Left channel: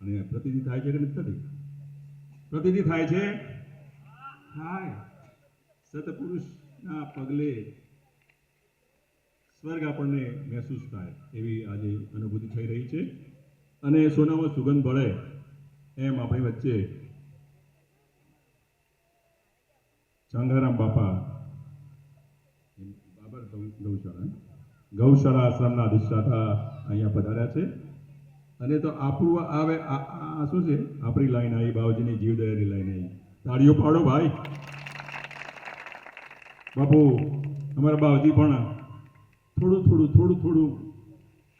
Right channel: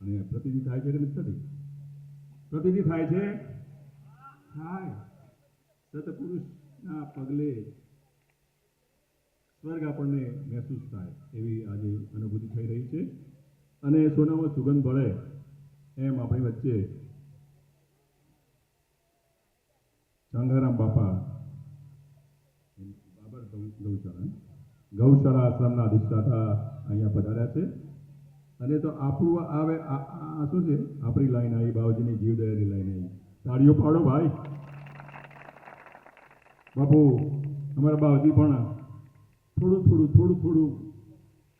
અને પ્રતિનિધિ થાય છે કે નથી થતી? પ્રતિનિધિ થાય છે, થાય. સતપુરુષના પગલે સ્વર્ગ આપણને મહેસૂસ થાય એવી આજે અનુભૂતિ થઈ રહી છે. અને સોનામાં સુગંધ ભળે એમ આપણી વચ્ચે ચાંગારામ બાપા બાબર ગૌશાળા આશ્રમના અધિષ્ઠાતા અહીંયા પધાર્યા છે. અને તો આપણું આવે આ શું છે? આપણી લાઈન આવી, બાવજીની જીવદયાની લાઈન આવી. તાળીઓ પાડો ભાઈ. બાપુ અમારા બાવજી પણ થોડું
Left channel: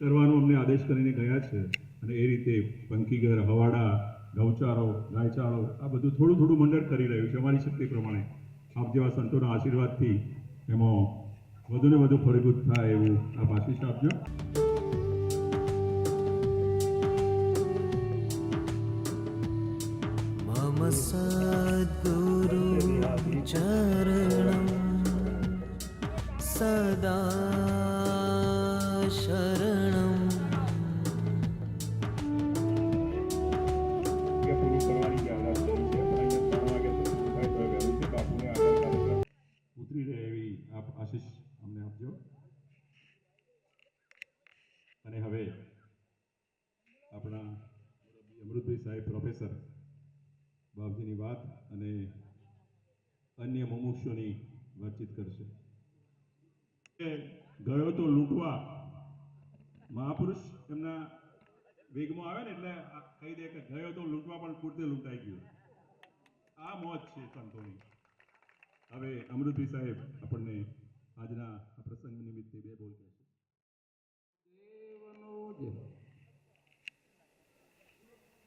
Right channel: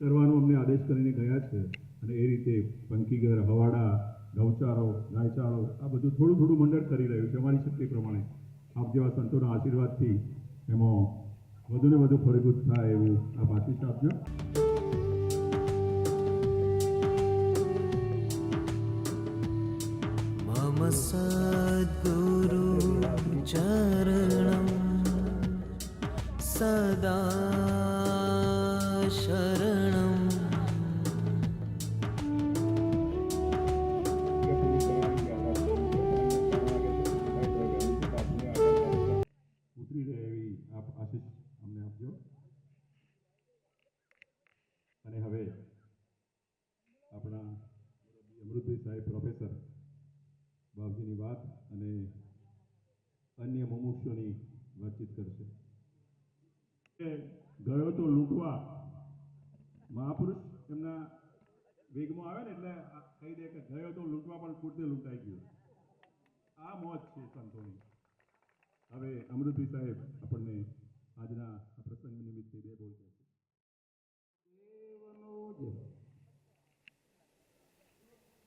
કરવાનો અમને આદેશ કરીને ગયા છે. અને એ રીતે પંખીઘર, હવાડા, ગૌચારો, ગાયચારો આ બધું થોડું મંડળ કરી રહ્યું છે અમારી શક્તિ પ્રમાણે. આપ જેવા સંતોના આશીર્વાદથી એમાં વધુને વધુ ફળીભૂત થાય એવું આપ આશીષ આપજો. मम सद्गुरु चरणं सदा शरणं ઉતરી રહે એવી આપ આશીષ અમને આપજો. અને હવે આપણા અમૃતભાઈ સાહેબ પ્રોફેસર બાપજીની વાત અને અન્ય મુમુક્ષોની વાતચીત કરશે. ગયો તો લૂંટવા, મહાપુરુષ એમના વેગમાં આવે ને એટલે કહી દે કે ગયો તો લૂંટવા પણ પૂરતે લૂંટાઈ ગયો. આ મોજ છે સંતોની. હવે અમૃતભાઈ સાહેબ આપણને આજના આ પ્રસંગ નિમિત્તે બે બોલ કહેશે.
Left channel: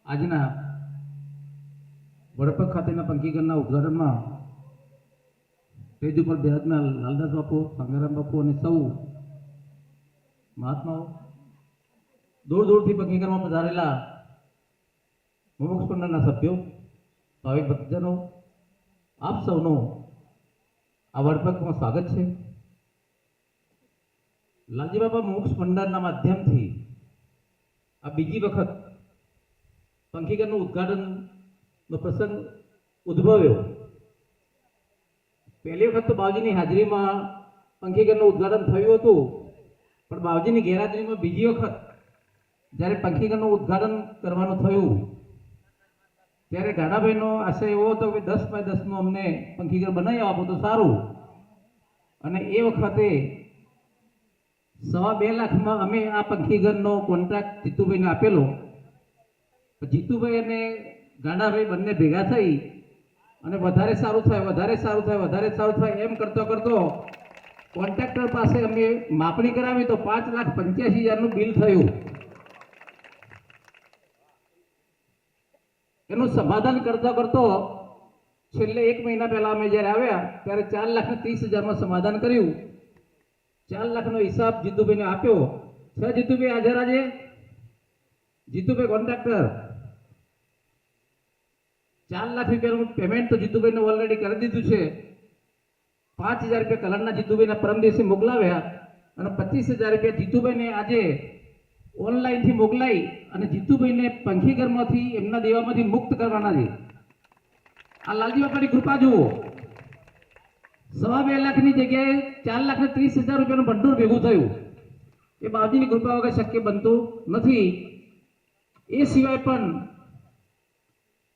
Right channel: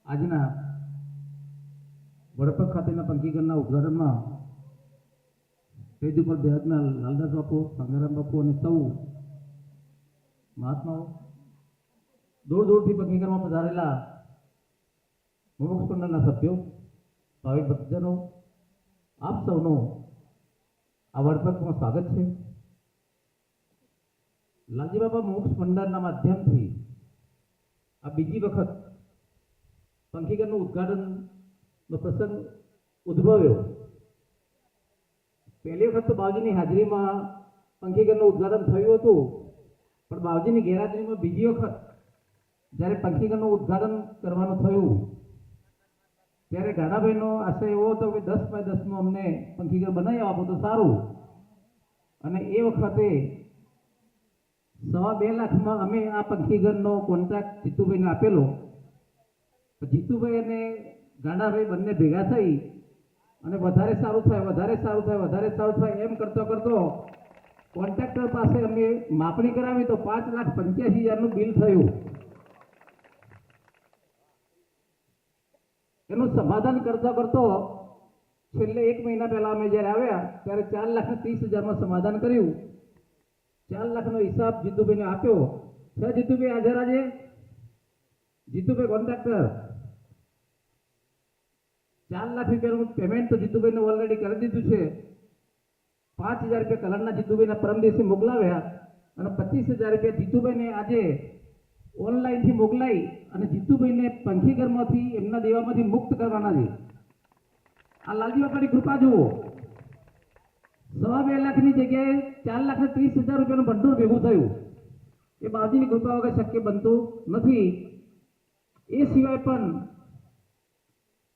આજના વડપગ ખાતેના પંખીઘરના ઉદ્ઘાટનમાં સ્ટેજ ઉપર બિરાજમાન લાલદાસ બાપુ, સંગારામ બાપુ અને સૌ મહાત્માઓ, દૂરથી પંખીઘરમાં પધારેલા મુમુક્ષ મંડળના સભ્યો, ભાવિક ભક્તજનો, આપ સૌનો આ વડપગમાં સ્વાગત છે. લાલજી બાપા મુમુક્ષ મંડળના માધ્યમથી આ બીજી વખત પંખીઘરનું ઉદ્ઘાટનનો પ્રસંગ ઉદ્ભવ્યો. પહેલી વખત તો બાવજીની હાજરીમાં પંખીઘરનું ઉદ્ઘાટન થયું હતું, પણ બાવજીની ગેરહાજરીમાં બીજી વખત જ્યારે પંખીઘરનું ઉદ્ઘાટન કરવાનું થયું ત્યારે ગાડાભાઈનો આશય એવો હતો કે 10x10નું અમને પંખીઘર બનાવી આપો તો સારું. અને એ વખતે 2.25 લાખમાં અમે આ પંખીઘરનો કોન્ટ્રાક્ટ જીતુભાઈને આપેલો. જીતુભાઈ અને ગાંડાભાઈ બંને ભેગા થઈ અને વધારે સારું થાય એમ કરતો કોન્ટ્રાક્ટર પાસે અમે માપણી કરાવી તો 5,85,000નું બિલ થયું. એનું સમાધાન કરતો છેલ્લે 1 મહિના પહેલા અમે જ્યારે આવ્યા ત્યારે 4,30,000માં સમાધાન કર્યું. 4 લાખનો હિસાબ જીતુભાઈને આપ્યો છે. જીતુભાઈ હાજર આજે? જીતુભાઈ કોન્ટ્રાક્ટર 4 લાખ રૂપિયાનું પેમેન્ટ તો જીતુભાઈને ઓલરેડી કરી દીધું છે. 5,000 રૂપિયા કલરના જીતુભાઈના પરમ દિવસે મોકલાવ્યા અને 25,000 રૂપિયા જીતુભાઈને આજે ઓનલાઈનથી મોકલાઈ અને જીતુભાઈને પંખીઘરમાંથી એમના દેવામાંથી મુક્ત કરવાના છે. આ લાલજી બાપાની કૃપા જુઓ. 2.25 લાખની જગ્યાએ 4,30,000 રૂપિયાનું ભંડોળ ભેગું થયું. એ બાવજીની કૃપા વગર શક્ય બનતું નથી. એ સિવાય પણ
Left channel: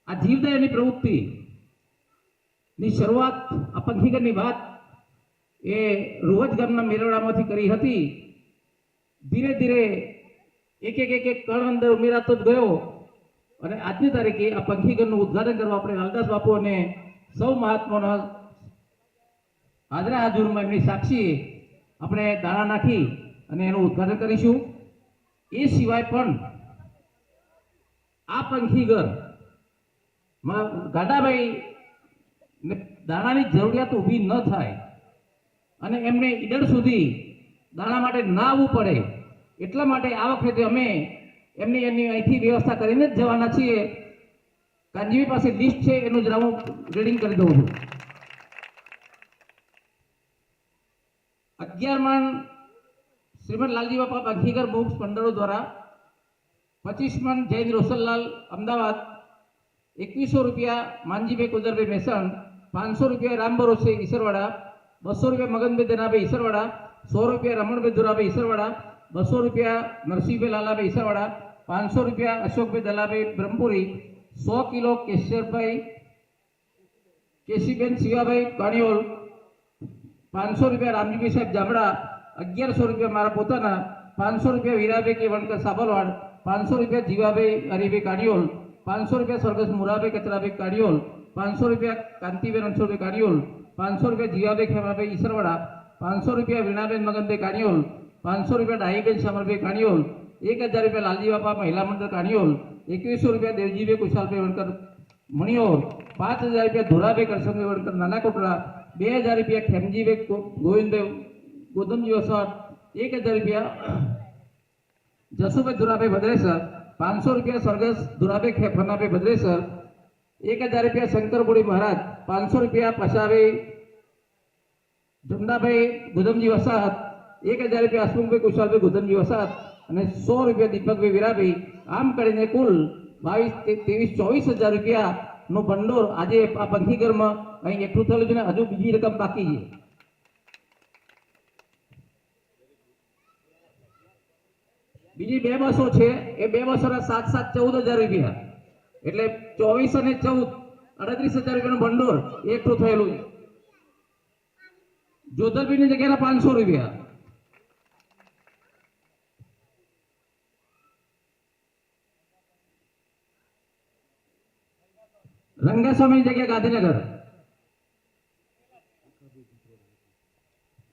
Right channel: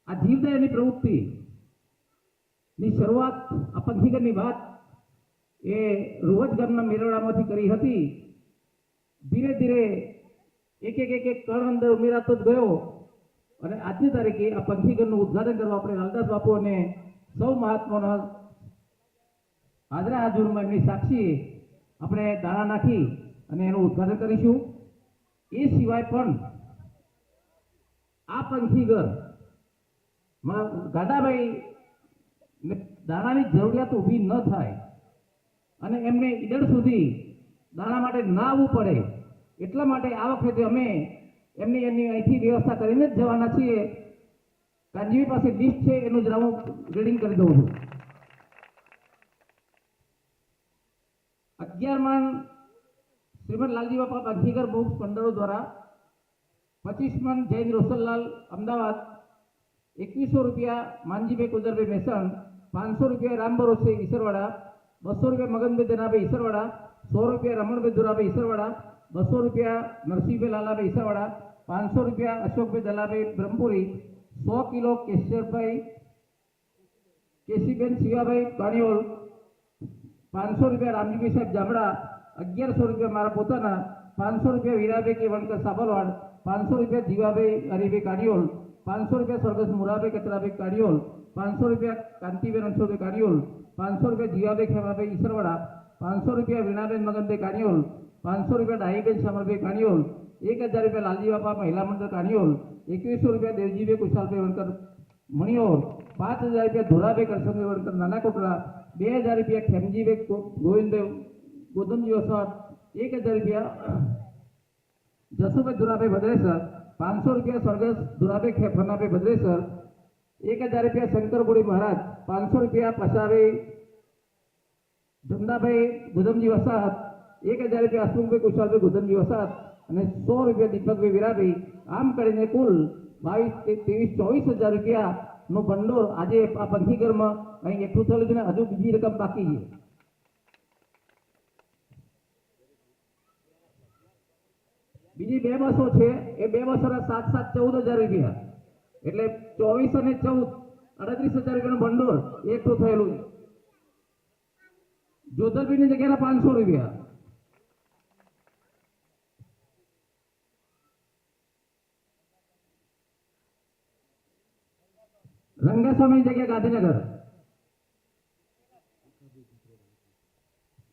આ જીવદયાની પ્રવૃત્તિની શરૂઆત, આ પંખીઘરની વાત એ રોજ ગામના મેળાવડામાંથી કરી હતી. ધીરે ધીરે એક કણ અંદર ઉમેરાતો જ ગયો અને આજની તારીખે આ પંખીઘરનું ઉદ્ઘાટન કરવા આપણે લાલદાસ બાપુ અને સૌ મહાત્માઓના હાજરમાં એમની સાક્ષી આપણે દાણા નાખી અને એનું ઉદ્ઘાટન કરીશું. એ સિવાય પણ આ પંખીઘર ગાડાભાઈ દાણાની જરૂરિયાત ઊભી ન થાય અને એમને ઈડર સુધી દાણા માટે ના આવવું પડે એટલા માટે આ વખતે અમે એમની અહીંથી વ્યવસ્થા કરીને જ જવાના છીએ. કાનજીવી પાસે લિસ્ટ છે, એનું જરા હું રીડિંગ કરી દઉં છું. 11 મણ શ્રીમદ લાલજી બાપા પંખીઘર મુમુક્ષ મંડળો દ્વારા 25 મણ જૈન રોશનલાલ અમદાવાદ, 2100 રૂપિયા માનજીભાઈ કુદરભાઈ મેસણ, 500 રૂપિયા રામ ભરોસે ઈસરવાડા, 200 રૂપિયા મગનભાઈ ધનાભાઈ ઈસરવાડા, 100 રૂપિયા રમણભાઈ ધુરાભાઈ ઈસરવાડા, 200 રૂપિયા નરસિંહભાઈ લાલાભાઈ ઈસરવાડા, 500 રૂપિયા અશોકભાઈ દલાભાઈ બ્રહ્મપુરી, 100 કિલો કેશીબેન શિવાભાઈ કાણિયોલ, 500 રૂપિયા રામજીભાઈ સાહેબ જામડા, 1100 રૂપિયા મારા પોતાના, 500 રૂપિયા વીરાભાઈ કે વણકર સાબરવાડ, 500 રૂપિયા જીવાભાઈ હરિભાઈ કાણિયોલ, 500 રૂપિયા સ્વર્ગસ્થ મુરાભાઈ કચરાભાઈ કાણિયોલ, 500 રૂપિયા કાંતિબેન રણછોડભાઈ કાણિયોલ, 500 રૂપિયા જીવાભાઈ ખેમાભાઈ ઈસરવાડા, 500 રૂપિયા વીણાબેન મગનભાઈ કાણિયોલ, 500 રૂપિયા ડાહીબેન શામલભાઈ કાણિયોલ, 1000 રૂપિયા લાલજી બાપા મહિલા મંડળ કાણિયોલ, 2100 રૂપિયા દેવજીભાઈ કુશાલભાઈ વણકર મણિયોર, 5000 રૂપિયા ધોરાભાઈ કરશનભાઈ વણકર નાના કોટડા, 2000 રૂપિયા ખેમજીભાઈ ગોવિંદભાઈ ગોદમજી વસાવટ, 1000 રૂપિયા જસુભાઈ ધુરાભાઈ ભદ્રેસર, 500 રૂપિયા સ્વર્ગસ્થ ધુરાભાઈ ફનાભાઈ ભદ્રેસર, 1000 રૂપિયા શંકરપુરી મહારાજ, 500 રૂપિયા પશાભાઈ જમદાભાઈ ગોદમજી વસાહત, 1000 રૂપિયા હસમુખભાઈ કુશાલભાઈ ગોદમજી વસાહત અને 100 રૂપિયા દીપકભાઈ વીરાભાઈ. આમ કરીને કુલ 22-23-24 હજાર રૂપિયાનું ભંડોળ આજે આ પંથીઘરમાં અહીં એકઠું થયેલું છે ને હજુ બીજી રકમ બાકી છે. બીજી 2 બસો છે, એ 2 બસોના 7-7-14 હજાર રૂપિયા, એટલે 24 અને 14 38 હજાર રૂપિયાનું ભંડોળ એકઠું થયેલું છે. જોધલબીની જગ્યાના 500 રૂપિયા, રંગાસ્વામીની જગ્યા ગાંધીનગર,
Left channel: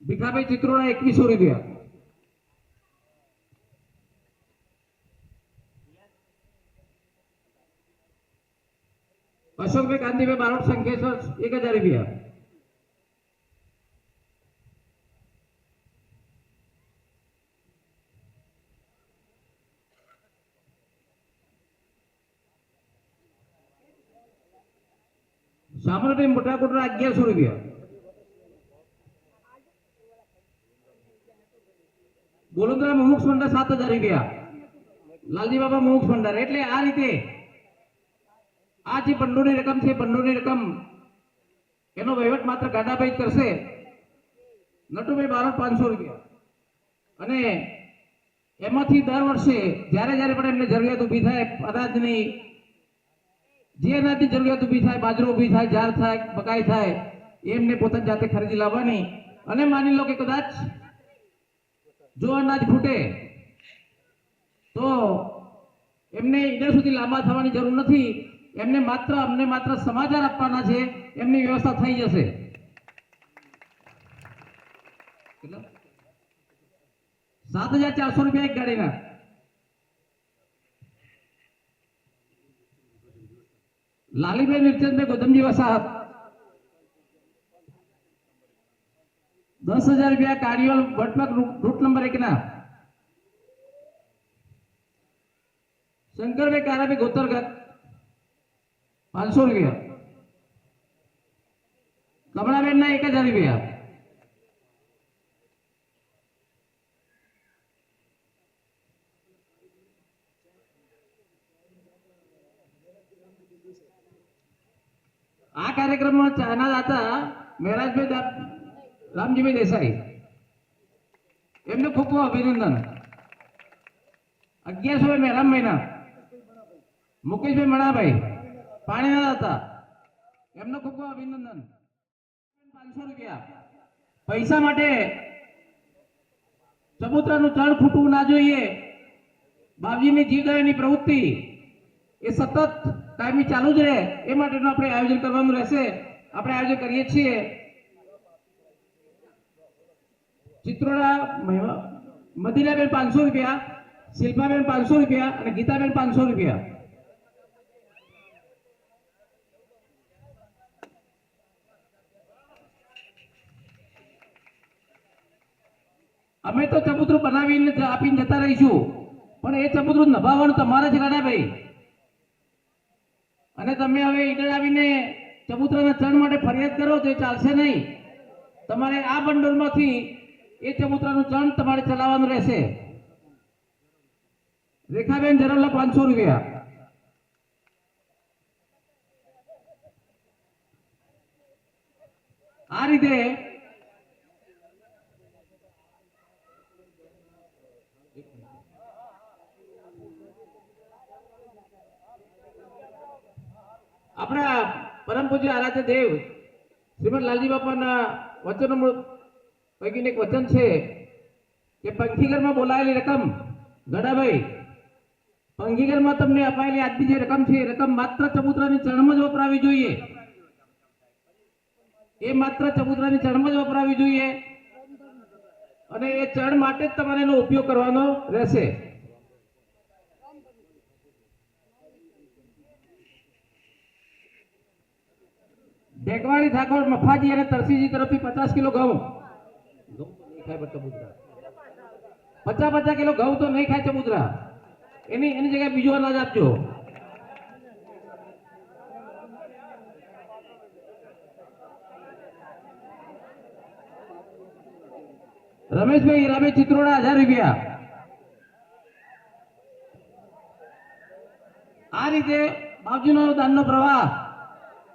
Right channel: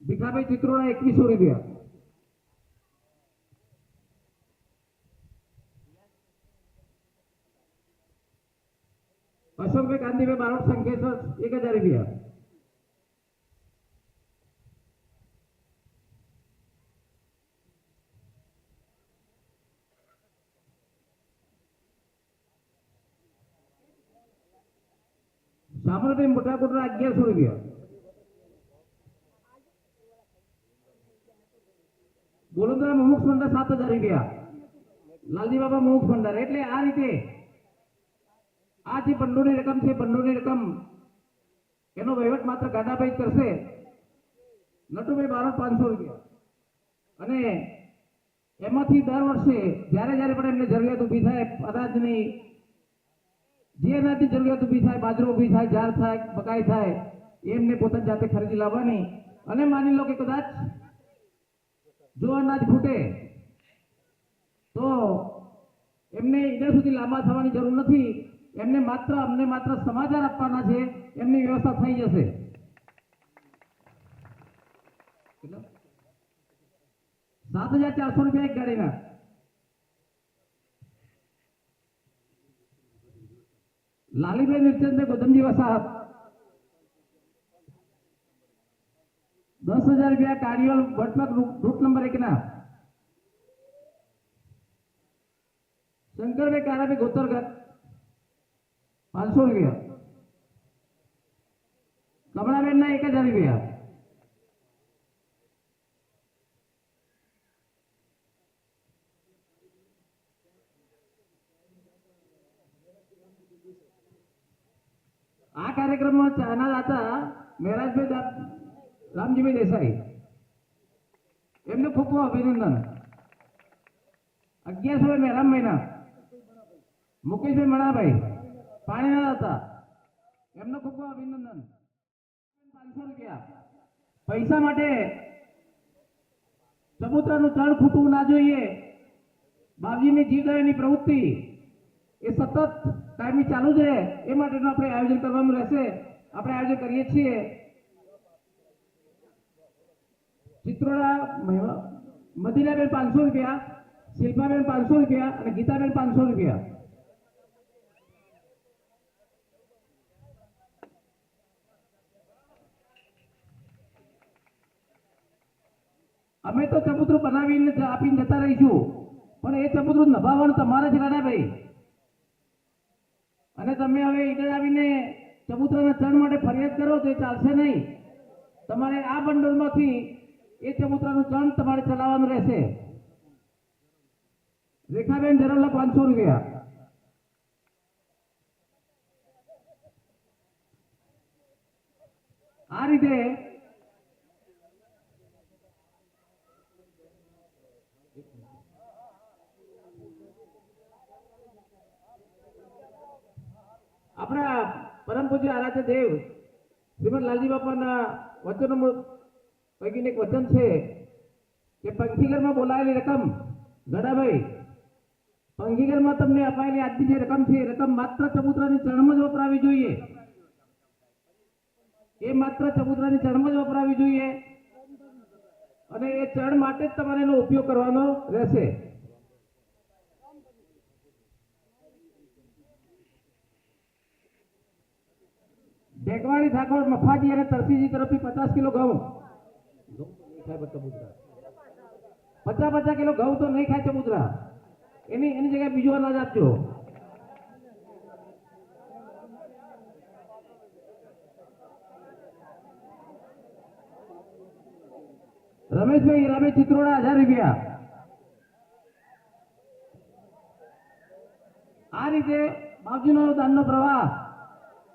ભીખાભાઈ ચિત્રોડા 2100 રૂપિયા, અશોકભાઈ કાંતિભાઈ બારોટ સંકેશ્વર 1000 રૂપિયા, શામલભાઈ મોટા કોટડા 1100 રૂપિયા, બોલુદ્રા મુમુક્ષ ભંડાર 7000 રૂપિયા, લાલજી બાબા મુમુક્ષ ભંડાર. એટલે આ રીતે આ જે ભંડોળની રકમ છે, ભંડોળની રકમ એનો વહીવટ માત્ર ગાડાભાઈ કરશે. નટુભાઈ બારોટ 500 રૂપિયા, અને એમાંથી દર વર્ષે જ્યારે જ્યારે પણ એમને જરૂરિયાત ઊભી થાય અનાજની, જે અનાજની જરૂરિયાત ઊભી થાય, બાજરો ઊભી થાય, જાર થાય, બકાઈ થાય, એમને પોતાની જાતે ખરીદી લાવવાની. અને માની લો કે કદાચ જો અનાજ ફૂટે તો એમને ઈડર સુધી લાંબા થવાની જરૂર નથી, એમને અમને માત્ર સમાચાર આપવાના છે, એમની વ્યવસ્થા થઈ જશે. 7400 રૂપિયા એક ગાડીના. લાલીભાઈ નિર્ચંદભાઈ ગોદમજી વસાહત 10,000 રૂપિયા કારિયોલ વટપક રૂટ નંબર 1 ના. શંકરભાઈ કારાભાઈ ગોતરગઢ 500 રૂપિયા, કમળાબેન ના 1000 રૂપિયા, આ કાર્યક્રમમાં ચાના દાતા મહેરાજભાઈ રામજીભાઈ દેસાઈ, એમને ખૂબ ખૂબ અભિનંદન. 1100 મહેરામ મહિના, મુકેશભાઈ મણાભાઈ પાણીના દાતા, એમનો ખૂબ ખૂબ અભિનંદન. 500 રૂપિયા. પૈસા માટે ચબૂતરાનું ચણ ફૂટવું ના જોઈએ. બાપજીની જીવદયાની પ્રવૃત્તિ એ સતત કાયમી ચાલુ જ રહે, એ માટેનું આપણે આયોજન કરવાનું રહેશે. આપણે આયોજન કરીએ છીએ. ચિત્રોડા મદીનાબેન 500 રૂપિયા, શિલ્પાબેન 500 રૂપિયા અને ગીતાબેન 500 રૂપિયા. અમે તો ચબૂતરું બનાવીને આપીને જતા રહીશું, પણ એ ચબૂતરું નભાવવાનું તમારે જ રાણાભાઈ. અને તમે હવે ઈડર આવીને ચબૂતરાના ચણ માટે ફરિયાદ કરો તો એ ચાલશે નહીં. તમારે આ ભંડોળમાંથી એ ચબૂતરાનું ચણ તમારે ચલાવવાનું રહેશે. રેખાબેન જરવલા 500 રૂપિયા. આ રીતે આપણા પરમ પૂજ્ય આરાધ્ય દેવ શ્રીમદ લાલજી બાપાના વચનો પૈકીનું એક વચન છે કે પંખીઘરમાં બોલાયેલી રકમ ગડાભાઈ, પંખીઘરમાં તમને અપાયેલી આજની જે રકમ છે એ રકમ માત્ર ચબૂતરાની ચરણમાં જ વપરાવી જોઈએ. એ માત્ર ચબૂતરાની ચરણમાં જ વપરાવી જોઈએ અને એ ચરણ માટે જ તમારે એનો ઉપયોગ કરવાનો રહેશે. ઢેકવાડી ઠાકોર મફાજી અને તરસીજી તરફથી 50 કિલો ઘઉં. ઘઉં તો નહીં ખાય ચબૂતરા. 50 કિલો ઘઉં તો નહીં ખાય ચબૂતરા. એની જગ્યાએ બીજું અનાજ આપજો. રમેશભાઈ હીરાભાઈ ચિત્રોડા 1000 રૂપિયા. આ રીતે બાપજીનો દાનનો પ્રવાહ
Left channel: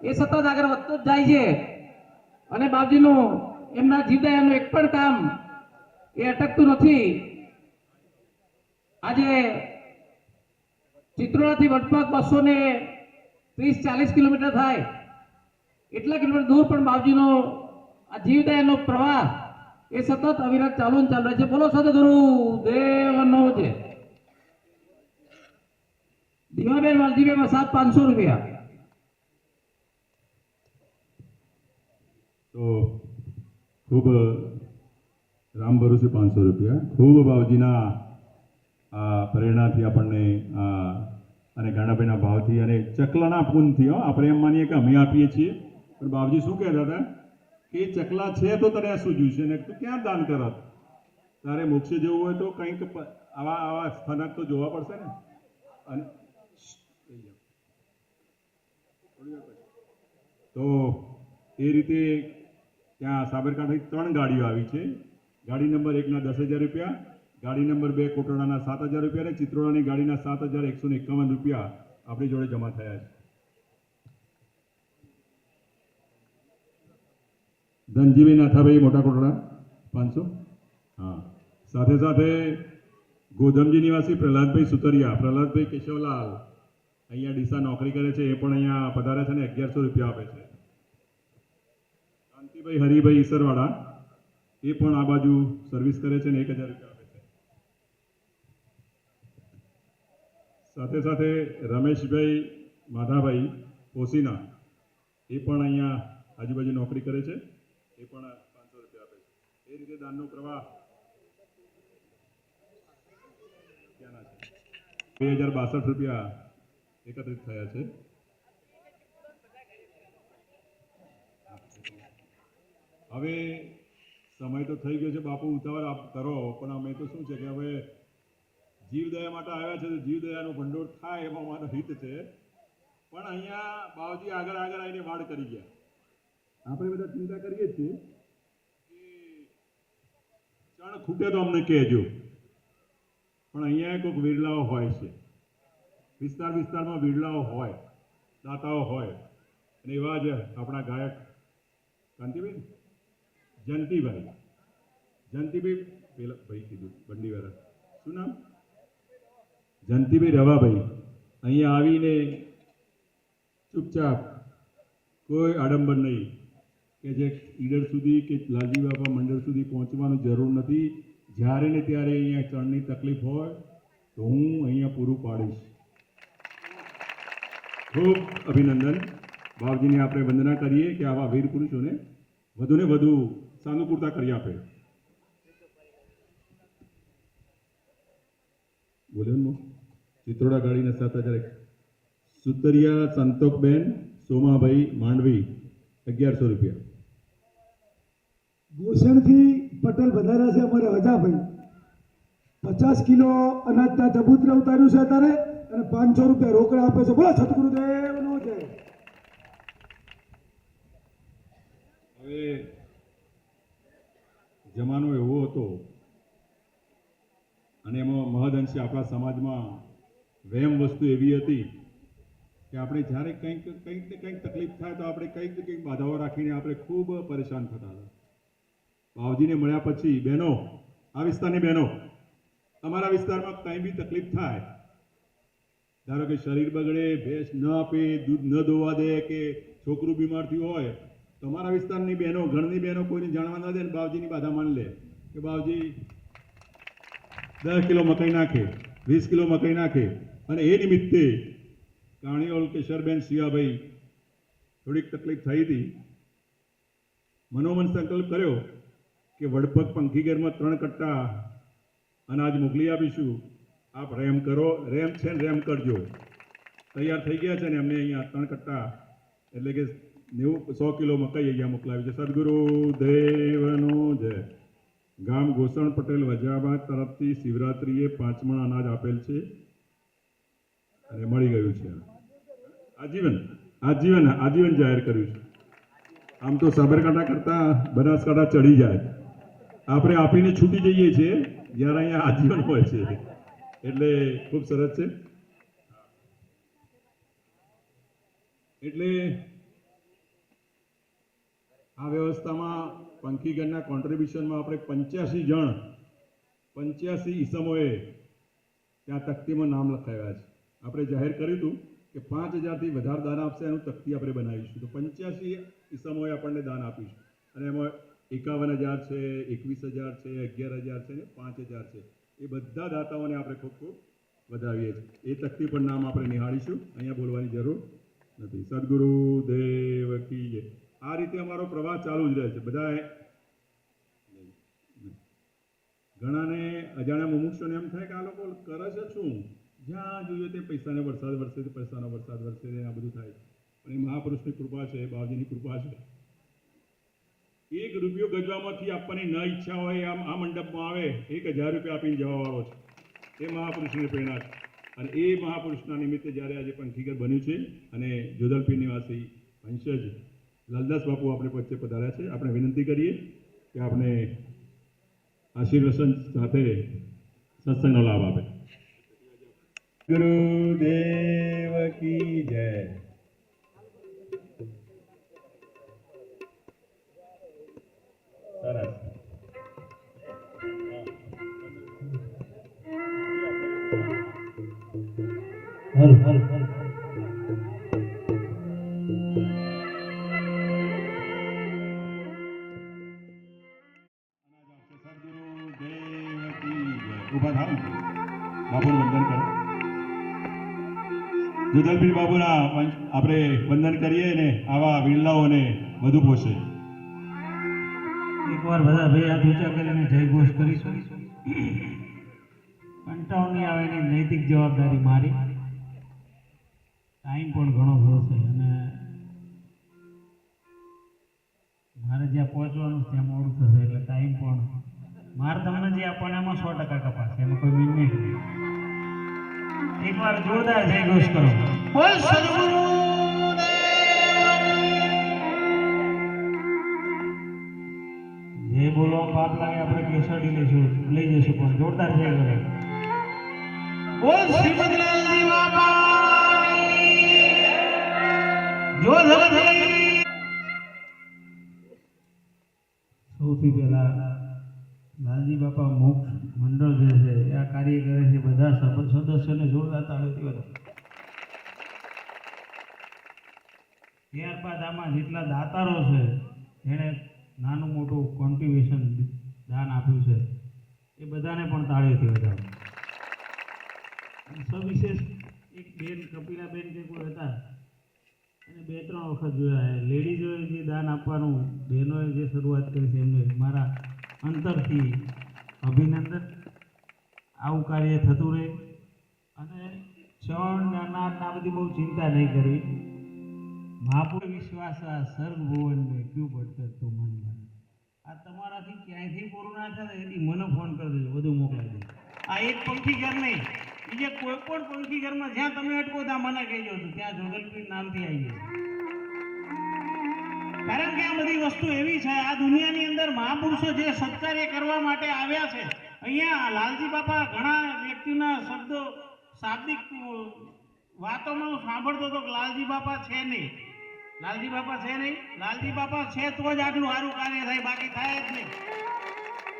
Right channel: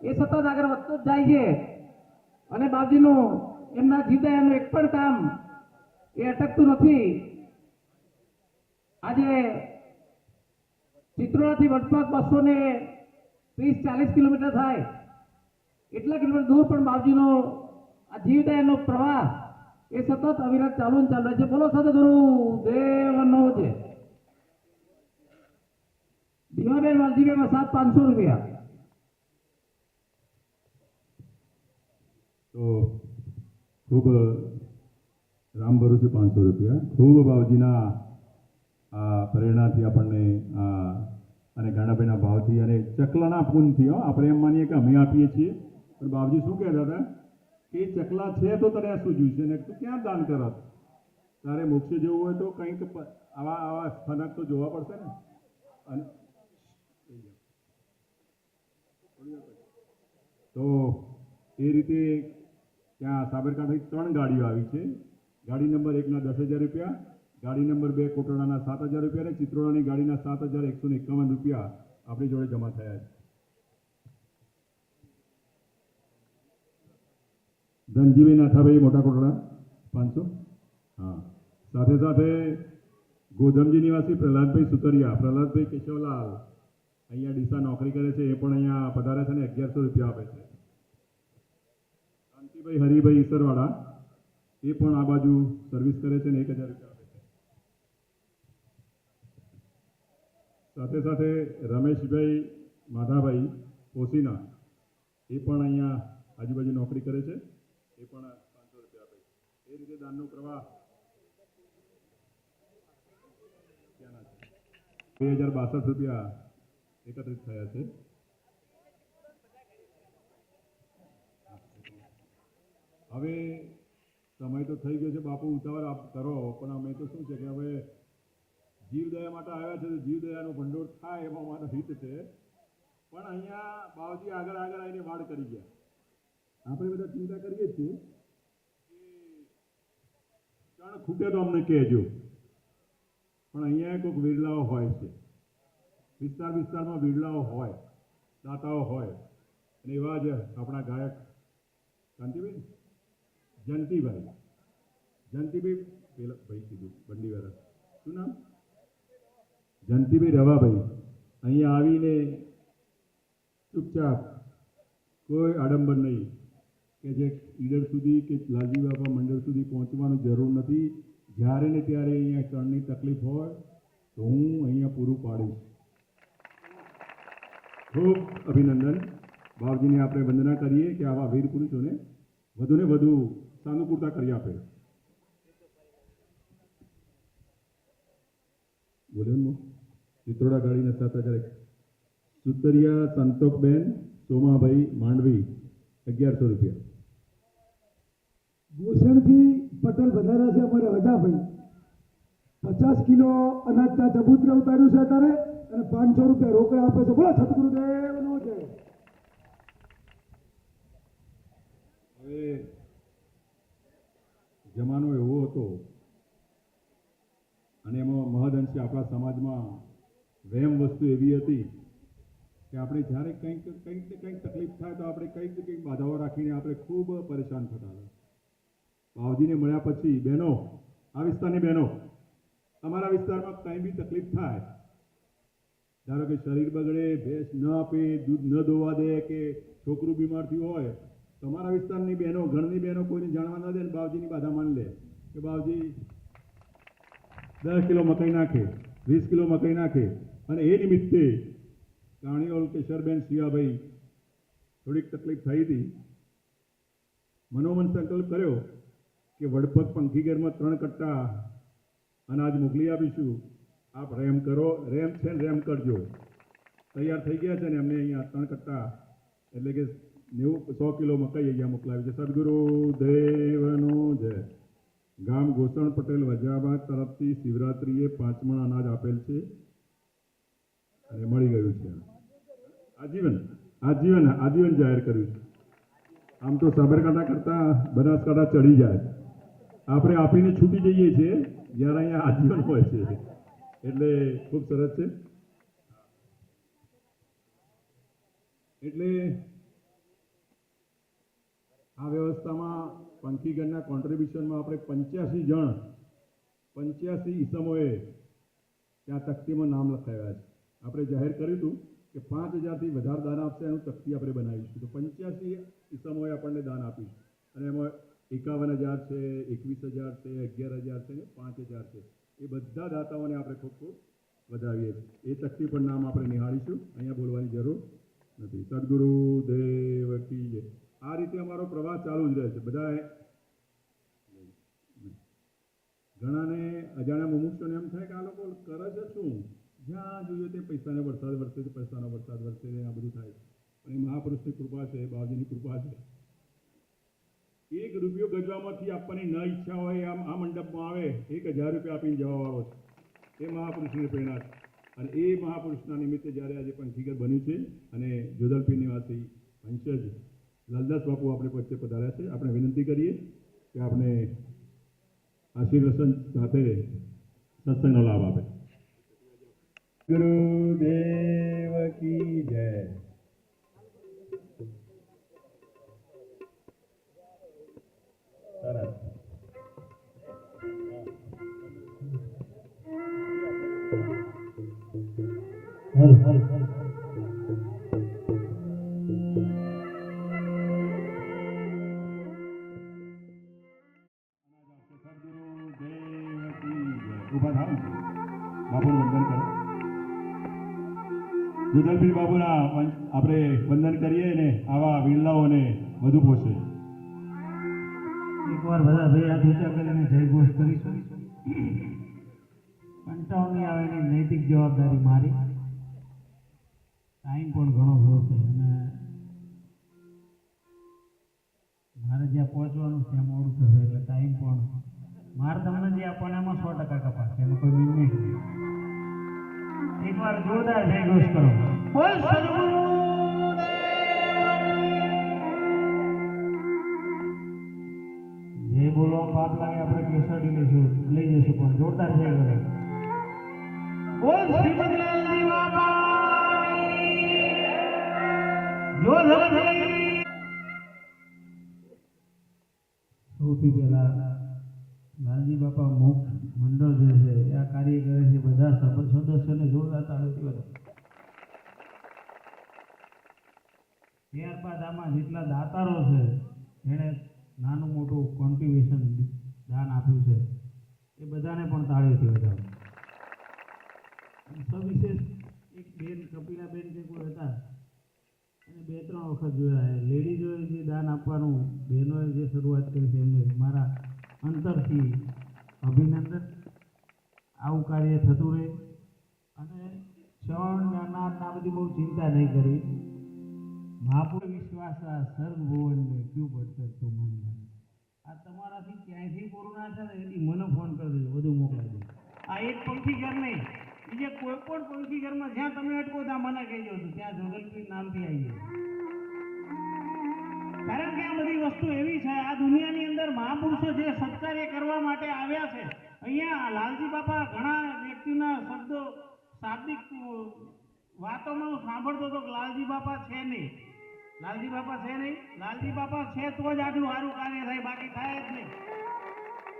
એ સતત આગળ વધતો જ જાય છે અને બાપજીનું એમના જીવદયાનું એક પણ કામ એ અટકતું નથી. આજે ચિત્રોડાથી વડપગ 230-40 કિલોમીટર થાય, એટલા કિલોમીટર દૂર પણ બાપજીનો આ જીવદયાનો પ્રવાહ એ સતત અવિરત ચાલુ ને ચાલુ રહે છે. બોલો સદગુરુ દેવનો છે. દીવાબેન વાલજીભાઈ વસાત 500 રૂપિયા. તો ખૂબ રામ ભરોસે 500 રૂપિયા. ખૂબ બાવજીના આ પ્રેરણાથી આપણને અને ગાણાભાઈના ભાવથી અને ચકલાના પૂનથી આપણે એમ માનીએ કે અમે આપીએ છીએ, પણ બાવજી શું કહેતા હતા કે ચકલા છે તો તને શું જોઈશે ને તું ક્યાં દાન કરત? તારે મોક્ષે જવું હોય તો કંઈક આવા સ્થાનક તો જોવા પડશે ને. અને તો એ રીતે ત્યાં સાબરકાંઠાથી 3 ગાડીઓ આવી છે. ગાડી નંબર 1ના 10,000 રૂપિયા, ગાડી નંબર 2 કોટડાના 7,000 રૂપિયા અને ચિત્રોડાની ગાડીના 7,151 રૂપિયા આપણી જોડે જમા થયા છે. ધનજીભાઈ નાથાભાઈ મોટા કોટડા 500. હા, સાથે સાથે ગોધમજી નિવાસી પ્રહલાદભાઈ સુતરિયા, પ્રહલાદભાઈ કેશવલાલ અહીંયા ડીસા નોકરી કરે છે, એ પણ અહીંયા પધારે છે ને 1100 રૂપિયા આપે છે. શાંતિભાઈ હરિભાઈ ઈસરવાડા એ પણ આ બાજુ સર્વિસ કરે છે ને 1000 રૂપિયા આપે છે. સાથે સાથે રમેશભાઈ માધાભાઈ પોસીના એ પણ અહીંયા આજુબાજુ નોકરી કરે છે, એ પણ 500 રૂપિયા આપે છે. એ રીતે દાનનો પ્રવાહ 2062 રૂપિયા એકત્રિત થયા છે. હવે સમય તો થઈ ગયો છે બાપુ, ઉતાવળ આપ કરો, પણ અમે તો શું છે કે હવે જીવદયા માટે આવ્યા છે તો જીવદયાનો ભંડોળ થાય એમાં મારો હિત છે. પણ અહીંયા બાવજી આગળ આવીને વાડ કરી ગયા. આપણે બધા ચિંતા કરીએ છીએ કે ચણ ખૂટે તો અમને કહેજો, પણ અહીંયા કોઈક વિરલાઓ હોય છે, વિસ્તારમાં વિરલાઓ હોય, દાતાઓ હોય, અને એવા જ આપણા ગાયક કાંતિભાઈ જયંતિભાઈ પેલા ભાઈ કીધું બંડીવાળા, શું નામ? જયંતિભાઈ રવાભાઈ અહીંયા આવીને ચૂપચાપ કોઈ આડંબર નહીં કે જે ઈડર સુધી કે લાલજી બાપા મંડળ સુધી પહોંચવાની જરૂર નથી. જ્યારે ને ત્યારે અહીંયા ચણની તકલીફ હોય તો હું અહીંયા પૂરું પાડીશ. ખૂબ અભિનંદન. બાવજીને આપણે વંદના કરીએ કે આવા વીર પુરુષોને વધુને વધુ સાનુકૂળતા કરી આપે. બોલે ચિત્રોડા ગાડીના 7,000. સુતરિયા સંતોકબેન સોમાભાઈ માંડવી 1100 રૂપિયા. ગોસણથી પટેલ વધાર્યા છે અમારે હજાભાઈ, 50 કિલો અનાજના ચબૂતરે ઉતાર્યું છે અત્યારે અને 500 રૂપિયા રોકડા આપે છે. બોલો સદગુરુદેવનો છે. હવે જમાનો એવો હતો અને એમાં મહદઅંશે આપણા સમાજમાં વહેમ વસ્તુ એવી હતી કે આપણે જ્યારે કંઈક ને કંઈક તકલીફ થાય તો આપણે કંઈક ને કંઈક બાધાઓ રાખીને આપણે ખૂબ પરેશાન થતા હતા. બાવજીને મળ્યા પછી બહેનો, આ વિસ્તારની બહેનો, અમારા વિસ્તારમાં કંઈ બી તકલીફ થાય, ધારો કે શરીર બગડે, ભેંસ ન આપે, દૂધ ન દોવા દે કે છોકરું બીમાર થયું હોય, તમારા વિસ્તારની બહેનો, ઘરની બહેનો કોઈને જાણવા ન દે ને બાવજીની બાધા માની લે કે બાવજી 10 કિલો મકાઈ નાખે, 20 કિલો મકાઈ નાખે. અને એ નિમિત્તે કાણીઓલ કેશરબેન શિવાભાઈ થોડીક તકલીફ થઈ હતી, મનોમન સંકલ્પ કર્યો કે વડપગ પંખીઘરમાં 3 કટ્ટા અનાજ મોકલી આપીશું, આપ રેમ કરો, રેમ છે ને રેમ કરજો. તૈયાર થઈ ગયા છે ને એમને અહીંયા 3 કટ્ટા એટલે કે 100 કિલો મકાઈ અહીંયા મોકલાવી છે. સદગુરુ દેવનો જય. ગામ ગોસણ પટેલ વજાબાદ તરફથી શિવરાત્રિએ 5 મણ અનાજ આપેલ છે અને મળી ગયું છે. આજીવન જાહેર કર્યું છે. આમ તો સાબરકાંઠા કરતા બનાસકાંઠા ચડી જાય, આપણે આપીને છૂટી જઈએ છીએ, જ્યારે અહીંયા આજીવન હોય છે એટલે ખૂબ સરસ છે. એટલે આ વ્યવસ્થામાં પંખીગરના કોન્ટ્રીબ્યુશનમાં આપણે 85 ઈસમોએ ત્યાં તકતીમાં નામ લખાવ્યા છે. આપણે જાહેર કર્યું હતું કે 5000થી વધારે દાન આપશે એનું તકતી આપણે બનાવીશું, તો 85 ઈસમોએ આપણને દાન આપ્યું છે અને એમાં 51,000 છે, 21,000 છે, 11,000 છે ને 5,000 છે. એ બધા દાતાઓને આપણે ખૂબ ખૂબ વધાવીએ છીએ. એ તકતી પર નામ આપણે નિહાળીશું, અહીંયા બોલવાની જરૂર નથી. સદગુરુ દેવ કી જય. આ રીતે અમારો પ્રવાસ ચાલુ જ રહે છે. બધા ઘણાને અજાણ્યા મુમુક્ષોને એમ થાય કે આ લોકો કરે છે શું, જ્યાં જોઈએ તે પૈસાનો વરસાદ વરસે છે, પૈસાનો વરસાદ વરસે છે, આ બધું થાય છે. પણ એ મહાપુરુષની કૃપા છે, બાવજીની કૃપા છે. 1 રૂપિયો ગજવામાંથી આપવાની ન ઈચ્છા હોય આમ આ મંડપમાં આવે 1000 રૂપિયા આપીને જવાવાળો છે. એ મહાપુરુષની પ્રેરણા છે અને એ મહાપુરુષના નિમિત્તે જ્યારે આજે પંખીઘર બન્યું છે અને જોધલપીર નિવાસી વંશજ લાલદાસ બાપુ આપણે વચ્ચે પધાર્યા છે. આપણે વિનંતી કરીએ કે આપણે આશીર્વચન સાથે સત્સંગનો લાભ આપે. ગુરુદેવ કી જય. સરસ. હર હર હર ઉભા થાવ, બાપુનું વંદન કરો. જોધલપીર બાપુના આપણે વંદન કરીએ ને આવા વિરલાઓને વધુ પોષે. એકવાર બધા બે હાથ ઊંચા કરીને જય ઘોષ કરીશું. કંટાળો નહીં આવે એની નૈતિક જવાબદારી મારી. ટાઈમ પણ ઘણો થયો છે અને મારે જ્યાં પહોંચવાનું ત્યાં મોડું થશે એટલે ટાઈમ પણ મારે તમને જે આપવાના એમાં 100% કપાશે, એમાં કોઈ મીન નહીં. એકવાર જોરદાર જય ઘોષ કરો. બોલ સદગુરુ જે બોલવા પાપ લાગે આપણે કેસડી લઈ જઈશું પણ જોરદાર જય કરે. બોલ શ્રીમદલાલજી બાપા જોધલપીર. સૌથી પહેલા લાલજી બાપા મોક્ષ મંડળ જે છે એ આ કાર્ય કરે છે, બધા સદસ્યોને જોરદાર તાળીઓથી વધાવો. ત્યારબાદ આમાં જેટલા દાતારો છે જેણે નાનું મોટું કોન્ટ્રીબ્યુશન દાન આપ્યું છે એ બધાને પણ તાળીઓથી વધાવો. સવિશેષ એક બેન કપિલાબેન કે કોઈ હતા અને 2-3 વખત જોયા, લેડીઝોએ જે દાન આપવાનું બહેનોએ જે શરૂઆત કરી છે એમને મારા અંતરથી અભિનંદન. આવું કાર્ય થતું રહે અને ક્ષણ અનાજ આ બધી બહુ ચિંતા નહીં કરવી. મહાપુરુષ વિશ્વાસ આ સર્વ ભુવન મેં ક્યું ભટકર તો મન બન. આ તમારાથી ક્યાંયથી પૂરું ના થાય એની મને ફોન કરી દેજો, બધું મોકલાઈ દેજો. આ એક પંખીઘર નહીં, બીજે કોઈ પણ પંખીઘરમાં જ્યાં તમે અટકો ત્યાં મને કહેજો છો, ત્યાં જોધલપીર નામથી આવી જશે. કારણ કે આ બધી વસ્તુ એવી છે, આ દુનિયાની અંદર મહાપુરુષો જે સત્કાર્ય કરવા માટે આવ્યા છે. અહીંયા લાલજી બાપા ઘણા વ્યક્તિના શબ્દો શાબ્દિક વાતોમાં હું સાંભળતો હતો કે લાલજી બાપા છે નહીં. લાલજી બાપા છે નહીં. લાલજી બાપા છે તો જ આટલું સારું કાર્ય થાય, બાકી થાય જ નહીં.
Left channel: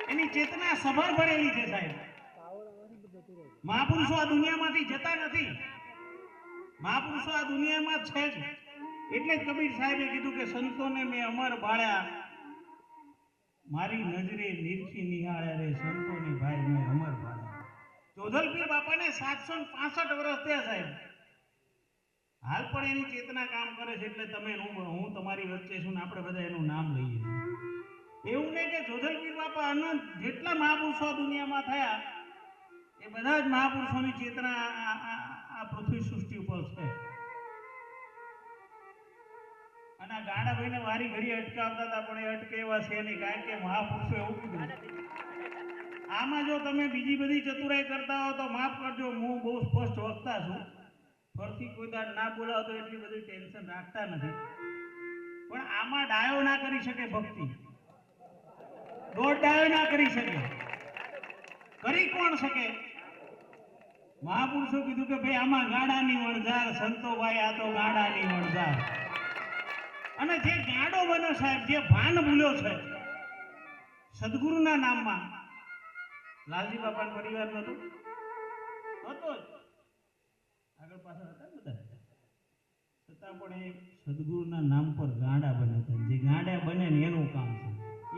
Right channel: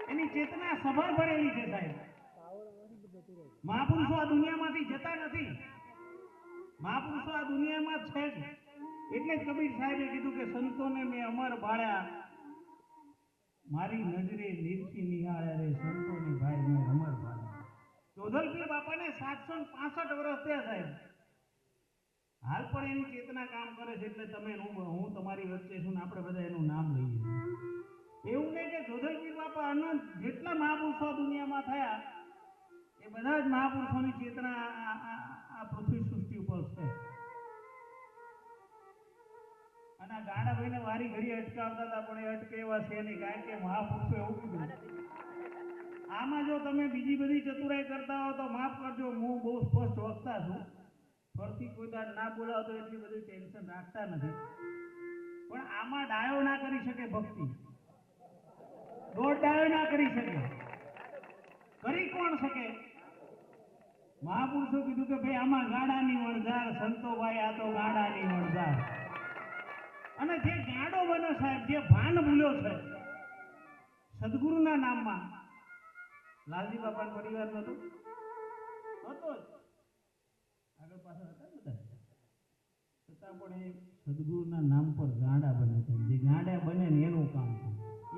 એની ચેતના સભર ભરેલી છે સાહેબ. મહાપુરુષો આ દુનિયામાંથી જતા નથી. મહાપુરુષો આ દુનિયામાં છે જ. એટલે જ કબીર સાહેબે કીધું કે સંતોને મેં અમર ભાળ્યા, મારી નજરે નિરખી નિહાળ્યા રે સંતોને ભાઈ મેં અમર ભાળ્યા. જોધલપીર બાપાને 765 વર્ષ થયા સાહેબ. હાલ પણ એની ચેતના કામ કરે છે. એટલે તમે હું તમારી વચ્ચે છું ને આપણે બધા એનું નામ લઈએ છીએ. એવું નહીં કે જોધલપીર બાપા અનંત જેટલા મહાપુરુષો દુનિયામાં થયા એ બધા જ મહાપુરુષોની ચેતના આ પૃથ્વી સૃષ્ટિ ઉપર છે. અને આ ગાડાભાઈને વારી ઘડી અટકાવતા હતા પણ એ અટકે એવા છે નહીં, કારણ કે મહાપુરુષો એવું કીધું. આમાં જો તમે બીજી બધી ચતુરાઈ કરતા હો તો માફ કરજો, હું બહુ સ્પષ્ટ વક્તા છું. ફરથી કોઈ દાડ ના બોલાવો તો એટલી બધી ટેન્શન રાખતા નથી. પણ આમાં ડાયો ના કરી શકે ભક્તિ, દોઢ ડાયો ના કરી શકે. કરી કોણ શકે? મહાપુરુષો કીધું કે ભાઈ આમાં ગાડાની વણઝાર, સંતો ભાઈ આ તો ગાડાની વણઝાર. અને જે ગાડો બન્યો સાહેબ, જે ભાન ભૂલ્યો છે સદગુરુના નામમાં, લાલજી બાપાનો પરિવાર નતો જ આગળ પાછળ હતા બધા, છતાં પણ એ સદગુરુના નામ પર ગાડા બન્યા હતા. જે ગાડા બને ને એનું કામ છે.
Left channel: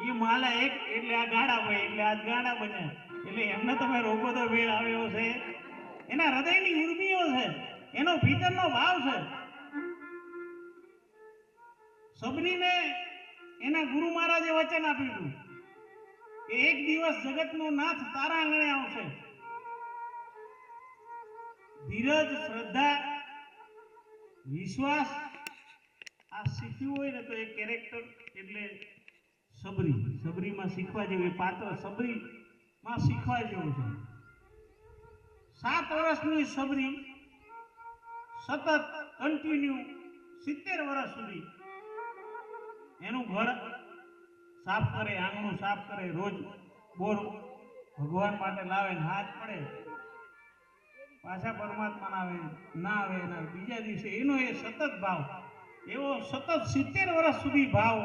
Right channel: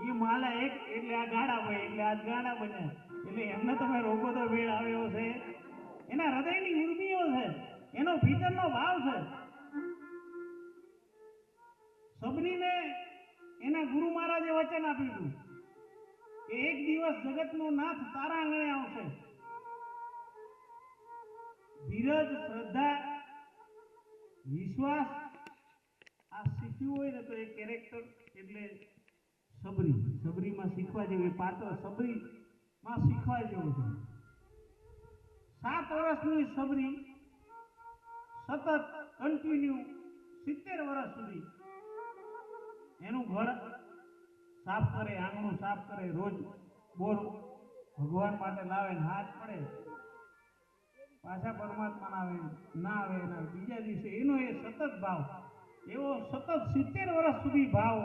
એ માલા એક એટલે આ ગાડા ભાઈ એટલે આ ગાડા બન્યા. એટલે એમને તમે રોકો તો વેળ આવ્યો છે. એના હૃદયની ઉર્મિઓ છે, એનો ભીતરનો ભાવ છે. સબરીને એના ગુરુ મહારાજે વચન આપ્યું હતું કે એક દિવસ જગતનો નાથ તારા આંગણે આવશે. ધીરજ, શ્રદ્ધા, વિશ્વાસ આ શીખ્યું હોય ને તો એ કેરેક્ટર એટલે સબરીમાં શીખવા જેવું પાત્ર, સબરીમાં શીખવા જેવું છે. 7 વર્ષની સબરી સતત કન્ટિન્યુ 70 વર્ષ સુધી એનું ઘર સાફ કરે, આંગણું સાફ કરે, રોજ બોર ભગવાન માટે લાવે, હાથ પડે, પાછા પરમાત્મા ના આવે એના બીજા દિવસે એનો એ સતત ભાવ, એવો સતત 70 વર્ષ સુધી ભાવ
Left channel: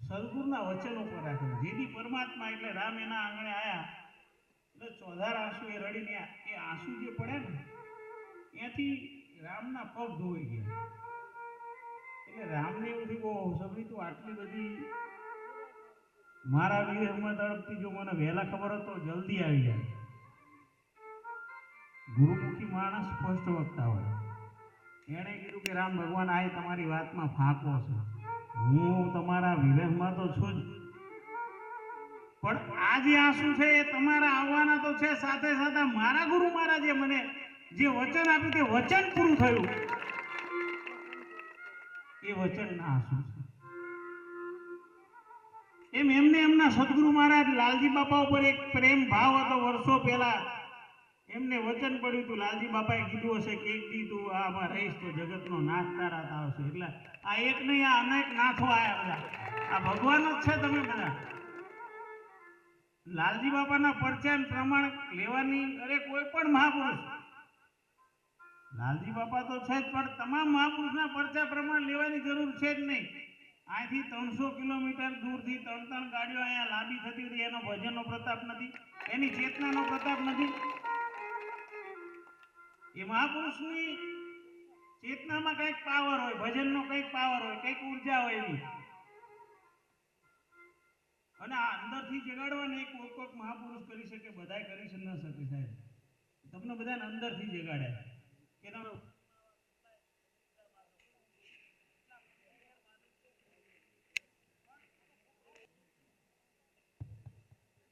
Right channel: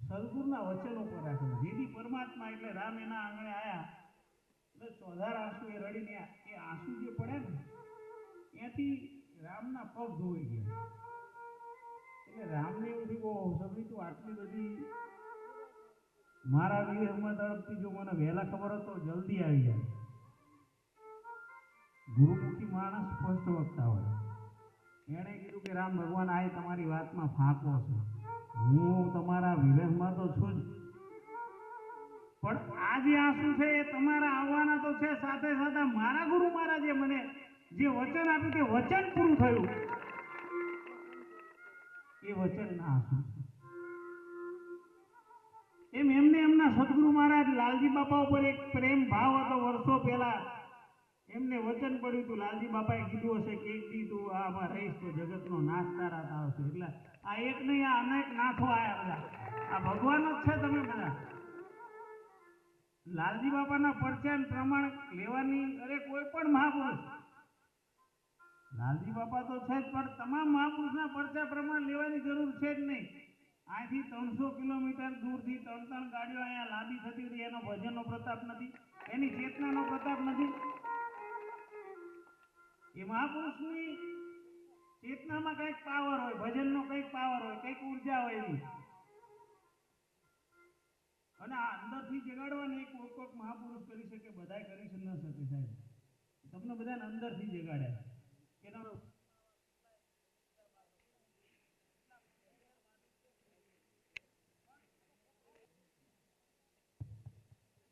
સદગુરુના વચન ઉપર રાખ્યો. જેથી પરમાત્મા એટલે રામ એના આંગણે આયા એટલે ચોધાર આંસુ એ રડીને એ આંસુ જે પડે ને ત્યાંથી રામના પગ ધોઈ ગયા. એટલે રામને એવું થયું, સબરી તું આટલી બધી મારા વિરહમાં તડપતી, જો મને વહેલા ખબર હતો જલ્દી આવી જાય. ગુરુમુખી માણસ સ્પષ્ટ વક્તા હોય. એણે કીધું કે રામ ભગવાન આ તમારી વાતમાં ફાંકો છે, હું તમારા વિરહમાં તો છું જ, પણ આ જે આંસુ છે એ તમારા આવવાના તો છે, સાથે સાથે મારા ગુરુ મહારાજે મને જે વચન આપ્યું તે વચન પૂરું થયું, એ વચનના આંસુ છે. એમને એમના સદગુરુ મહારાજ લાલજી બાપા ઉપર એક પ્રેમ ભાવ હતો. વર્ષો પહેલા એમને વચન પડ્યું હતું, લાલજી બાપાએ કીધું હશે કે એક દી તું આમાં રહીશ તો જગતનો નાથ તારા આવશે. એટલે આ એક નહીં, આ અનેક નાથો આયા બધા. આ ભગવાન જ છે. તમે બધા લાલજી બાપાના પરચાન પ્રમાણ લેવાની અરે કોઈ પણ મહાપુરુષ, લાલજી બાપા તો છે જ, પણ તમામ મહાપુરુષના પરચા પ્રમાણ લેવાની જરૂર છે જ નહીં. અહીંથી 300 કિલોમીટર દૂરથી 3 ગાડીઓ અહીંયા લાંબી થતી હતી. એનો ભજનનો પ્રતાપ નથી, એની ચેતનાનો પ્રતાપ નથી. એ મહાપુરુષની ચેતનામાં કંઈક પાવર હોય, ભજનનો કંઈક પાવર હોય, કંઈક ઉર્જા હોય એવી. અને આ અંદરથી જગાડવાને એક કોક મહાપુરુષ કરી શકે, બધાય કરી ન શકે સાહેબ. તમને બધાને અંદરથી જગાડ્યા કે તમે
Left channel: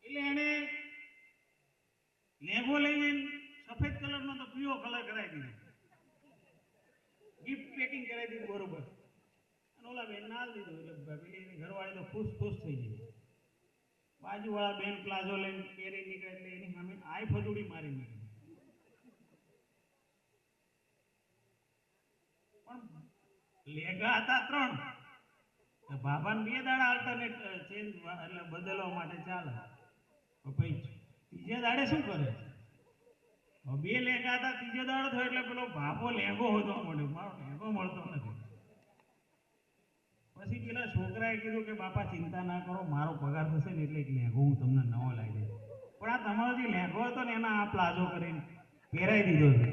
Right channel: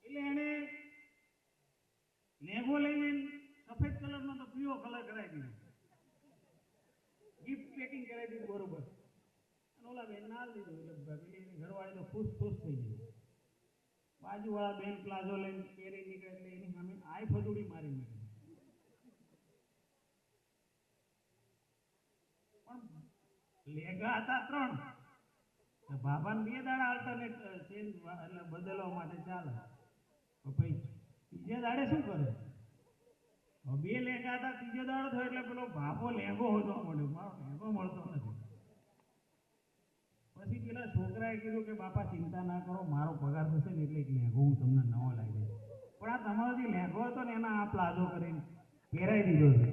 એટલે એને લેગો લઈને સફેદ કલરનો તો પીળો કલર કરાવી દીધો, ગિફ્ટ પેકિંગ કરાવી દીધું બરોબર. અને ઓલા બેન નાલ દીધું એટલે પેલી એની ઘરવાળી તો ખુશ થઈ ગઈ. બાજુવાળા બેન પ્લાઝો લઈને પહેરી નીકળે એટલે એની સામે આઈ ફજુડી મારી નીકળી. પણ લેગા હતા 3, બાબાને 2 દાડા આલ્ટરનેટ ચેન્જ એટલે બદલવા માટે ચાલે. પછી બીજા દાડે શું કરે? બે લેંગા હતા, ત્રીજો દાડો થયો એટલે પેલો બાપો લેંગો હોતો મળ્યો, મારો લેંગો મળતો નથી. પછી પેલા છોકરાએ કીધું કે બાપા ચિંતા ના કરો, મારો પગાર થશે ને એટલે એક લેંગો હું તમને નવો લાવી દઈશ. પણ આ તમારો જે લેંગો હતો ને એના આ પ્લાઝો કરીને પહેરાઈ દીધો છે,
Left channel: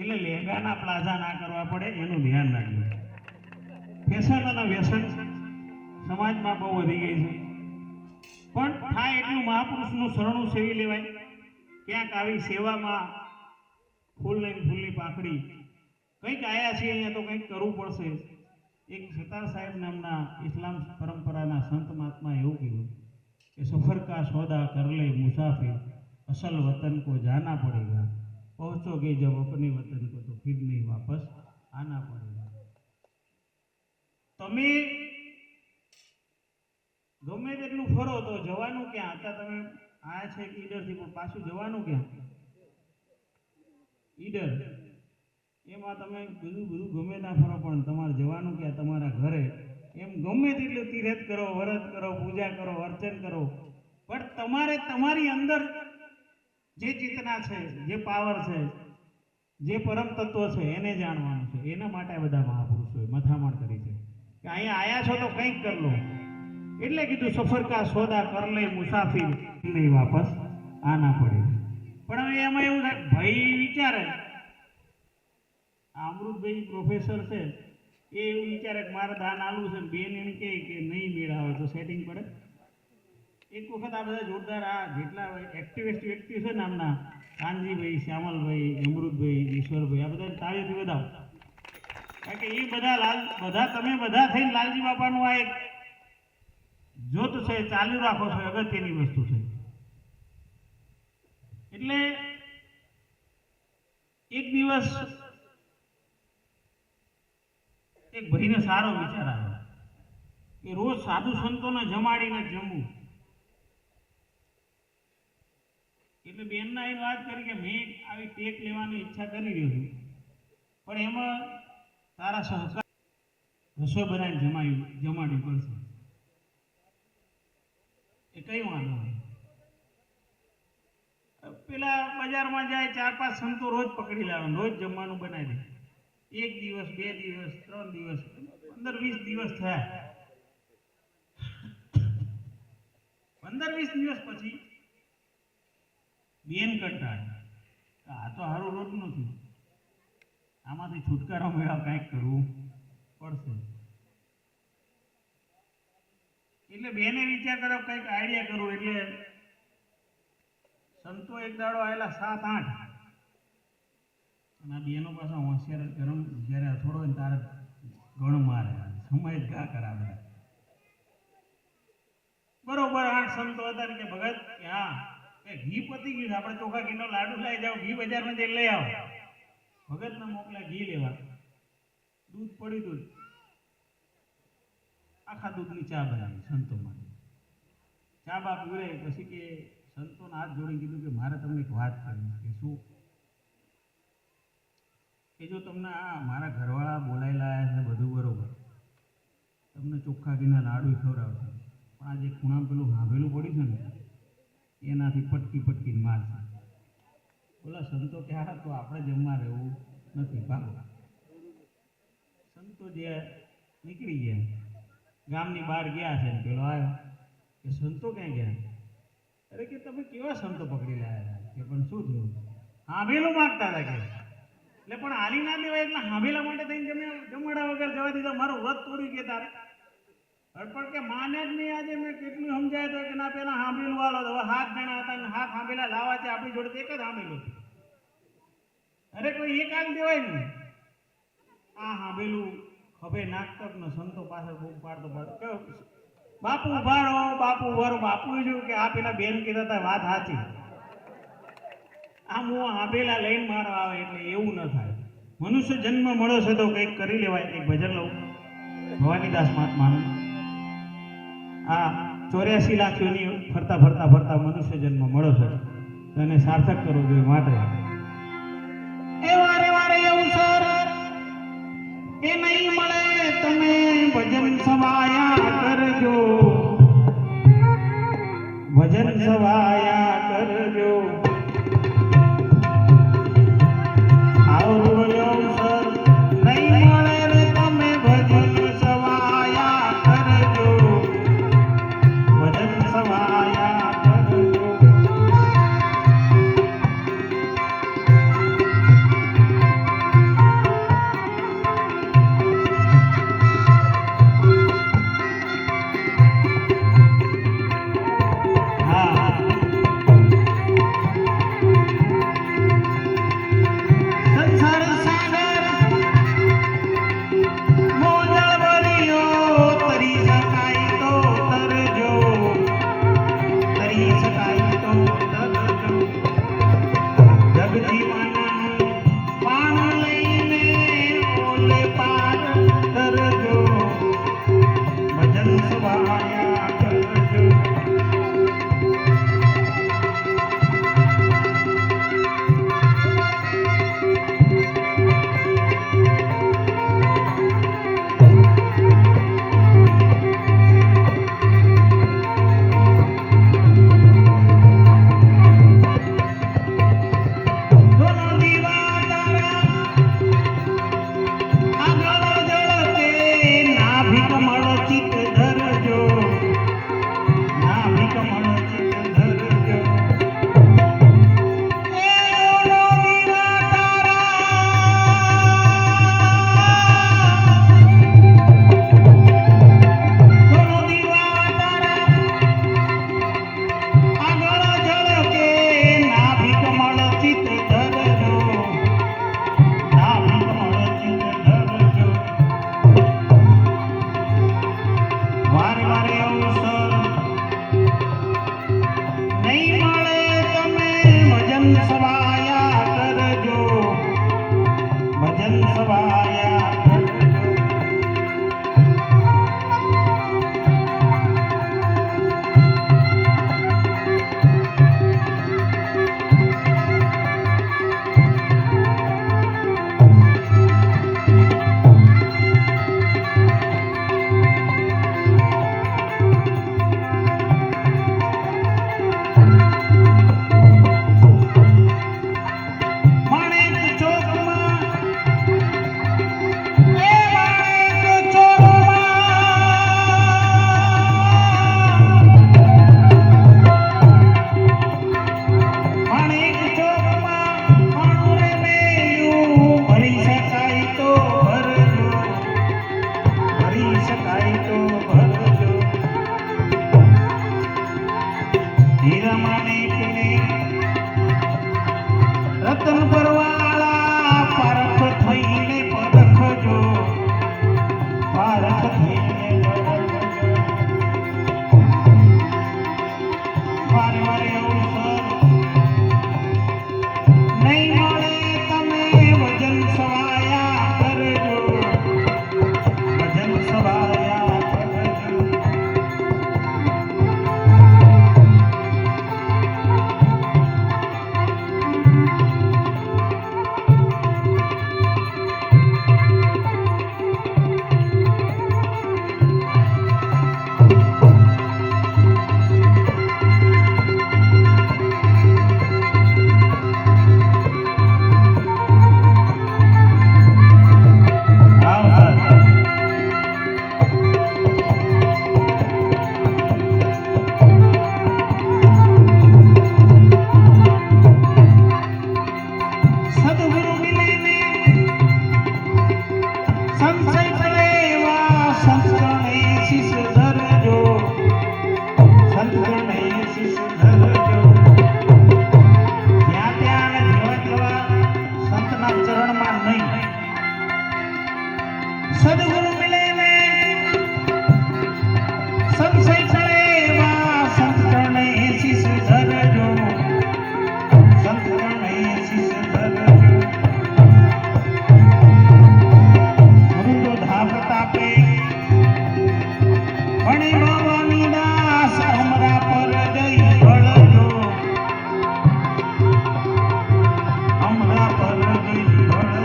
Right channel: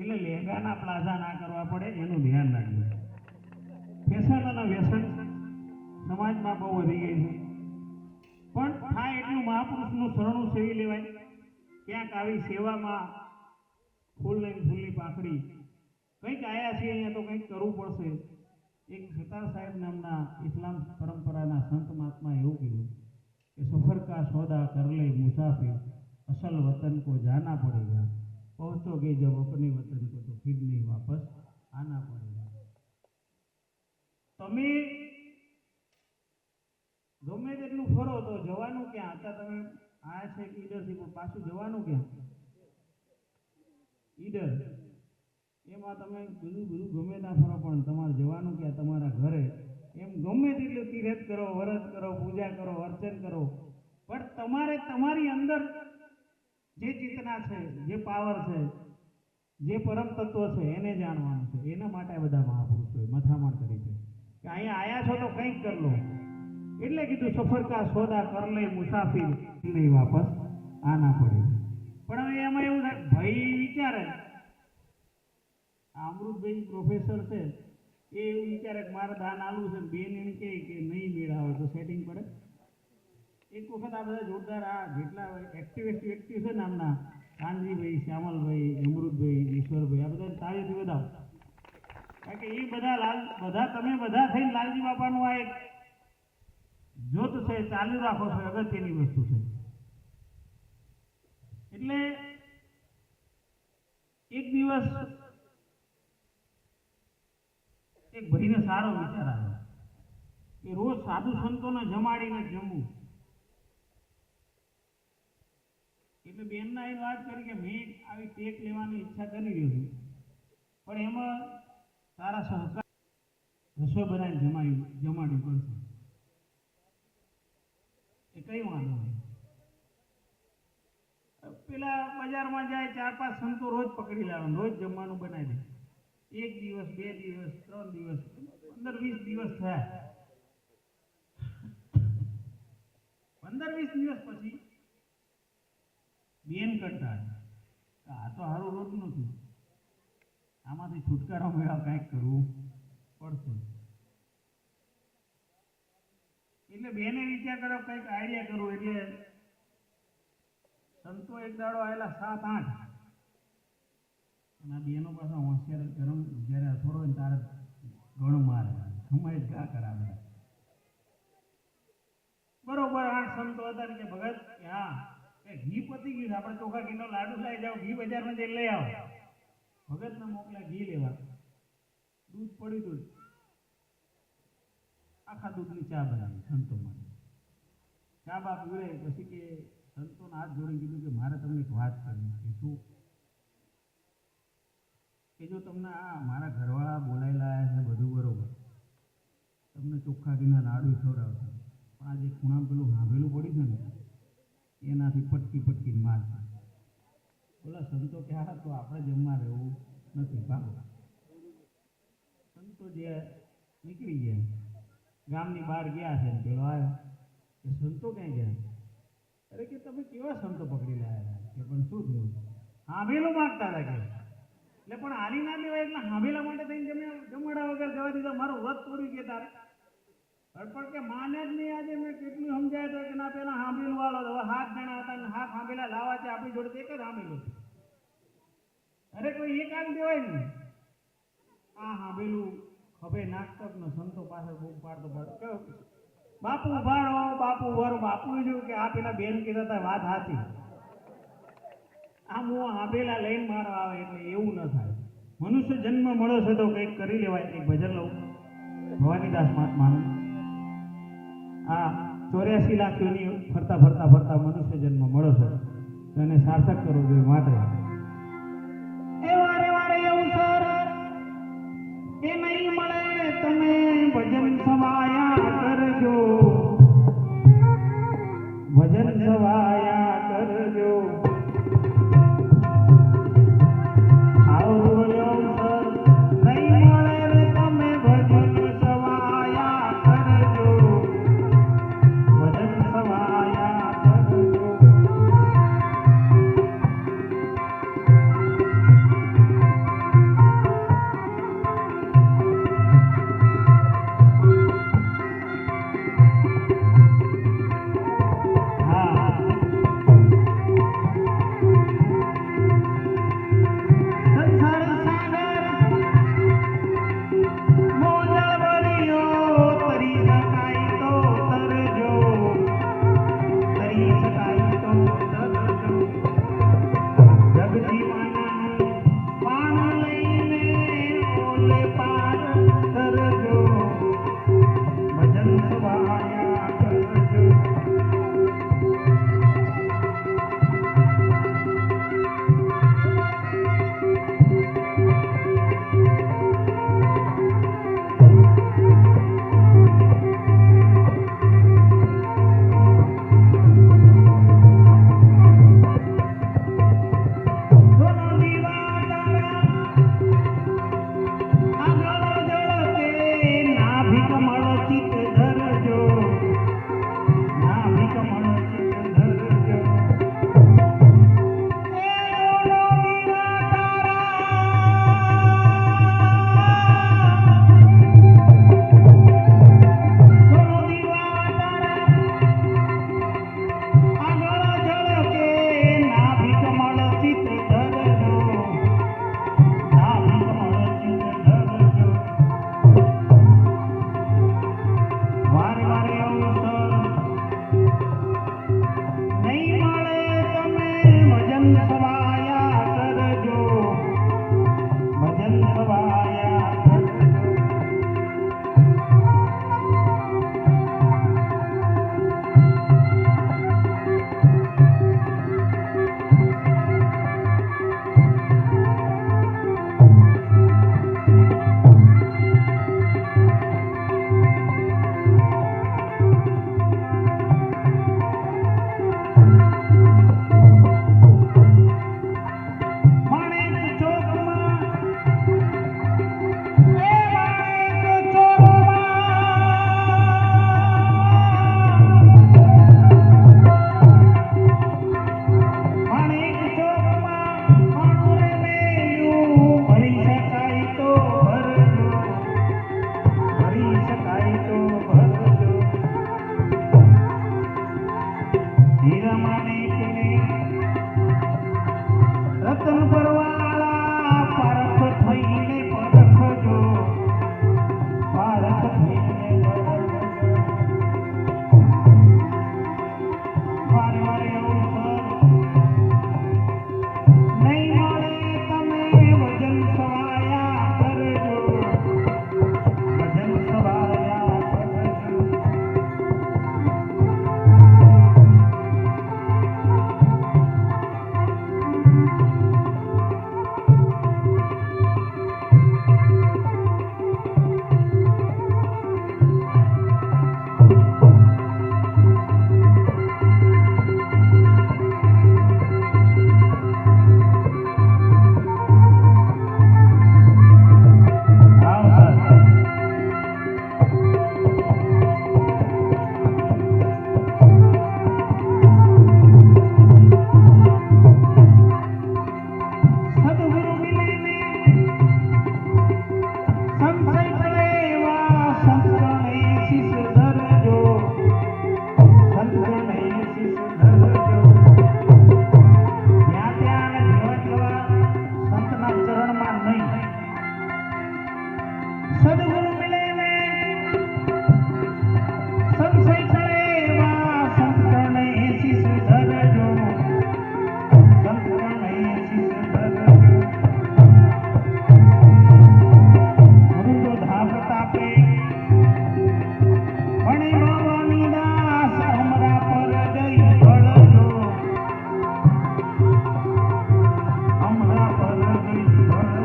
એટલે લેંગાના પ્લાઝા ના કરવા પડે એનું ધ્યાન રાખજો. ફેશન અને વ્યસન સમાજમાં બહુ વધી ગઈ છે, પણ થાય એટલું મહાપુરુષનું શરણું સેવી લેવાય. ક્યાંક આવી સેવામાં ફૂલ લઈને ફૂલની પાકડી કંઈક આયા છે, અહીંયા તો કંઈક કરવું પડશે. એક સતાર સાહેબ નામના ઇસ્લામ પરંપરાના સંત મહાત્માએ એવું કીધું કે સફર કા સોદા કર લે મુસાફિર, અસલ વતન કો જાના પડેગા, પહોંચોગે જબ અપને વતન કો તો ફિર નહીં વાપસ આના પડેગા. તમે ગમે તેટલું ફરો તો જવાનું ક્યાં? હતા તમે આયા છે ઈડરથી, પણ પાછું જવાનું ક્યાં? ઈડર. એમાં તમે બધું ગમે ત્યાં ફરો પણ તમારે જવાનું ક્યાં? તમારા ઘરે. એમ ગમે તેટલું તીર્થ કરો, વ્રત કરો, પૂજા કરો, અર્ચન કરો, પણ તમારે તમારી અંદર જે ચેતના છે, જે પાવર છે, જે પરમ તત્વ છે એને જાણવાનું છે. એના માટે બધા મહાપુરુષોએ મથામણ કરી છે કે અહીંયા આયા છો તો કંઈક કર લો. એટલે કીધું સફર કા સોદા કર લે મુસાફિર, નહીં વાપસ આના પડે. પણ હવે એમાં એવું થાય, ભાઈ વિચારે, આ અમૃતભાઈ પ્રોફેસર છે એ એવું વિચારે કે મારે દાન આલવું છે, બેન એને કહે કે નહીં મેળ આવે તો સેટિંગ પડે. એક વખત આ બધા જોરદાર આ જેટલા એક્ટિવિસ્ટ વ્યક્તિ છે નામના કાનજીભાઈ, શ્યામલભાઈ, અમૃતભાઈ, ઈશ્વરભાઈ, આ બધા તાળીઓથી વધાવો. કારણ કે એ બધા તમે બધા થઈને લાલજી બાપાનું આ એક જોત છે ચાલુ રાખો છો, અગત્યની વસ્તુ છે. એટલે એક દિવસ એક ભાઈને સારો વિચાર આવ્યો કે રોજ સાધુ સંતોને જમાડીને જમવું. એટલે બેનના એ વાત કરી કે મેં આવી ટેક લેવાની ઈચ્છા કરી રહ્યો છું, પણ એમાં તારા સહકાર રસોઈ બનાવીને જમાડવી પડશે. એ કઈ વાંધો નહીં. પેલા બજારમાં જાય, 4-5 સંતો રોજ પકડી લાવવાનું, રોજ જમવાનું બનાવી દે. 1 દિવસ, 2 દિવસ, 3 દિવસ, 15-20 દિવસ થયા. 15-20 દિવસ પછી બેન કંટાળે, આ તો સારું રોજ નથી, આમાંથી છુટકારો મેળવવા કંઈક કરવું પડશે. એટલે બેને વિચાર કર્યો કંઈક આઈડિયા કરવું. એટલે સંતો એક દાડો આવેલા 7-8, અને બેનો પાછા હોશિયાર ગરમ જ્યારે થોડો હોય ને તારે ગણ મારે, સમય જ ઘા કરાવે. બરોબર 8 સંતો હતા ને કે ભગત કે હા ઘી પતી ગયું, આપણે ચોખા ઘીનો લાડુ લઈ જાઓ, ઘી બજારમાં જઈને લઈ આવો. ભગતને મોકલ્યા ઘી લેવા. દૂધ પડી દૂધ, આખા દૂધની ચા બનાવી સંતો માટે. ચા બા પીવડે પછી કે સંતોના હાથ જોડી કીધું કે મારે તમને એક વાત કરવી કે શું? કે જો તમને આ મારા ઘરવાળા બોલાવી લાયા છે બધું બરોબર, તમને ચોખ્ખા ઘીના લાડુ ખવડાવશે, પણ આ જે ખૂણામાં પેલું હાંભેલું પડ્યું છે ને એનાથી પટકી મારશે. બોલા સંતો કે હા તો આપણે જમવા રહેવું નથી ભાગો. સંતો જે નીકળી ગયા, ગામની બહાર ગયા છે ને પેલો આવ્યો કે સંતો ક્યાં ગયા? અરે કે તમે કેવા સંતો પકડી લાયા? કે પણ શું થયું? હાંભેલું માગતા હતા કે. એટલે પણ હાલી ના દેવાય, એટલે હાંભેલા માટે થઈને જમાડા વગર જવા દીધા, મારું વ્રત તોડ્યું કે તારે. પણ કે માને જ નહીં. આજે મેં કેટલું સમજાય તો કે ના પેલા હાંભેલું વાળો, હવે 7 જણા હતા ને 7 હાંભેલા લાવવા છે, આપણી જોડે એક જ હાંભેલું છે. અરે કોઈ એક આલી દેવાય ને. આ હાંભેલું ખભે નાખતો ને સંતો પાસે બૂમ પાડતો બાપુ ઉભારો, બાપુ ઉભારો. બાપુ જોયું કે આ પેલા બેન કીધા હતા વાત સાચી, આમ હું હાંભેલા લઈને મારો આવે. એટલે એવું ન થાય. મનુષ્ય જન્મ મળ્યો છે તો કંઈક કરી લેવાય. એક ભજન લઉં ભવાનીદાસ મહાત્માનું. આ 84 લાખ યોની ફરતા ફરતા ફરતા મનુષ્ય જન્મ મળ્યો છે, તેને સાર્થક કરવો જોઈએ. માટે એ વારે વારે એવું સર એ નહીં મળે, તમે ભજન સવાયા કરજો, ભજન સવાયા કરજો. સદગુરુ મિલે ને સંશય ચડે એવા સંત ચરણે શીશ ધરજો, સંત ચરણે શીશ ધરજો. ગુરુ ધાપ તાપે ભણી ભવાની દાસ હમરા પર દઈ ભળજો, હમરા પર દઈ ભળજો.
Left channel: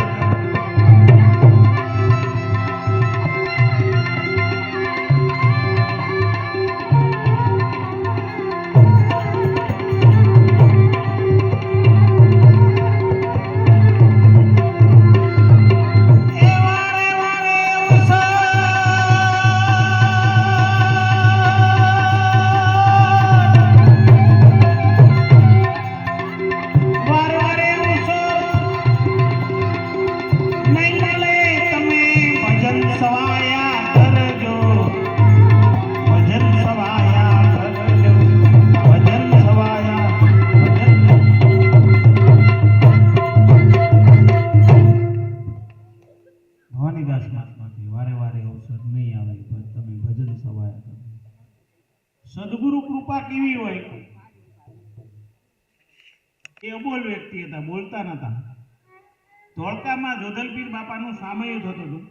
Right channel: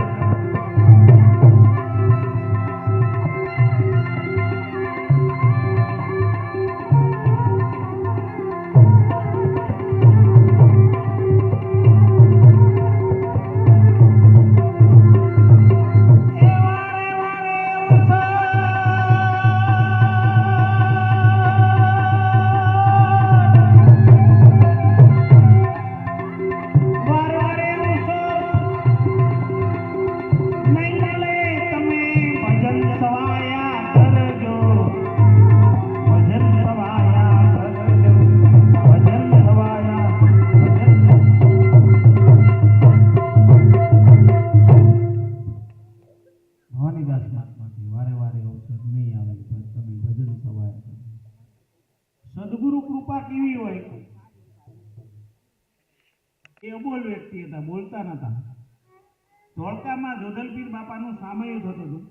એ વારે વારે વારે વારે નહીં મળે તમે ભજન સવાયા કરજો, ભજન સવાયા કરજો, ભજન સવાયા ભજન. ભવાનીદાસ મહાત્માથી વારે વારે અવસર નહીં આવે પણ તમે ભજન સવાયા કરજો. સદગુરુ કૃપા કેવી હોય? એ અબોલ વ્યક્તિ હતા, બોલતા નતા. ધોળકામાં જોધલપીર બાપાનું સામયું થતું હતું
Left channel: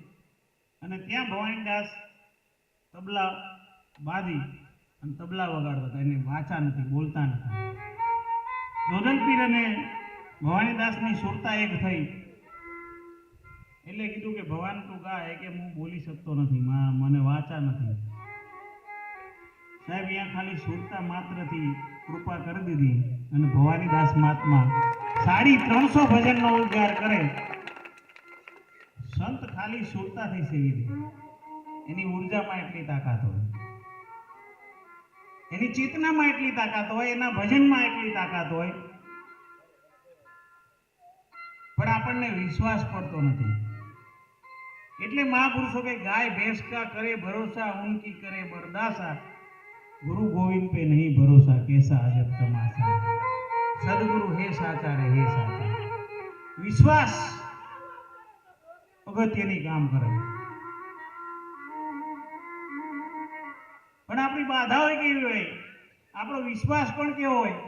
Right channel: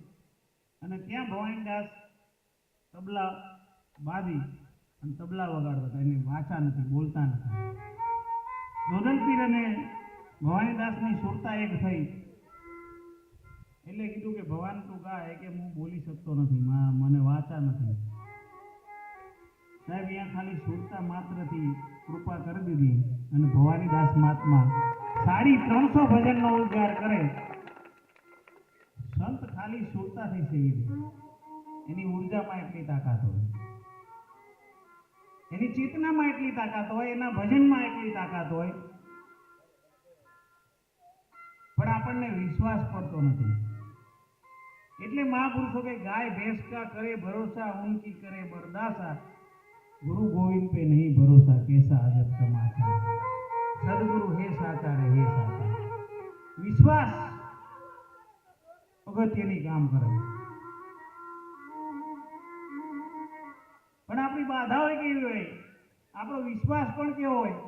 અને ત્યાં ભવાનીદાસ તબલા બાજી અને તબલા વગાડતા હતા. એને વાચા નથી, બોલતા નતા. જોધલપીર અને ભવાનીદાસની સુરતા એક થઈ એટલે કીધું કે ભગવાન તું ગાય કે હું બોલી શકતો નથી, મને વાચા નથી. સાહેબ અહીંયા ખાલી સુરતા માત્રથી કૃપા કરી દીધી અને ભવાનીદાસ મહાત્મા 350 ભજનનો ઉદ્ગાર કરે. સંત ખાલી સુરતાથી સેવી દે. એની ઉર્જામાં એટલી તાકાત હોય, એની ચેતનામાં એટલી તાકાત હોય, એના ભજનમાં એટલી તાકાત હોય, પણ આપણને વિશ્વાસ પડતો નથી. એટલે મહાપુરુષો કે ગાય ભેંસ કા કરે ભરોસા, ઉનકી કરે બરદાસા, ગુरु गोविंद पे नहीं भरोसा, कैसा अजब तमाशा. सदगुरु हे साचा रे हे साचा. विश्वास અગત્યની કામ કરે. પણ આપણી બાધાઓ કેવી હોય? આપણો વિશ્વાસ પણ કેવો હોય?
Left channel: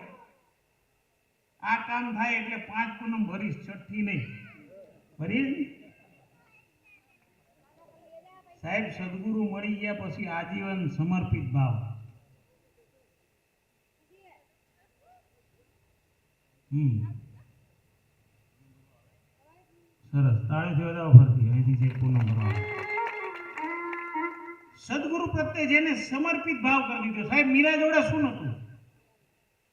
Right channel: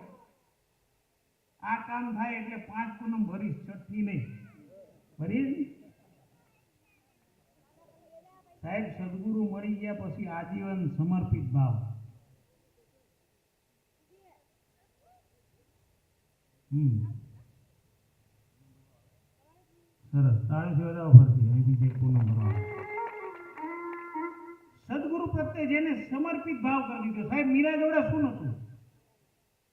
આ કામ થાય એટલે 5 પૂનમ ભરીશ, છઠ્ઠી નહીં ભરીશ. સાહેબ સદગુરુ મળી ગયા પછી આજીવન સમર્પિત ભાવ. સરસ, તાળીથી વધાવો ફરતી અહીંથી છે પૂનમ ભરવા. સદગુરુ પ્રત્યે જેને સમર્પિત ભાવ કરી દીધો. સાહેબ મીરા જોડે શું નતું?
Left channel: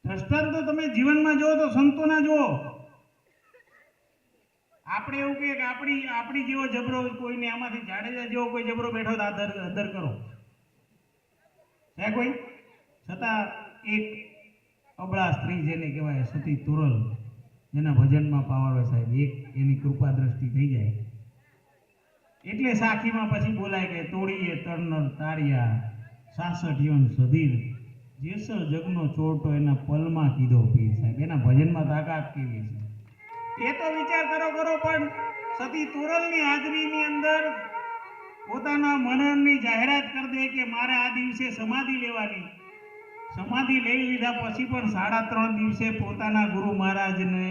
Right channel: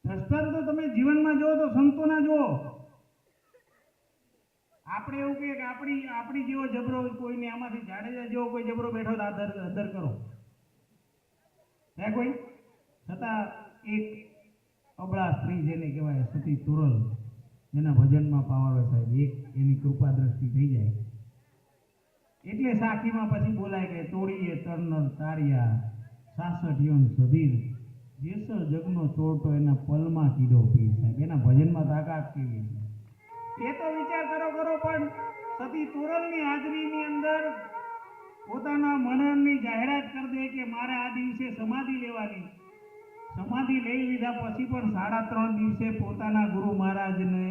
દ્રષ્ટાંત તો તમે જીવનમાં જુઓ તો સંતોના જુઓ. આપણે એવું કહીએ કે આપણી જેવો જબરો કોઈને, આમાંથી જાડેજા જેવો કોઈ જબરો બેઠો તો આદર કરો છે કોઈ. છતાં એક અબળા સ્ત્રી જેને કહેવાય સતી તુરલ, જેના ભજનમાં પાવર હોય સાહેબ, એક એની કૃપા દ્રષ્ટિ થઈ જાય એટલે સાખીમાં પછી બોલાય કે તોડીએ તરનર તારિયા 66 યોન સધીર, જેસ જગનો ચોરટો એના પલમાં કીધો પીર. સાહેબ એના ભજનમાં તાકાત કેવી છે એ તો વિચાર કરો. પણ સતી તુરલની હાજરીની અંદર પોતાના મનનની જાહેરાત કરી દે કે મારે આ દિવસે સમાધિ લેવાની. સમાધિ લઈ લીધા પછી પણ 3.5 દિવસે પોતાના ગુરુ મહારાજને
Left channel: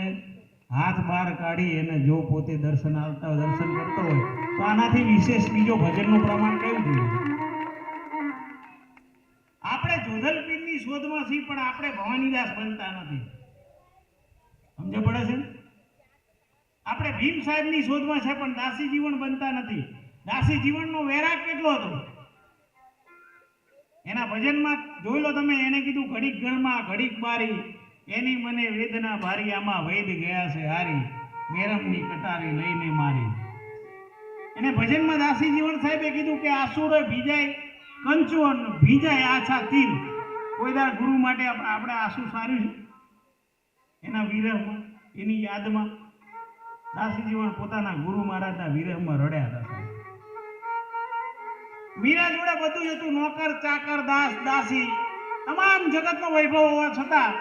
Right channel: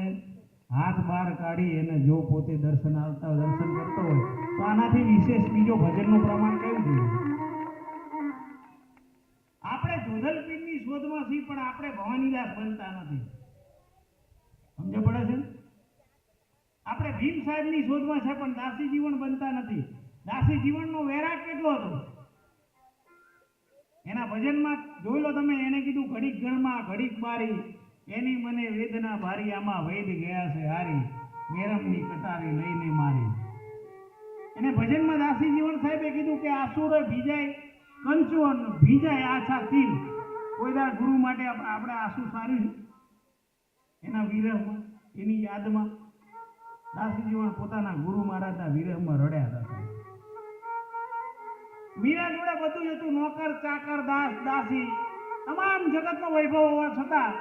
હાથ બહાર કાઢી એને જો પોતે દર્શન કરતો હોય તો આનાથી વિશેષ બીજો ભજનનું પ્રમાણ કેવું જોઈએ? આપણે જોધલપીરની શોધમાં છીએ પણ આપણે ભવાનીદાસ બનતા નથી. સમજ પડે છે? આપણે ભીમ સાહેબની શોધમાં છે પણ દાસી જીવન બનતા નથી. દાસી જીવનનો વૈરાગ કેટલો હતો એના ભજનમાં જોઈ લો તમે. એને કીધું ઘડીક ગણમાં ઘડીક બારી, એની મને વેદના ભારી, આમાં વૈદ ગયા છે હારી, મેરમની કટારી લઈને મારી. એને ભજનમાં દાસી જીવન સાહેબે કીધું કે આસુરો ભીજાય કંચુઅન, ભીજાય આછા તીર. કોઈ દાર ગુરુ માટે આપણે આંસુ સાર્યું છે? એના વિરહમાં, એની યાદમાં દાસી જીવન પોતાના ગુરુ મહારાજના વિરહમાં રડ્યા હતા. મીરા જોડે બધું હતું, નોકર ચાકર દાસ દાસી તમામ જગતનો વૈભવ હોવા છતાં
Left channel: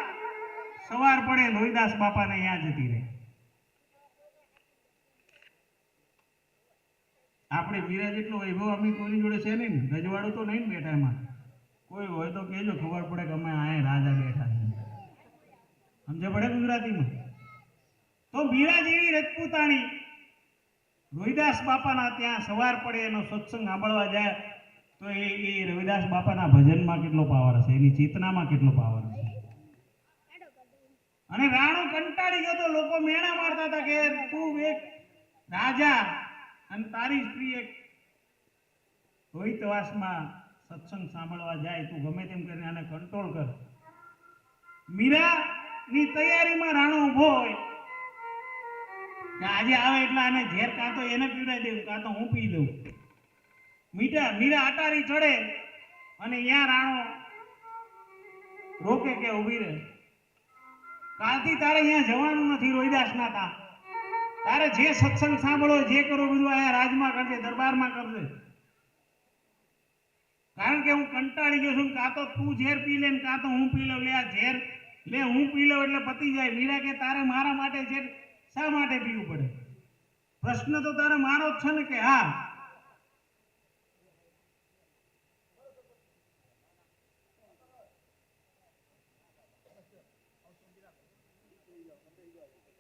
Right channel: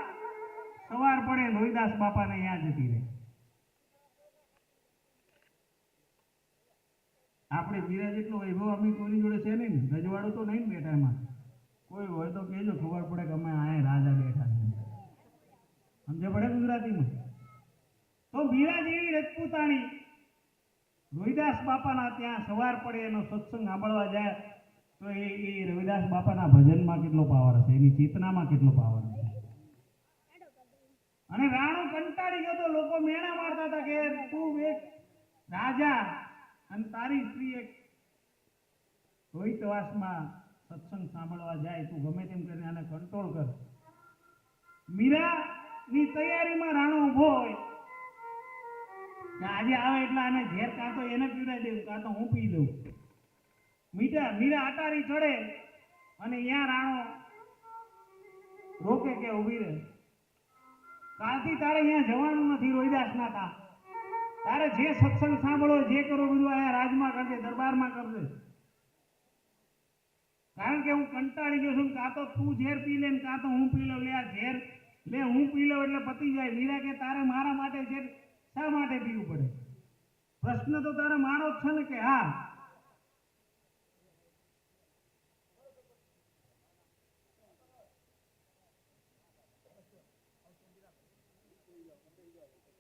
સવાર પડે લોહીદાસ બાપાને યાદ જતી રહે. આ આપણે મીરા જેટલો વૈભવ અમે કોઈની જોડે છે નહીં ને, રજવાડું તો નહીં ને બેઠા એમાં. કોઈ હોય તો કહેજો, ખબર પડે કે અમે અહીંયા રાજા બેઠા છે. સમજે પડે ગુજરાતીમાં? તો મીરા જેવી રજપૂતાણી રવિદાસ બાપાના ત્યાં સવાર પડે એનો સત્સંગ સાંભળવા જાય તો એ રવિદાસ બાપાના ભજનમાં કેટલો પાવર હશે, એની ચેતનામાં કેટલો પાવર હશે. અને રાણો કંટાળી ગયો તો લોકો મેણા મારતા હતા કે તું એક રાજા અને તારી સ્ત્રી એક રોહિતવાસમાં સત્સંગ સાંભળવા જાય, તું ગમે તેમ કરીને આને કંટ્રોલ કર. મીરાની તૈયારીમાં રાણો ઊભો હોય કે આજે આવે એટલે આને ઝેર કાં તો એને પીવડાવી દેવું કાં તો હું પી લઉં. મીરા અટારી ચડે અને અહીંયા રાણો રોકે કે ઊભી રહે, કાલથી તારે અહીંયા જવાનું નથી રોહિદાસના તા. તારે જે સત્સંગ સાંભળો જે કરો બધું અહીંયા રાજમાં કરજે, દરબારમાં કરજે. કારણ કે હું કંટાળી ગયો છું, કાં તો તું ઝેર પી લે ને કાં તો હું પી લઉં. લે આ ઝેર લે હું પી લઉં એટલે પતી જાય. મીરા કે તારે મારા માટે ઝેર શા માટે પીવું પડે? પ્રશ્ન તો તારે મારો જ છે ને કે હા.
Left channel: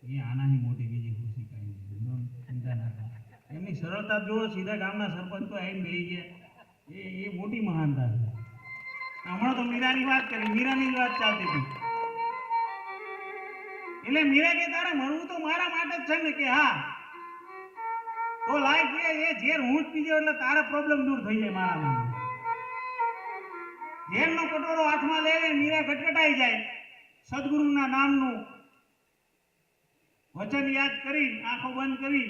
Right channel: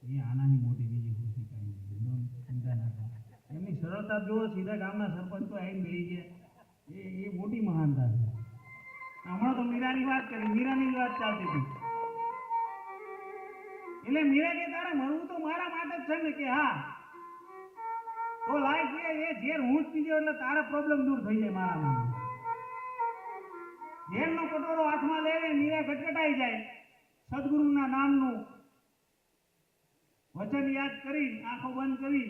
એ આનાની મોટી બીજી ખુશી કઈ નહીં, ચિંતા ના કરો. એમની સરળતા જુઓ, સીધા ગામના સરપંચ તો આવીને બેસી ગયા. એ મોટી મહાનતા છે. હમણાં તો મીરાની વાત કરી, મીરાની જ વાત ચાલતી હતી. એટલે મીરા કે તારે મરવું તો મારા માટે જ છે ને કે હા. તો લાય કે એ ઝેર હું જ પીજો એટલે તારા પ્રોબ્લેમ દૂર થઈ જાય મારા નામ. ઝેરનો કટોરો હાથમાં લે મીરા ગટગટાઈ જાય. સદગુરુના નામનું વચન યાદ કરી આંખો બંધ કરી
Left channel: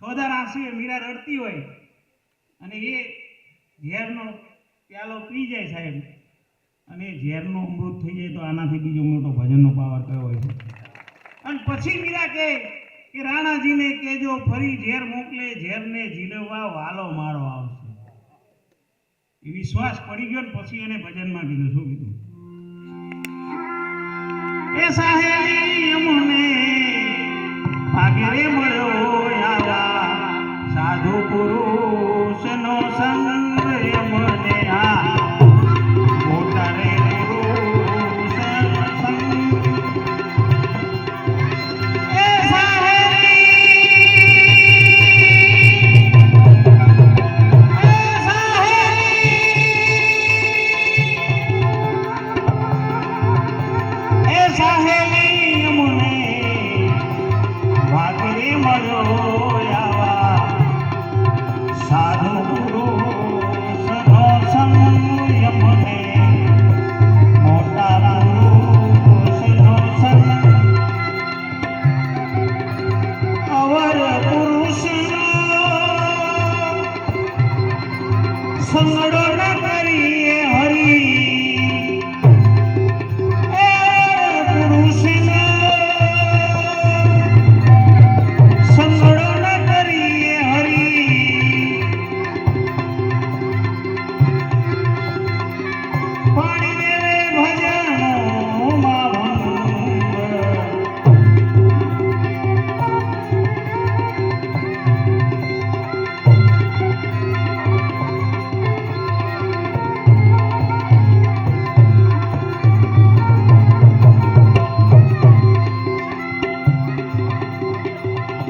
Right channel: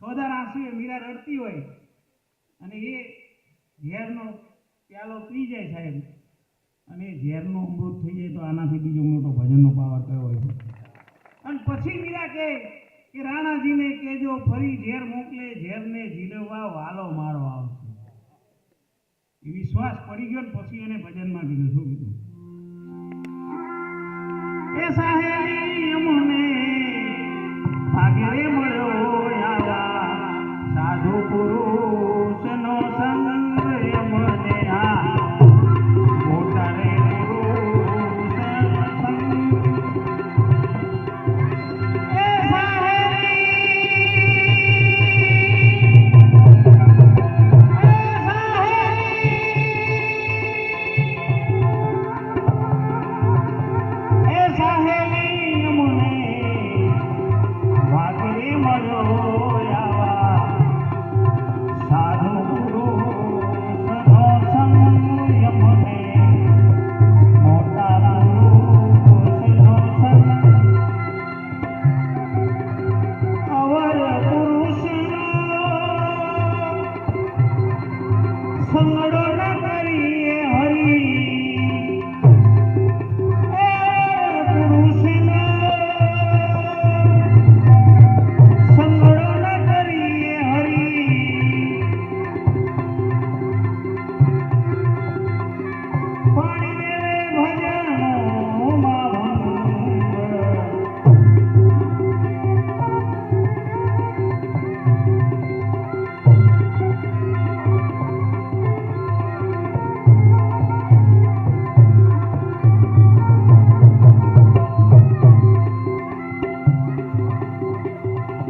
સોદાર આંસુએ મીરા રડતી હોય અને એ ઝેરનો પ્યાલો પી જાય સાહેબ, અને ઝેરનો અમૃત થઈ જાય તો આનાથી બીજો મોટો ભજનનો પાવર કયો હોય છે. અને પછી મીરા કહે કે રાણાજીને કહેજો ફરી ઝેર મોકલે, ઝેરને ઝીલવવા વાલો મારો આવશે. એ વિશ્વાસ પડી ગયો ને પછી એને ભજનમાં કીધું. શું કીધું? એ સાહેલી અમને ભાગરે મળ્યો આવા સાધુ પુરુષનો સંગ અમને આ મોટા રે પુરુષ સંગ. એ સાહેલી અમને ભાગરે મળ્યો આવા સાધુ પુરુષનો સંગ અમને મોટા પુરુષનો સંગ. અવર પુરુષનો સંગડો ન કરીએ હરી. પુરુષનો સંગડો ન કરીએ હરી. પાણી દેવે ભજનોમાં ભંગ.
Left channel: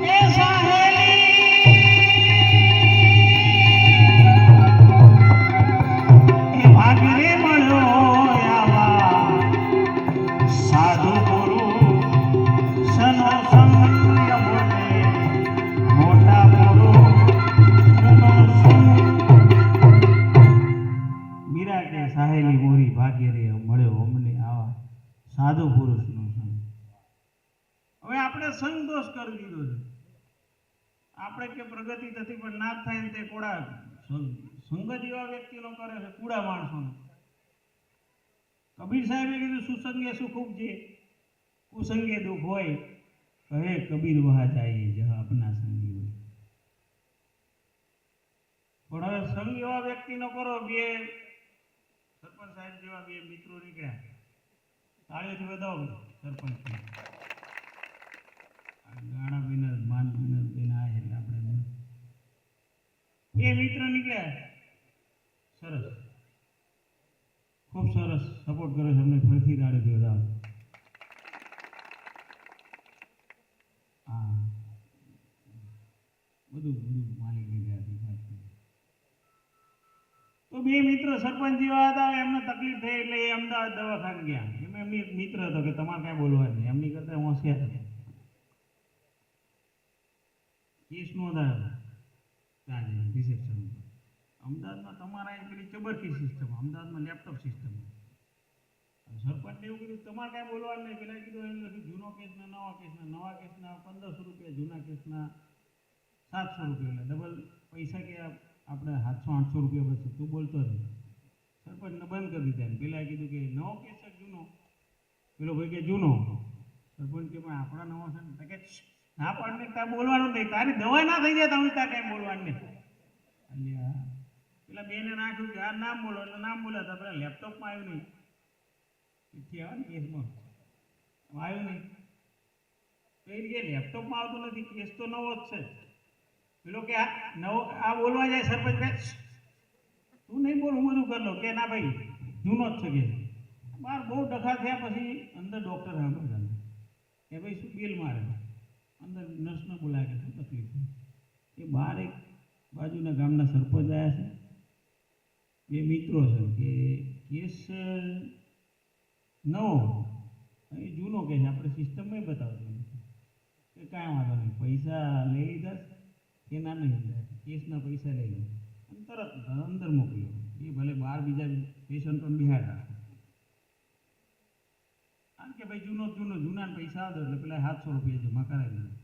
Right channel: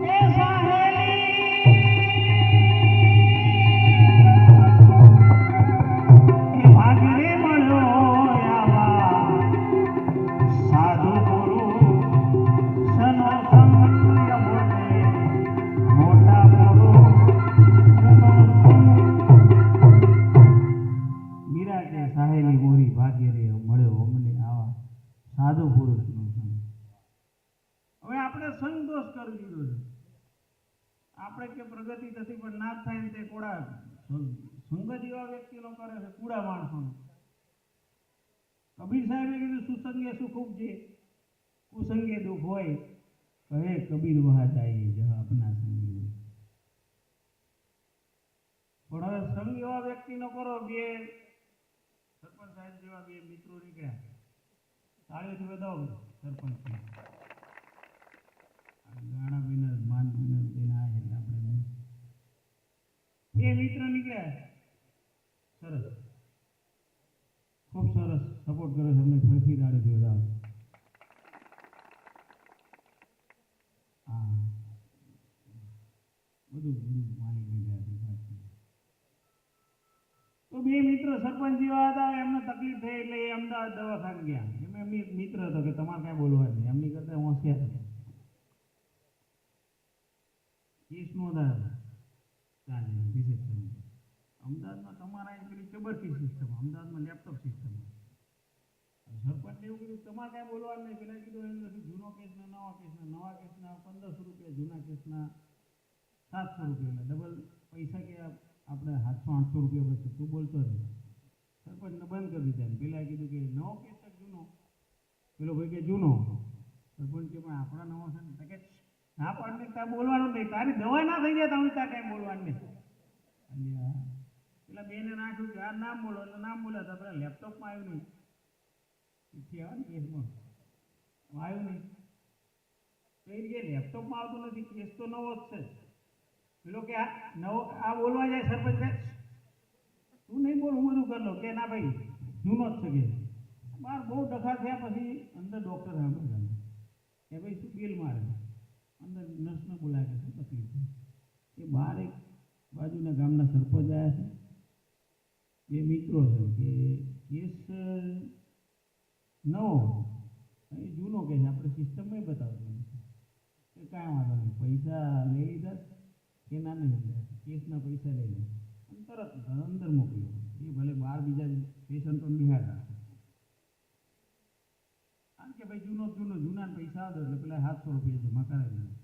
એ સાહેલી એ ભાગરે મળ્યો આવા સાધુ પુરુષનો સંગ અમને મોટા પુરુષનો સંગ. મીરા કે સાહેલી મોરી ભાગ્યરે મળ્યો અમને આવા સાધુ પુરુષનો સંગ. હવે આપણે સંગ દોષ કરી દીધો છે. આપણે કે પ્રગતિ થતી પણ ના થાય ને તે કોડા સંગત એવા વ્યક્તિનો કરે છે, કુડા માણસોનો. કબીર સાહેબે કીધું સુસંગે સુખ ઉપજે, કુસંગે દુઃખ હોય. કહે કબીર વહા જાય જहाँ अपना સંગી હોય. પણ હવે સંગ એવા વ્યક્તિનો કરો. બે સરપંચ સાહેબ જેવા બે મિત્રો નીકળ્યા, તાળીઓથી વધાવો સરપંચ. ગાણા વિના માન વિના બેન આ એટલે આપણે એ સરસ સપોર્ટ કરે છે અમને ફરીથી તાળી દો. હા બધું માલિકની ગયા. તો બે મિત્ર સરપંચ જેવા હતા, એમને તકલીફ થઈ એટલે એ અમદાવાદ દવાખાને ગયા. એમની મિત્ર હતો કે તમારે કાંઈ બોલવાનું નહીં, એમની કરતા હોશિયાર હતા. કેસ નોંધાયો ત્યાં રિસેપ્શન. અમદાવાદમાં તમારા અહીં પેલી ચબરકી સિસ્ટમ, અમદાવાદમાં લેપટોપ સિસ્ટમ. સરપંચને એવું કીધું તમારે કાંઈ બોલવાનું નહીં. પેલા કીધું એમ લખ્યું જૂનો કેસના નવા કેસના, નવા કેસના 1500 રૂપિયા, જૂના કેસના 700 રૂપિયા, એટલે ડબલ પૈસા કે આપણે 700-800 રૂપિયા બચે. તું બોલતો નથી. સરપંચને બંધ કરી દીધા. પેલા કીધું કે નવો કેસ છે જૂનો? પેલો ભાઈ કે જૂનો. સરપંચ કે પણ આપણા નવો છે ને? કે ના પણ તાર બોલવાનું નહીં, તારી દવા ના થઈ જાય તમે તાર કાંઈ બોલવાનું નહીં. એટલે પેલા બેને નાખ્યું કે આ નામ બોલો, એટલે નામ બોલ્યા હતા. પેલા લેપટોપમાં આવ્યું નહીં, ચિઠ્ઠી આવે ને કેસમાં આવ્યું નહીં. તો એ કે લેપટોપમાં આવતું નથી, કેસ તો નવો જ છે. પેલો કે આ નવો આ બોલવા જાય સરપંચ કે તું નહીં બોલ, હું બધું કરી લઉં. કે ના ભાઈ જૂનો જ છે. કે બહાર બહુ ડખા થયા પછી અંદર ડૉક્ટર સાંભળ્યા કે ભાઈ શું બિલ મારે. અંદર નર્સને બોલાવે કે શું તકલીફ છે. એ બહાર એક બાજુના ગામના સરપંચ આવ્યા છે, બે મિત્રો છે. કે કેસ નવો એ જૂનો કે છે, આપણે સિસ્ટમમાં બતાવતો નથી. કે કાંઈ વાંધો નહીં, પૈસા લઈ લીધા કે ના નહીં લીધા, કેસના પૈસા લઈ લો અને તરત અંદર મોકલ્યો. એ ભલે બહાર બીજા પેશન્ટો બિહાર રાખે. કારણ કે ભાઈ જૂના પૈસા આવતો એટલે પેલા 700 રૂપિયા જમા કરાવી દીધા.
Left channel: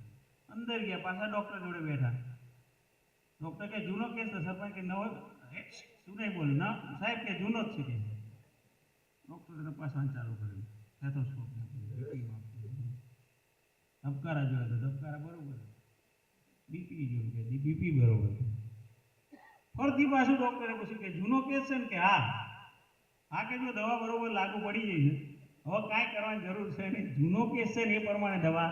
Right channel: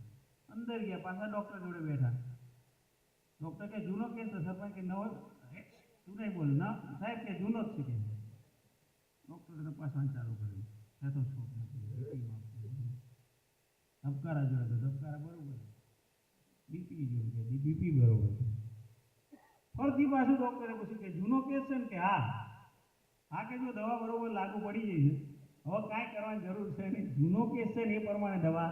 અંદર ગયા, પાછા ડૉક્ટર જોડે બેઠા. ડૉક્ટર કે જૂનો કેસ છે. સરપંચ કે નવો શું નહીં બોલ ના સાહેબ કે જૂનો જ છે. કે ડૉક્ટરે તપાસવાનું ચાલુ કર્યું. સ્ટેથોસ્કોપ ધબકારા જોયા તો ધબકારા બરોબર, બીપી જોયું કે બીપી બરોબર. ફરતી પાછું ડૉક્ટરે પૂછ્યું કે જૂનો કેસ છે ને? કે હા કે જો દવા બરોબર લાગુ પડી જાય છે, હવે કાંઈ કરવાની જરૂર છે નહીં. જૂનો કેસ છે ને એ પ્રમાણે દવા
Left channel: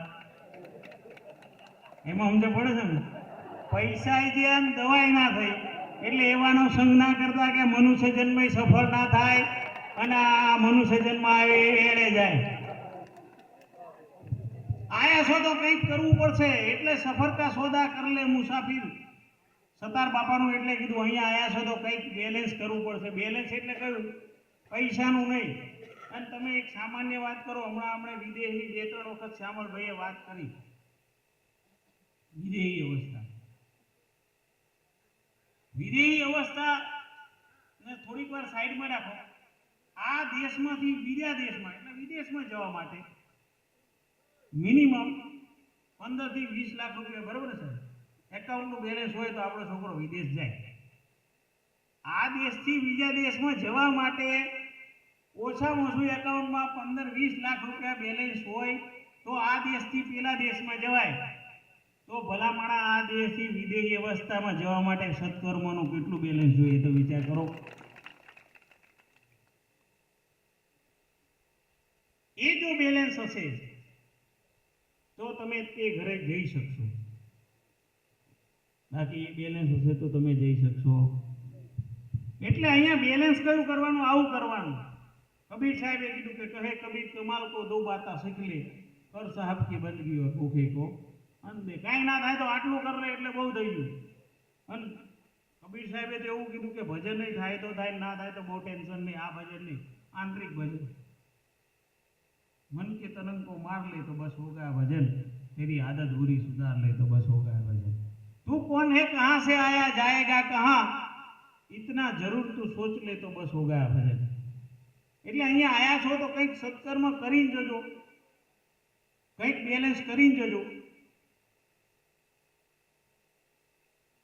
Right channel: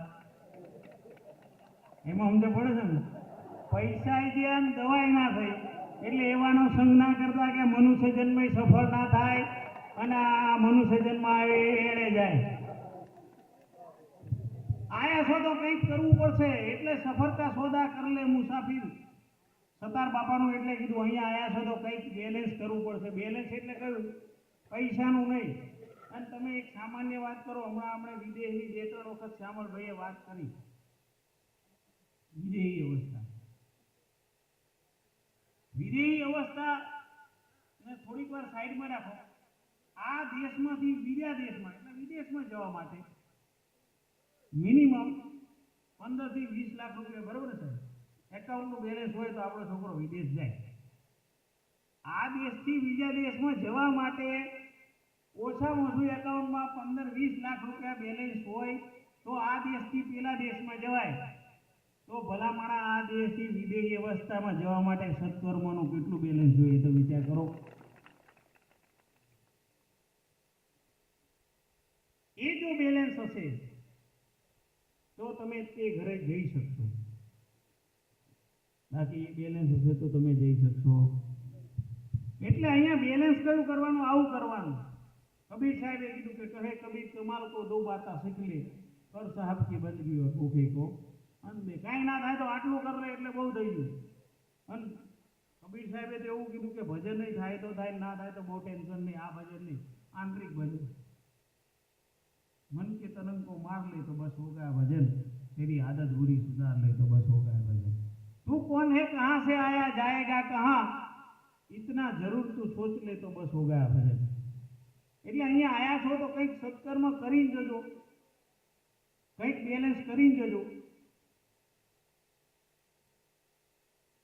એમાં સમજ પડે છે ને. પૈસા જે આમ દવાઈ ના થઈ એટલે એવાનો સંગ ના કરતા કે મનુષ્ય જન્મ સફળ ના થાય અને આ મનુષ્ય જન્મ આવે એળે જાય. આયા છો તો કંઈક કરવું પડશે, એટલે સફર કા સોદા કર લે મુસાફિર. સતાર બાપાનું એટલે કીધું અહીંયા આયા છો તો કંઈક બેલેન્સ કરવું પડશે. બેલેન્સ એટલે કયું? પૈસાનું નહીં. અને તમે એક સામાન્ય વાત કરો. હમણાં આપણે વિદેશની 2-3 વખત શ્યામળભાઈએ વાત કરી વિદેહી અવસ્થા ને થોડીક વાર સાઈડમાં રાખો. આ દેશમાંથી બીજા દેશમાં એટલે વિદેશમાં જવા માટે મિનિમમ 15 થી 20 લાખ રૂપિયા, બરોબર છે, એકાઉન્ટનું બેલેન્સ હોય તો આપણો છોકરો વિદેશ જાય. આ દેશથી બીજા દેશમાં જવા માટે ઓછામાં ઓછું એકાઉન્ટમાં 15-20 લાખ રૂપિયા બેલેન્સ હોય તો આ દેશથી પેલા દેશમાં જવાય. તો ભલામણા આ દેશથી વિદેશી અવસ્થામાં જવા માટે સત્કર્મનું કેટલું બેલેન્સ જોઈએ તો વિચાર કરો. એ જો બેલેન્સ હશે તો તમે તે ઘરે જઈ શકશો. બાકી એ બેલેન્સ હશે તો તમે જઈ શકશો. એટલે અહીંયા બેલેન્સ કયું કરવાનું? આવું કરવાનું. કબીર સાહેબે કીધું કે કહે કબીર કમાલ કો દો બાતા શીખ લે, કર સાहब की બંદગી और ભૂખે को અંદે. કાંઈ ના થાય તો આટલું કર લે એટલે બહુ થઈ ગયું. અને કબીર સાહેબે તો એવું કીધું કે ભજન નહીં થાય તો થાય, ના થાય તો બહુ ટેન્શન નહીં. આ ભજન નહીં, આંતરિક ભજન. मन के तनंग को मार ले तो बस हो गया भजन, तेरी आदत बुरी सुधार ले तो बस हो गया भजन. तू कौन है, कहां से आया, जाएगा कहां, इतना जरूर तू सोच ले तो बस हो गया भजन. એટલે અહીંયા આયા છો તો કંઈક સત્કર્મ કરીને જજો, કંઈક બેલેન્સ કરીને જજો.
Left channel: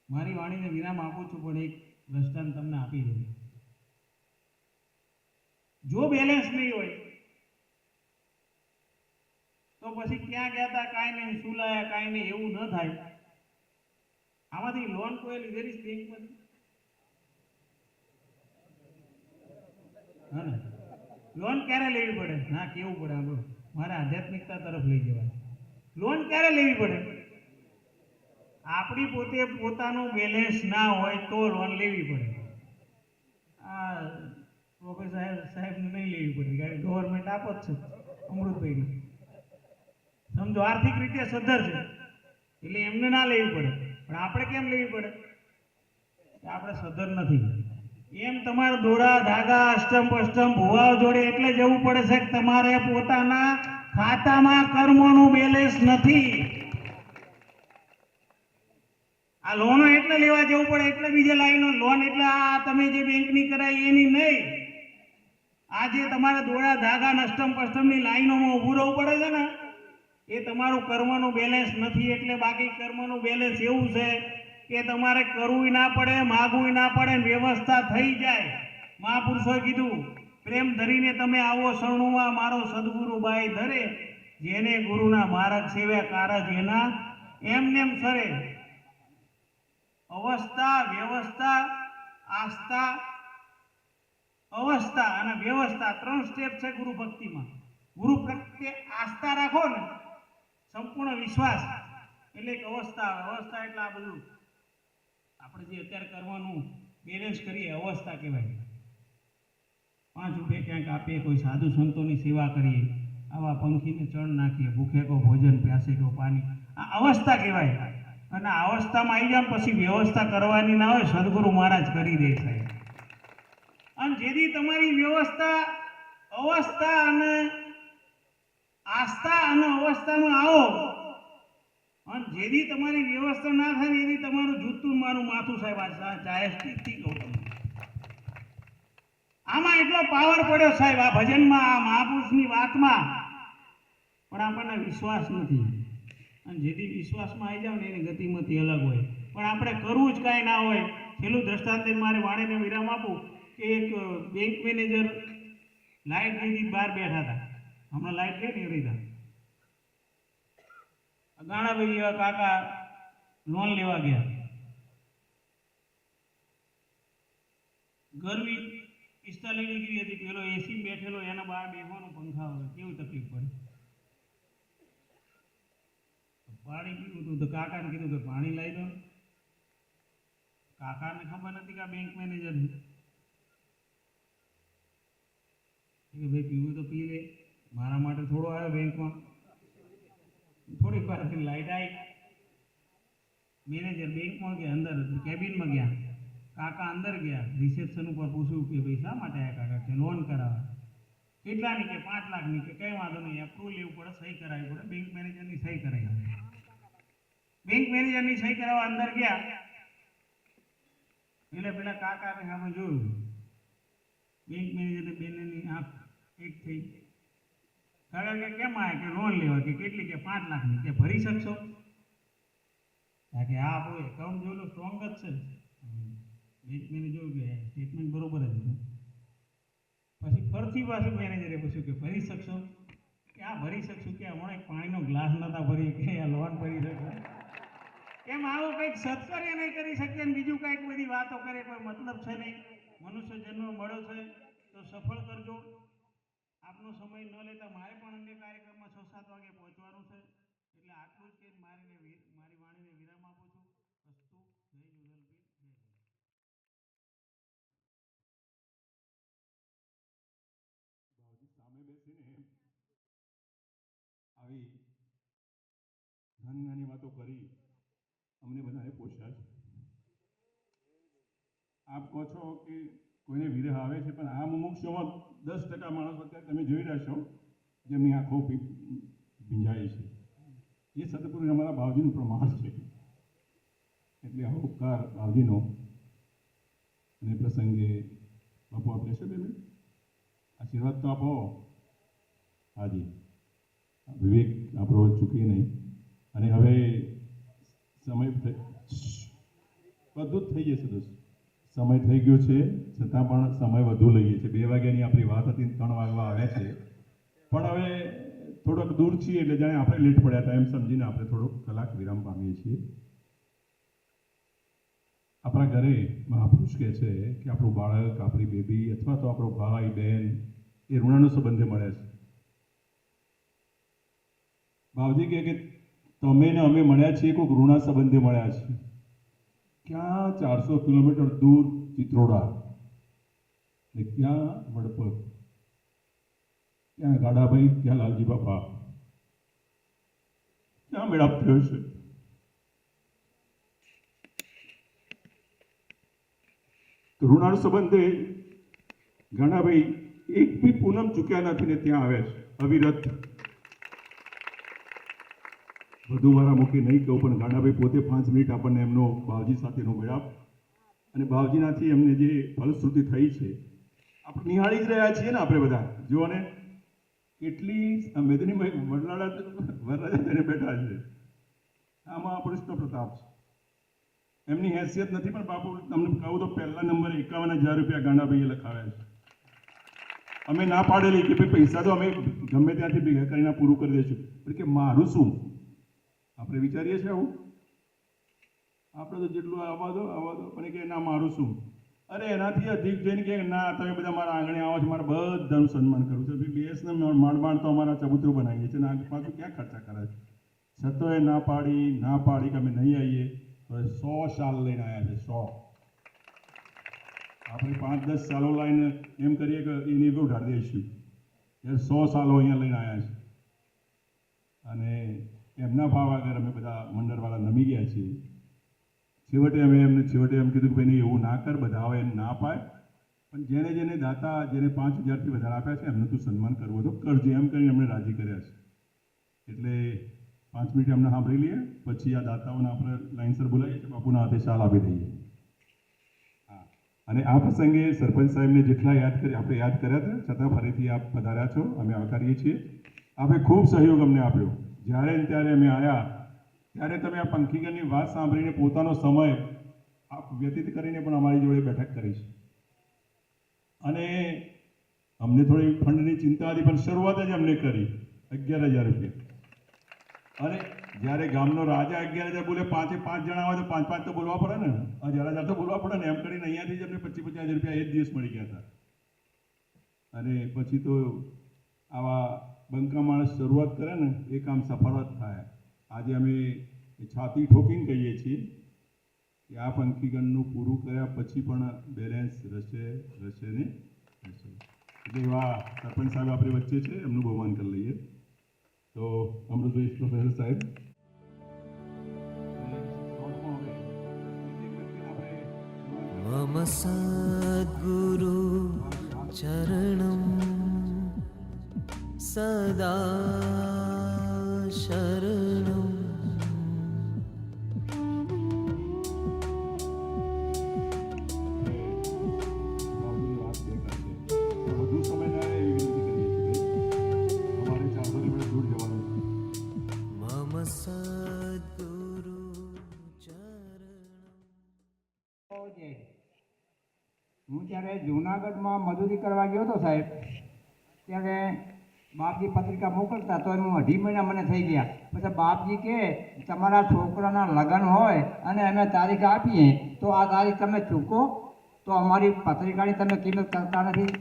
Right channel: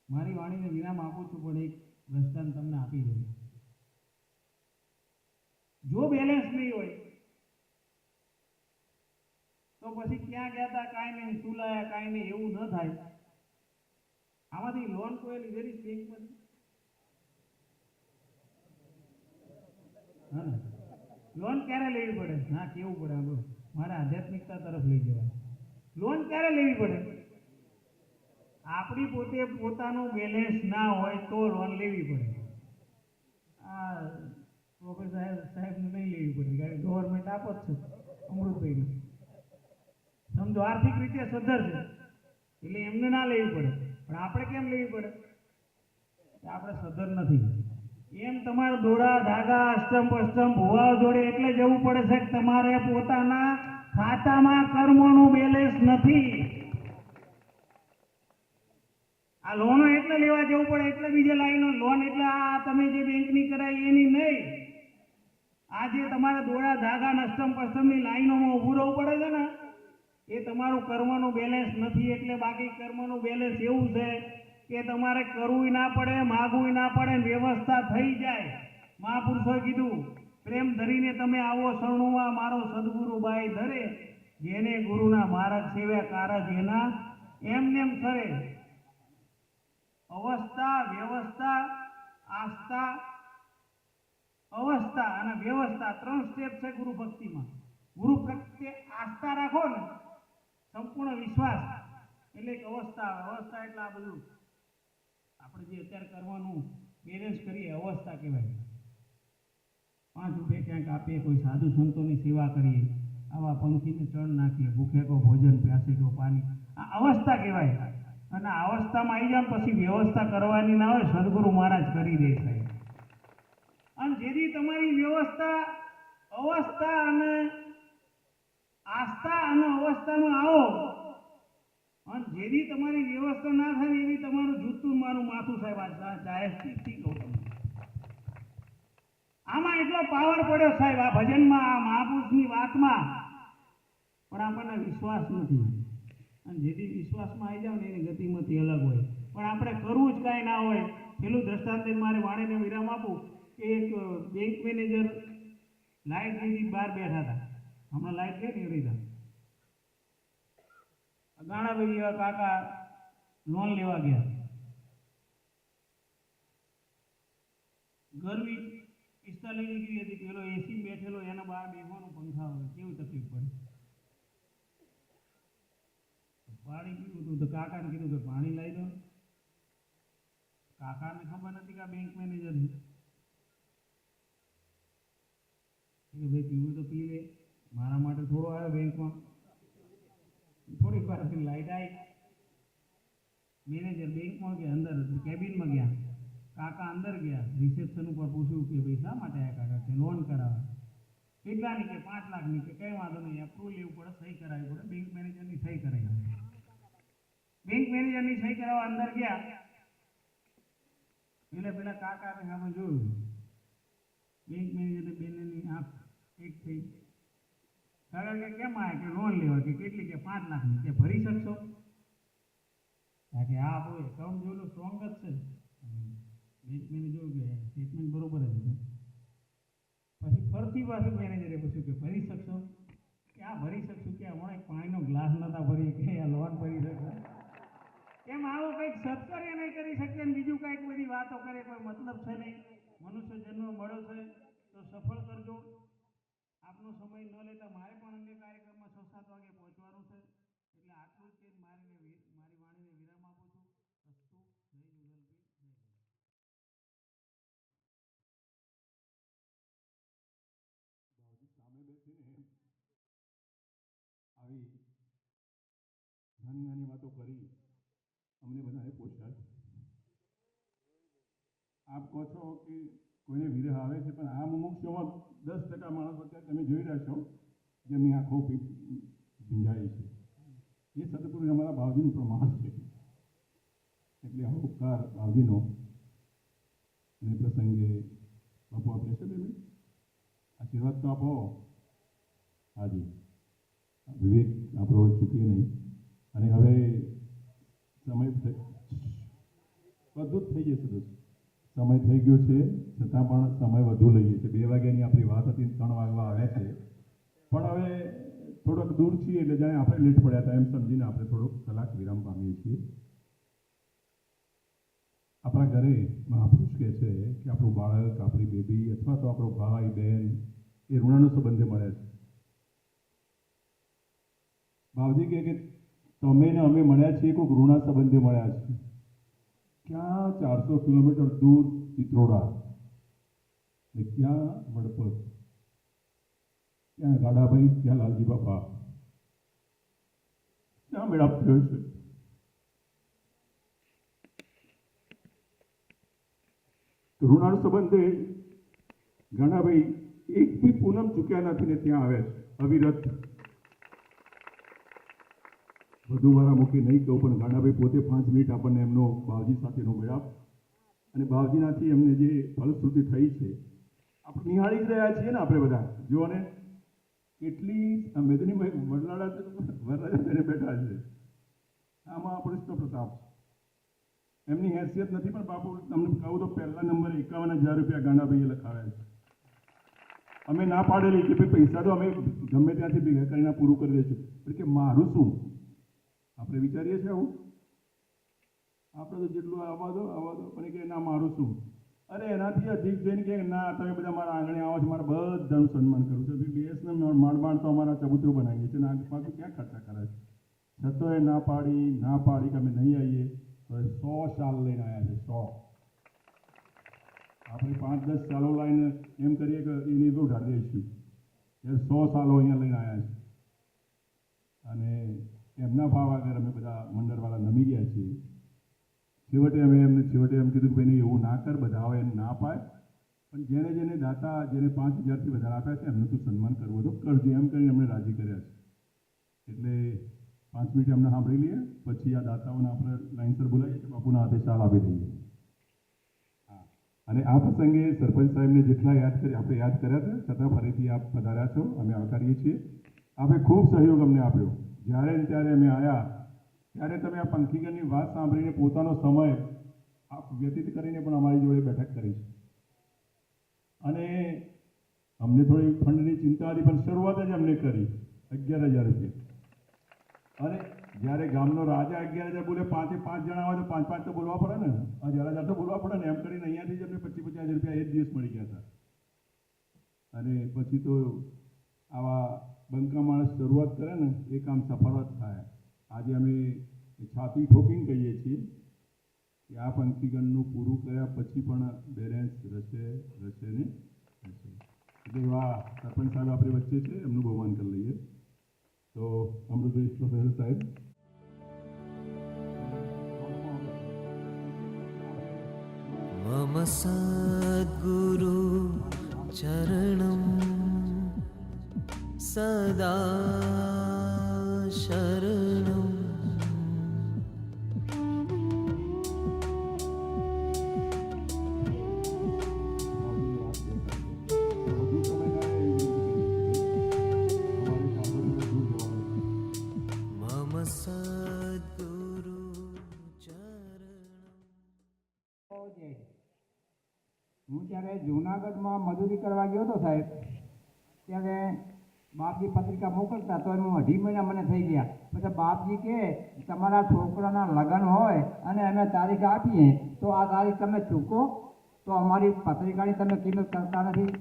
મારી વાણીને વિરામ આપું છું, પણ એક દ્રષ્ટાંત તમને આપી દઉં. જો બેલેન્સ નહીં હોય તો પછી ક્યાં ગયા હતા કાંઈ નહીં, શું લાયા કાંઈ નહીં, એવું ન થાય. આમાંથી લોન કોઈ લીધેલી બેંકમાંથી? હા ને, લોન ક્યારે લેવી પડે? ના કેવું પડે આપણું, મારે આધ્યાત્મિકતા તરફ લઈ જવાય. લોન ક્યારે લેવી પડે? આપણી પોતે પોતાનું બેલેન્સ ના હોય તો લોન લેવી પડે. આ પ્રોફેસર સાહેબને નહીં લેવી પડે, કારણ કે ગવર્મેન્ટ આપો જ છે અમૃતભાઈને. સમજો આર્થિક રીતે સદ્ધર છે એટલે એમને ના લેવી પડે, પણ આપણે કેમ લેવી પડે? કે આપણે સદ્ધર નથી. એમ તમારે દોડા ધાગા અષ્ટમ પષ્ટમ ભુવાઓ જોડે એટલે જવું પડે છે કે તમારે પોતાના ખાતામાં કર્મોનું બેલેન્સ નથી. આ લોનો એટલે લેવા જવું પડે એટલે બીજે લાઈનો લોન એટલે આ તમે જે બેંકની કરાઈ એની નહીં. આ જે તમારે દોડા ધાગા અષ્ટમ પષ્ટમની લાઈનોમાં ઊભું રહેવું પડે છે ને એ તમારું કર્મનું બેલેન્સ નથી. એટલે બાકી કર્મનું બેલેન્સ એવું છે કે તમારે કરવું ના પડે, માગવું ના પડે, વ્યવસ્થા થઈ જાય. મહાપુરુષોએ કીધું પ્રેમ ધરીને તમે આવો શરણુમાં મારો સદગુરુ બાઈ ધરે, જેને ગુરુના માર્ગ સેવ્યા કારજ એના એમનેમ સરે. અવસ્થા, વ્યવસ્થા, આસ્થા, અવસ્થા અને વ્યવસ્થા 3 સ્ટેપ છે ગુરુ ભક્તિમાં. ગુરુ પ્રત્યે આસ્થા રાખો ને, સંપૂર્ણ વિશ્વાસ, એટલે એક અવસ્થા આવે. અવસ્થા એટલે આ બધું આપણે જે અત્યારે કરવાનું બેલેન્સ કરીએ અવસ્થા કહેવાય. 5 રૂપિયા ક્યાંક આપીએ, કોઈ સાધુ સંતોની સેવા કરીએ, આવા પંખીને ચણ નાખીએ, ભૂખે કો ભોજન પ્યાસે કો પાણી, આ અવસ્થા કહેવાય. અને આ અવસ્થામાં આવી જાવ પછી વ્યવસ્થા કરવાની ના હોય, સદગુરુ મહારાજ કરી દે સાહેબ. અને જેથી તમારી વ્યવસ્થા અવસ્થા અને આસ્થા અને અવસ્થામાં આવો, અને જેથી તમારી વ્યવસ્થા ના થાય એથી તમારું જૂતું મારું માથું સાહેબ આ ચાહેથી કહું તમને. આમાં એટલો પાવર પડ્યો સાહેબ આ ભજનમાં, આ મહાપુરુષની વાતમાં, પણ આપણને વિશ્વાસ નથી. અને જેથી વિશ્વાસમાં આવી જાવ ને એની ગતિમતી અલગ હોય. પણ આપણે કરવું જ કાંઈ ના હોય. છેલ્લું દ્રષ્ટાંત મારે વાણીને વિરામ આપું કે એક બેંક મેનેજર લાઇટ લીધી બહાર બેઠા હતા. હમણાં લાઇટ ગઈ ને એવી રીતે ગાણાભાઈ જેવા કાકા લોન લેવા ગયા. ગરમી 45 ડિગ્રી હતી, પેલો એસી બેઠેલો, એના બહાર બેસવાનું પંખા વગર કેવી તકલીફ પડે. પાણી પીવું હતું તો કાકાને કીધું કે પાણી લાવી દો. કાકાને ખબર નથી કે આ બેંક મેનેજર છે. કે ભાઈ પીવું તો પી લે, મારા માટે થોડો આવ્યો બેંકમાં. થોડીક વાર લાઈટ આવી, મેનેજર બેંકમાં ગયા, અંદર કેબિનમાં ગયા. કાકા અંદર ગયા, રિસેપ્શન ઉપર પૂછ્યું કે ભાઈ શા માટે આવ્યા કાકા? કે લોન કરાવવા. કેટલાની? કે 5 લાખની. કે કઈ વાંધો નહીં, એપ્રુવલ લેવું પડે, સહી કરાવવી પડે. બેંક મેનેજરની સહી કરાવી. બેંક મેનેજરની સહી કરાવવા અંદર ગયા એટલે પેલા કાકાને સામે જોયું. બેંક મેનેજરની બેનની આંખ એક થઈ. કાકા કે કેમ આવ્યા? કે લોન લેવા. કે કેટલી? કે 5 લાખની. કે ભરી શકશો? કે હા આપણું એકાઉન્ટ જોયેલું સ્ટ્રોંગ જ છે. બેંક મેનેજર જોયું કે સ્ટેટમેન્ટ બરોબર જ છે. પછી ફરતી પાછું મેનેજરે પૂછ્યું કે ભરી શકશો? કે આ ભરી શકશું. કે હમણાં એક પાણીનો ગ્લાસ નતા ભરી કે આ લોન ભરી શકશો? એમ આવું કંઈક સત્કાર્ય નહીં કરી શકીએ ને બીજું કંઈક બધી વાતો કરે, કોઈ મતલબ છે નહીં. મનુષ્ય જન્મ મળ્યો છે તો સફળ કરજો. આપનો સમય ન લેતા મારે પણ અન્ય કાર્યક્રમમાં 6-7 વાગે પહોંચવાનું છે. એટલે આટલું જ કહીને મારી વાણીને વિરામ આપું છું. અસ્તુ. જય જુગલબી. જય જય. સામે બેસીને આવી નાની નાની વાતો કરી અમને બધાને પોષાય છે. આપ કહો છો કે કોઈને વિરહ આવે છે, પણ આ મુમુક્ષોમાં 10% માણસો અત્યારે તમે જોઈ રહ્યા છો જેમની આંખો ભીંજાય છે. એ સદગુરુ અમારા બાવજીનું પ્રમાણ છે. એટલે આ ઉપકાર બાવજીનો. અને પ્રસંગે બાપુ આપણે છે બેન આશીર્વાદ તો આપો. હાજી, વિવેક આપણો ચૂકી નહીં. અને હવે સમય બધું જ થઈ જશે દોસ્ત. સમય થઈ ગયો છે છતાં પણ સમય વધુ લઈએ છીએ. 2 વાગ્યાની આપણી વાત હતી, 3 વાગવા આવ્યા છે. પણ હવે થોડોક દૂર છીએ એટલે જાણે આપણે લેટ પડ્યા હતા એમ સમજીને આપણે થોડોક કલાક વિરામ પામીએ છીએ. આપણા ઘરે મહાપુરુષ કહે છે કે આપણું બાળક, આપણી બેબી અથવા તો આપણો ભાઈ બહેન એ ઋણાનો સંબંધે મળ્યા છે. બાવજી કહે કે તમે ને અમે મળ્યા છીએ કોઈ ઋણા સંબંધે મળ્યા છીએ. ક્યાં? 400 કિલોમીટર દૂર ચિત્રોડા. ને ક્યાં વડપત, ક્યાં ગાડાભાઈ, ક્યાં લાલજી બાપા, ક્યાં મેળાપ થયો છે? ઋણાળ સંબંધે ગાડાભાઈ એક બી પૂનમ ચૂક્યા નથી ને ત્યાં આવે છે અવિરત. વધુ મારા મુખે નહીં કહું, પણ ગાડાભાઈ પોતે 5 મિનિટ આપણને એમનો બાવજી સાથેનો મેળાપ અને બાવજીનાથી એમને જે ફલશ્રુતિ થઈ છે આપણે નિહાળી જ રહ્યા છીએ ને. આપણે બધા જુઓ ને કેટલી મેદની વરરાજા થઈને બેઠા છે. આમાં કૃષ્ણ પ્રતાપ છે, એમની હેસિયત નથી, પણ બાપુ તમને કહું તો પહેલા નંબરે 51,000 રૂપિયા ગાંડાભાઈએ લખાવ્યા છે. અમે ના પાડેલી કે ભાઈ પૈસા તો અમે ગમે ત્યાંથી ભેગા કરીને પૂરું કરી દઈશું, પણ કે મારું શું? આપણે વિચારીએ છીએ આવું? આપણે તો જેટલું આવવા દો પણ કે ના મારું શું? અરે એનાથી અધિક જઈને કે ના તમે બધા મારા આંગણે આવો છો, મારે બધાનું સન્માન કરવું છે. ભાઈ બેસને માંડ તો અમારા ચબૂતરું બનાવીએ છીએ, ના પાછું ક્યાં ખર્ચા કરે છે? છતોય ના પાડી કે અમે નહીં આવીએ તો 100 શાલ લઈને આવ્યા છે. 100 આપણે 5-10 સાલો લઈને એમ કરીએ કે એને બી ઉઠાડી દઈશું. એ 100 સાલો અહીંયા લઈને આવ્યા છે અને એમના ભાવ આગળ અમે બધા મંડળવાળા નમી ગયા છીએ. છેવટે એમ કીધું કે ભાઈ નહીં એવું ના કર, બધા આવે એને ના પાય, પણ જેને દાતા જેને 5,000થી વધારે આપ્યા છે એમનું તું સન્માન કરવું તો કરજે, એમ કરીને એમને રાજી કર્યા છે. એટલે 5 મિનિટ એમને સાંભળી લઈએ, પછી આ દાતાઓને આપણે લાઈનસર બોલાવીએ, બાપુના હાથે શાલ આપી દઈએ. હા, અને આ પ્રસંગે સરપંચ સાહેબને જેટલા આપણે યાદ કર્યા હતા, છતાં ફરીથી આપ પધાર્યા છો, અમે આવકારીએ છીએ. આપે ખૂબ સહયોગ અમને આપ્યો. જ્યારે ને ત્યારે અમે આવ્યા ત્યારે તમે આ પંખીગણની વાત સાંભળીને પોતાનો સમય આપ વ્યતીત કરીને પણ અમારી જોડે બેઠક કરી છે. અને અમને થોડી ફંડની ચિંતા હતી, પણ શરૂઆત જ અમને કરી 11,000 રૂપિયા. અને જ્યારે ગામનો રાજા 11,000 બોલે, 5 જણા હોય તો 5 તો બોલવા પડે ને, 1,000 તો બોલવા પડે ને, એમ કરીને અહીંયાથી જ અમને 25,000 રૂપિયા એક દિવસ મળી ગયા હતા. અને પછી તો આવા બંકા માણસ શરૂઆત કરે ને એ કામ સફળ જ થાય. આજે અમે છાતી ઠોકીને કહીએ છીએ કે આ પંખીગણનું પૂરું કર્યા પછી પણ બેલેન્સ રહેશે ને રહેશે. એટલે એવા સરપંચ સાહેબ આપણી વચ્ચે છે, એમનું બહુમાન કરી લઈએ. તો અમૃતભાઈ પ્રોફેસર સાહેબ. मम सद्गुरु चरणं सदा शरणं मम सद्गुरु चरणं. હું જ્યારે જૂનાગઢમાં મજૂરી કરવા ગયો હતો સાહેબ, ત્યારે બાપજી પત્રિકા મોકલતા તો એનું 2.5 મહિના મને થઈ ગયા. પછી બાપજી કે તમારા છોકરાના લગ્ન હોય અને અમે તારીખ આપીએ તો આ તારીખ તમે ચૂકો તો અમારી પત્રિકાની તમે કિંમત કરતા નથી.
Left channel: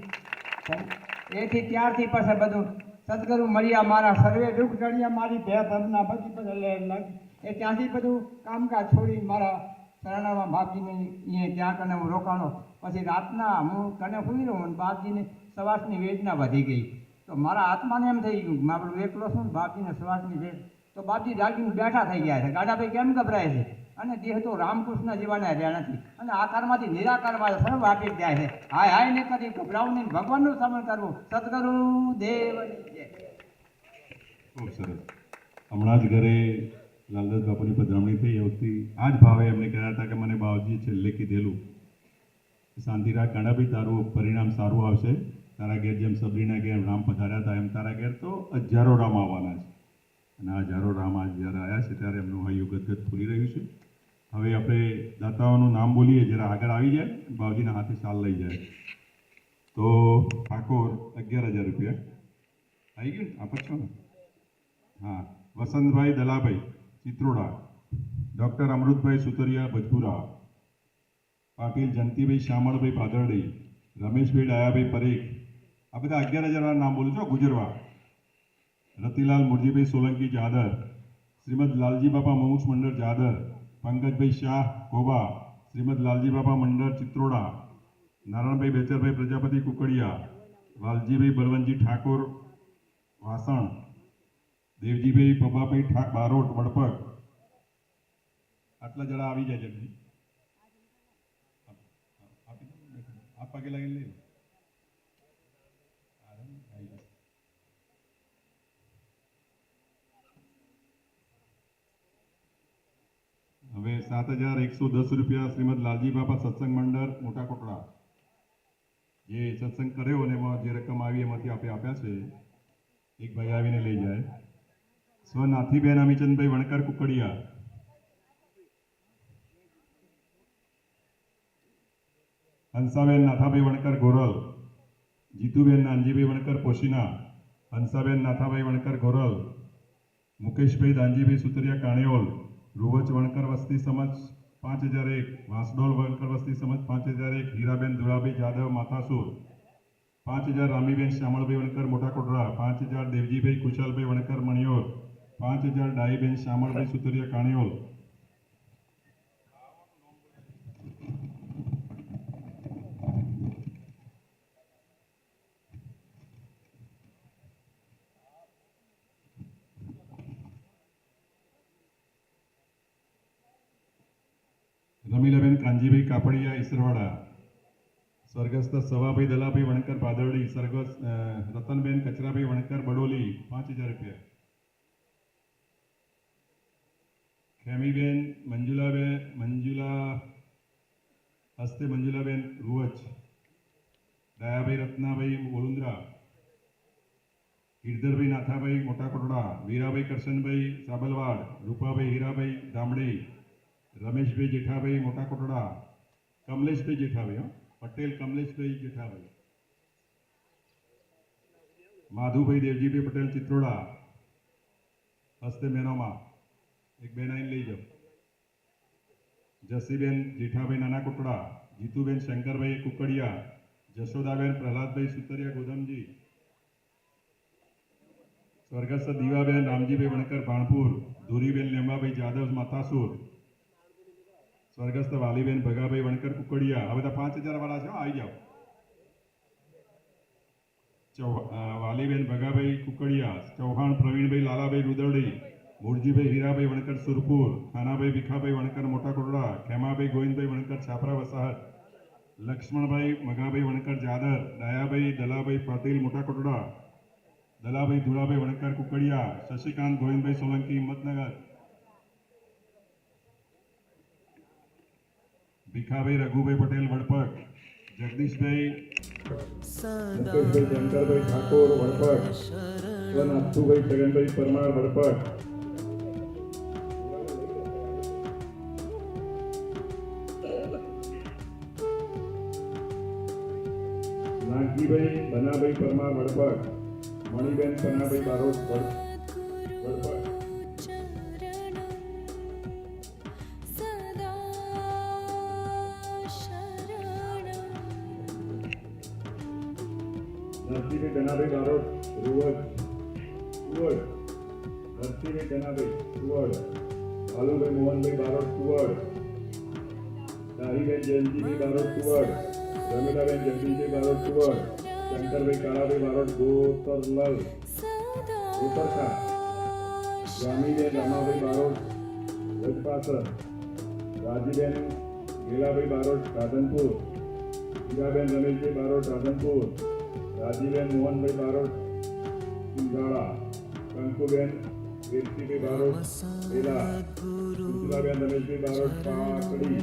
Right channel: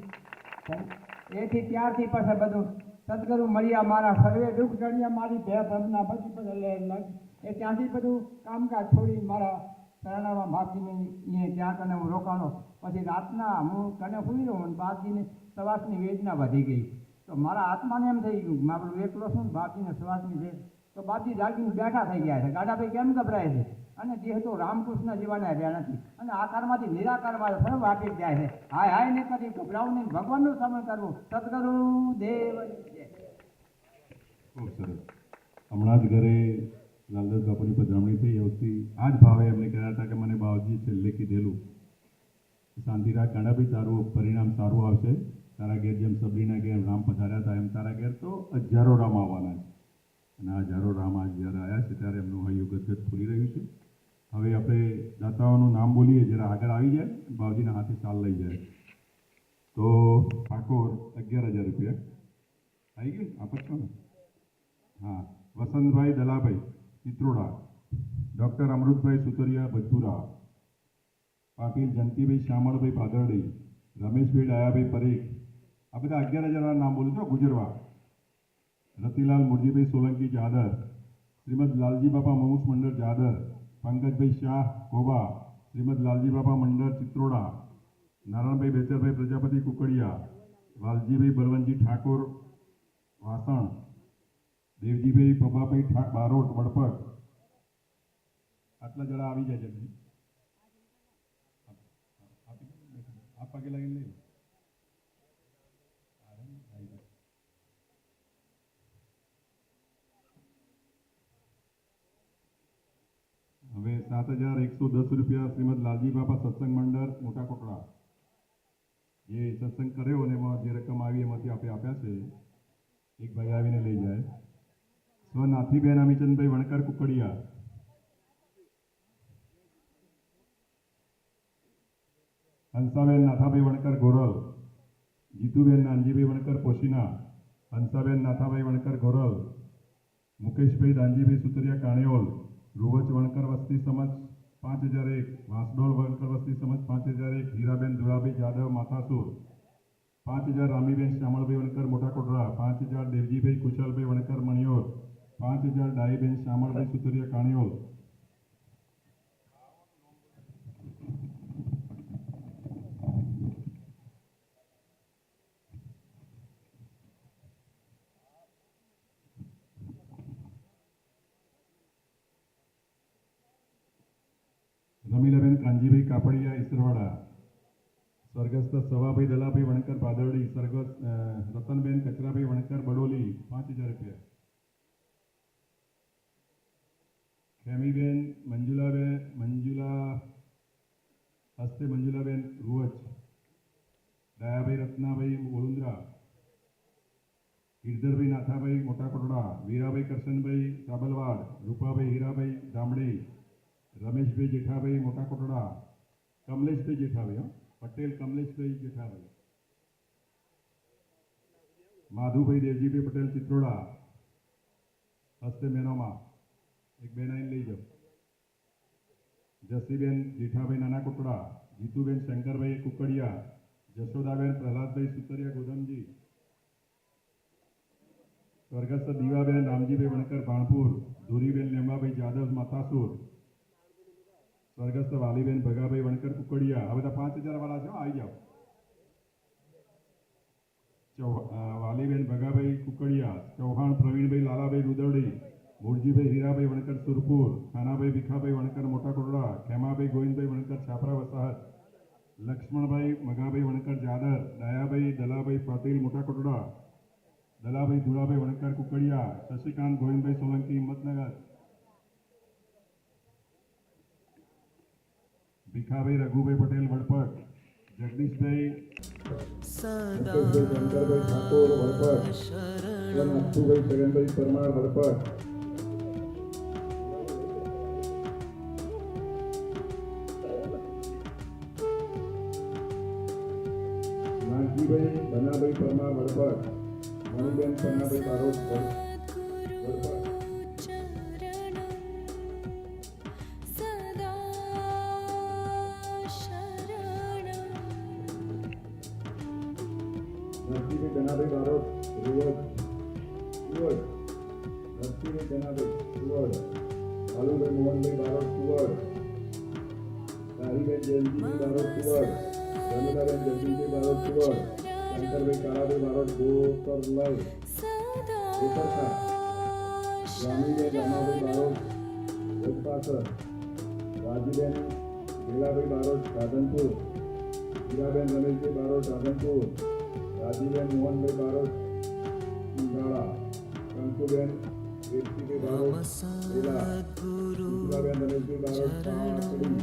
એથી ત્યારથી પછી બધું સદગુરુ મળ્યા, મારા સર્વે દુઃખ ટળ્યા, મારી ભે ભરના બધી બધા એ ત્યાંથી બધું કામકાજ છોડી મારા શરણામાં બાપજીને અહીંયા ત્યાં કને હું રોકાણો. પછી રાતના હું કને સુઈ રહ્યો અને બાપજીની શ્વાસની વેદના વધી ગઈ. તો મારા આત્માને એમ થઈ ગયું મારું એકલો છું ને બાપજીને શ્વાસની વેદ. તો બાપજી જાગીને બેઠા થઈ ગયા છે. ગાડાભાઈ કેમ ગભરાય છે? અને દેહ તો રામકૃષ્ણ જેવાના રહ્યા નથી અને આકારમાંથી નિરાકારમાં સર્વ આપી જ જાય છે. હાય ને કદી ગભરાવું નહીં, ભગવાનનું સ્મરણ કરવું. સદગુરુ દેવ. ખૂબ સરસ. હમણાં જ ઘરે લાલદાસ બાપુની પધરામણી થઈ આવતી આ જ ભાવે એમને કહેતા હતા કે મને બાવજી છેલ્લે કીધેલું શાંતિ રાખ ગાંડાભાઈ, તારું પરિણામ સારું આવશે. તારા ઘેર જેમ સબરીના ઘેર રામ પધાર્યા હતા એમ તારા ઘેર તો હજારો રામ આવવાના છે. અને આ હજારો રામ આજ જ્યારે આવ્યા છે ત્યારે એમનું હૈયું ગદગદ ફૂલી રહ્યું છે. હવે આપણે દાતાઓનું નામ બોલીએ, જરા આગળ આવી જાય, બાવજીના હાથે શાલ લઈ જાય. તો ઠાકોર 11,000 રૂપિયા આવી ગયું ને? આપો છો ને? હા. વસંતભાઈ દલાભાઈ ચિત્રોડા, ડૉક્ટર અમૃતભાઈ સુતરિયા ભજપુરા, પાટીલ જયંતિભાઈ શામળભાઈ ભાદરડી, રમેશભાઈ ડાયાભાઈ પરેખ, આ બધા 11,000 નામ બોલું છો. ગુજરવા, રતિલાલ મુરજીભાઈ સોલંકી જાદર, શ્રીમદ લાલજી બાપા મુમુક્ષ મંડળ જાદર, પંકજભાઈ શાહ કોબા, શ્રીમદ લાલજી બાપા મંડળ ચિત્રોડા, નારાયણભાઈ બેચરભાઈ પ્રજાપતિ કુકડિયા, વાલજીભાઈ બલવંતજી ઠાકોર વાસણ, દેવજીભાઈ પબાભાઈ બારોટ વડપગ. આટલા જણા આવી જાય જલ્દી. આ પગે લાગીને લઈ લો. હવે 7,110 રૂપિયા શ્રીમદ લાલજી બાપા સત્સંગ મંડળ મોટા કોટડા, જે સત્સંગ કર્યો અને એમાં જે રકમ આવી એમાંથી આપણે આપ્યા છે. એક ભાઈ આવીને લઈ જાય. સ્વ નાથીબેન અમીચંદભાઈ વણકર કુકડિયા, હંસાબેન નાથાભાઈ વણકર ગોરલ, જીતુબેન નાનજીભાઈ વણકર પોશીના, હંસાબેન નાથાભાઈ વણકર ગોરલ, મુકેશભાઈ દાનજીભાઈ સુતરિયા કાણેઓલ, રૂવચ વણકર વસ્તી સમજ 5,001, વાંસડોલ વણકર વસ્તી સમજ 5,001, હીરાબેન દુલાભાઈ જાદવ માથાસુર 5,000, રામીબેન શ્યામળભાઈ વણકર મોટા કોટડા 5,000, દેવજીભાઈ કુશલભાઈ વણકર મણિયોર 5,000, ડાહીબેન શ્યામળભાઈ સુતરિયા કાણિયોલ. રમીલાબેન કાંજીભાઈ કાપડિયા ઈસરવાડા, સ્વર્ગસ્થ સવાભાઈ દલાભાઈ વણકર ભાદરડી, સ્વર્ગસ્થ રતનબેન કચરાભાઈ વણકર બડોલી 5,000 રૂપિયા. ખેમીબેન મંજુલા હસ્તે મંજુલાબેન રૂવચ, દયાભાઈ રત્નાભાઈ વડોદરા, ગિરધરભાઈ નાથાભાઈ મોટા કોટડા, વીરાભાઈ કરશનભાઈ સાબલવાડ, રૂપાભાઈ હીરાભાઈ ધામડી, રમેશભાઈ જેઠાભાઈ મોટા કોટડા, કમલેશભાઈ જેઠાભાઈ પટેલ કમલેશભાઈ જેઠાભાઈ, માધુભાઈ દેવજીભાઈ પટેલ ચિત્રોડા હસ્તે મેનોમાં એક બેન આઈને લઈ જાઓ. જસીબેન જેઠાભાઈ નાના કોટડા, જીતુબેન શંકરભાઈ કુકડિયા, જશોદાબેન પ્રહલાદભાઈ સુતરિયા ગોધમજી, સ્વર્ગસ્થ દીવાબેન રામજીભાઈ વણકર ભાણપુર, ધુરીબેન લેંબાભાઈ જાદવ માથાસુર, સ્વર્ગસ્થ વાલીબેન ભગાભાઈ વણકર કુકડિયા. આ બધા 5,000 વાળા છે, આવી જાઓ. વાલીબેન ભગાભાઈ કુકડિયા, ચૌહાણ પ્રવીણભાઈ લાલાભાઈ રૂદરડી, મૂળજીભાઈ હીરાભાઈ વણકર સુરપુર, ખાનાભાઈ ભીખાભાઈ વણકર મોટા કોટડા, ખેમાભાઈ ગોવિંદભાઈ વણકર છાપરા વસાહત, લક્ષ્મણભાઈ મગાભાઈ વણકર જાદર, દયાભાઈ દલાભાઈ પાટીલ મોટા કોટડા, દલાભાઈ ધુળાભાઈ વણકર કુકડિયા, શશિકાંત ગોવિંદભાઈ સોલંકી હિંમતનગર, ભીખાભાઈ રઘુભાઈ પટેલ વડપગ, જગદીશભાઈ શંકરભાઈ ઠાકોર વડપગ, નાથુભાઈ છગનભાઈ પરમાર વડપગ, નાગજીભાઈ ધનાભાઈ પરમાર વડપગ, મણિબેન પન્નાભાઈ બારોટ વડપગ, નરસિંહભાઈ ધનાભાઈ બારોટ રૂવડ, નરસિંહભાઈ ધનાભાઈ રૂવડ, આલુભાઈ મોહનભાઈ બારોટ રૂવડ, તારીબેન જયંતિભાઈ બારોટ રૂવડ, રમીલાબેન જગદીશભાઈ બારોટ રૂવડ, શંકરભાઈ કાળાભાઈ બારોટ ગોતરલાલ ગોતરખા, રામીબેન રમાભાઈ બારોટ ગોપાસર, રાજીબેન ગેલાભાઈ બારોટ રાધનપુર, હીરાબેન રમેશભાઈ બારોટ રાધનપુર, રાજીબેન મોહનભાઈ બારોટ ઉંધાળા, કંકુબેન કીર્તિભાઈ બારોટ વેલા, સુલાબેન રમેશભાઈ બારોટ પાકડી,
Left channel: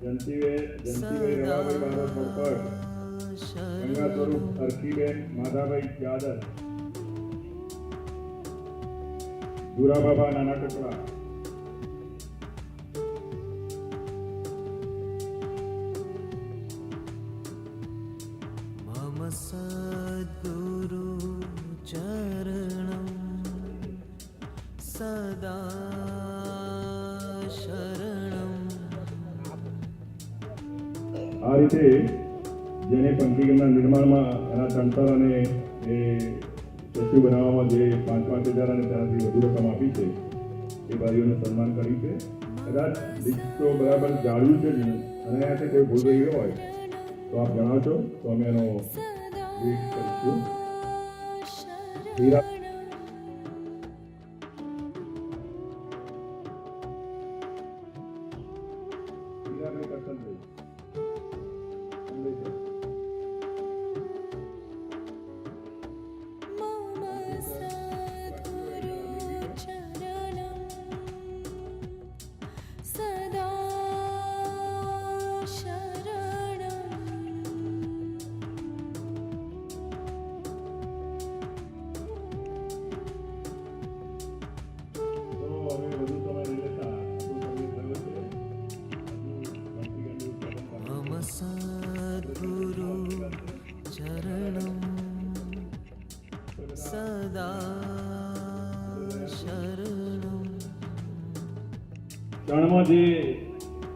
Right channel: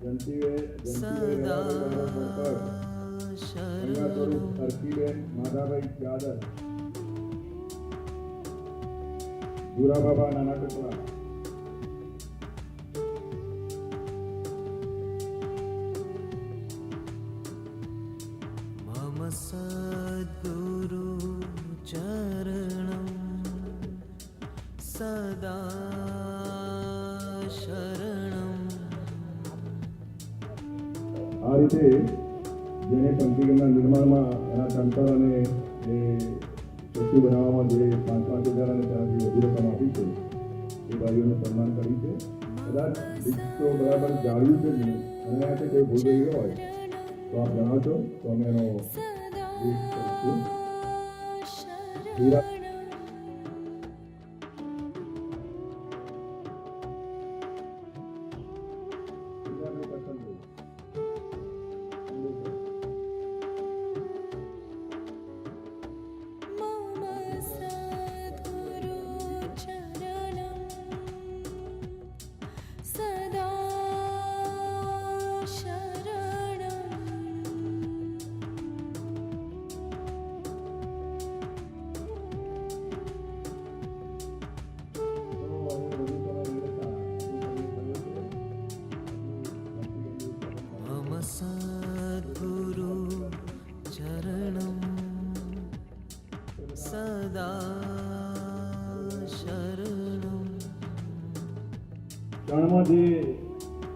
જંતીભાઈ રાણાભાઈ બારોટ ભોપર, ગંગા સ્વરૂપ હરખીબેન માધાભાઈ જાદર, ગુરાબાબા નાના ટુકડા, मम सद्गुरु चरणं सदा शरणं. આ રીતે જેને પંચીગણના નિર્માણમાં એના તંત્ર અને એ ચોખ્ખું બનાવવામાં જે 5,000 અને તેનાથી વધુ રકમ આપી છે એ ભાઈઓનું સન્માન કર્યું છે. કદાચ લિસ્ટ તો બરાબર જાળવ્યું છે જ નહીં અને આ કોઈ ભૂલ ગઈ હોય તો આપ જણાવશો તો અમે એનો સદા હીરા શરણમ મમ સદ્ગુરુ ચરણમ સદા શરણમ मम सद्गुरु चरणं सदा शरणं કણમાં જે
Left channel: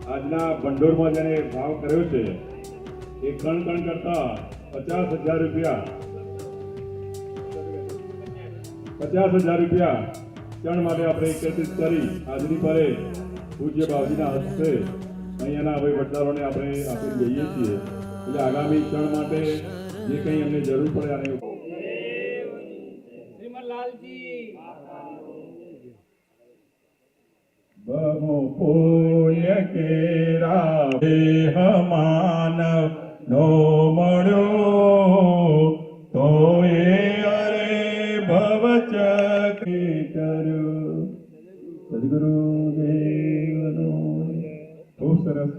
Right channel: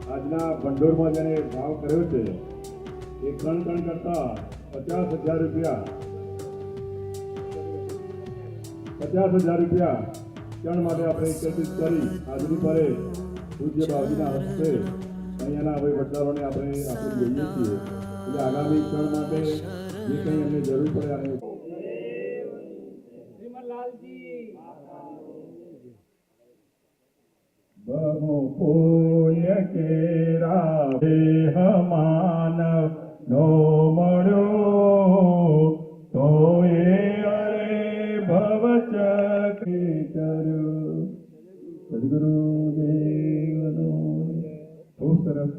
આજના ભંડોળમાં જેને ભાવ કર્યો છે એ કણ કરતા 50,000 રૂપિયા 50,000 રૂપિયા કણ માટે આપણે એકત્રિત કરી આજની પરે પૂજ્ય બાબુજીના હસ્તે અહીંયાના વહીવટદારોને આપણે આપી દઈએ છીએ એટલે આગામી ક્ષણ માટે જે કંઈ એમને જરૂર પડે અને બહુ પુણ્ય કેરા દેહ માનવ નો મળ્યો તો એ અરે ભવ ચક્રી કર્યો સદગુરુ દેવનો ખૂબ સરસ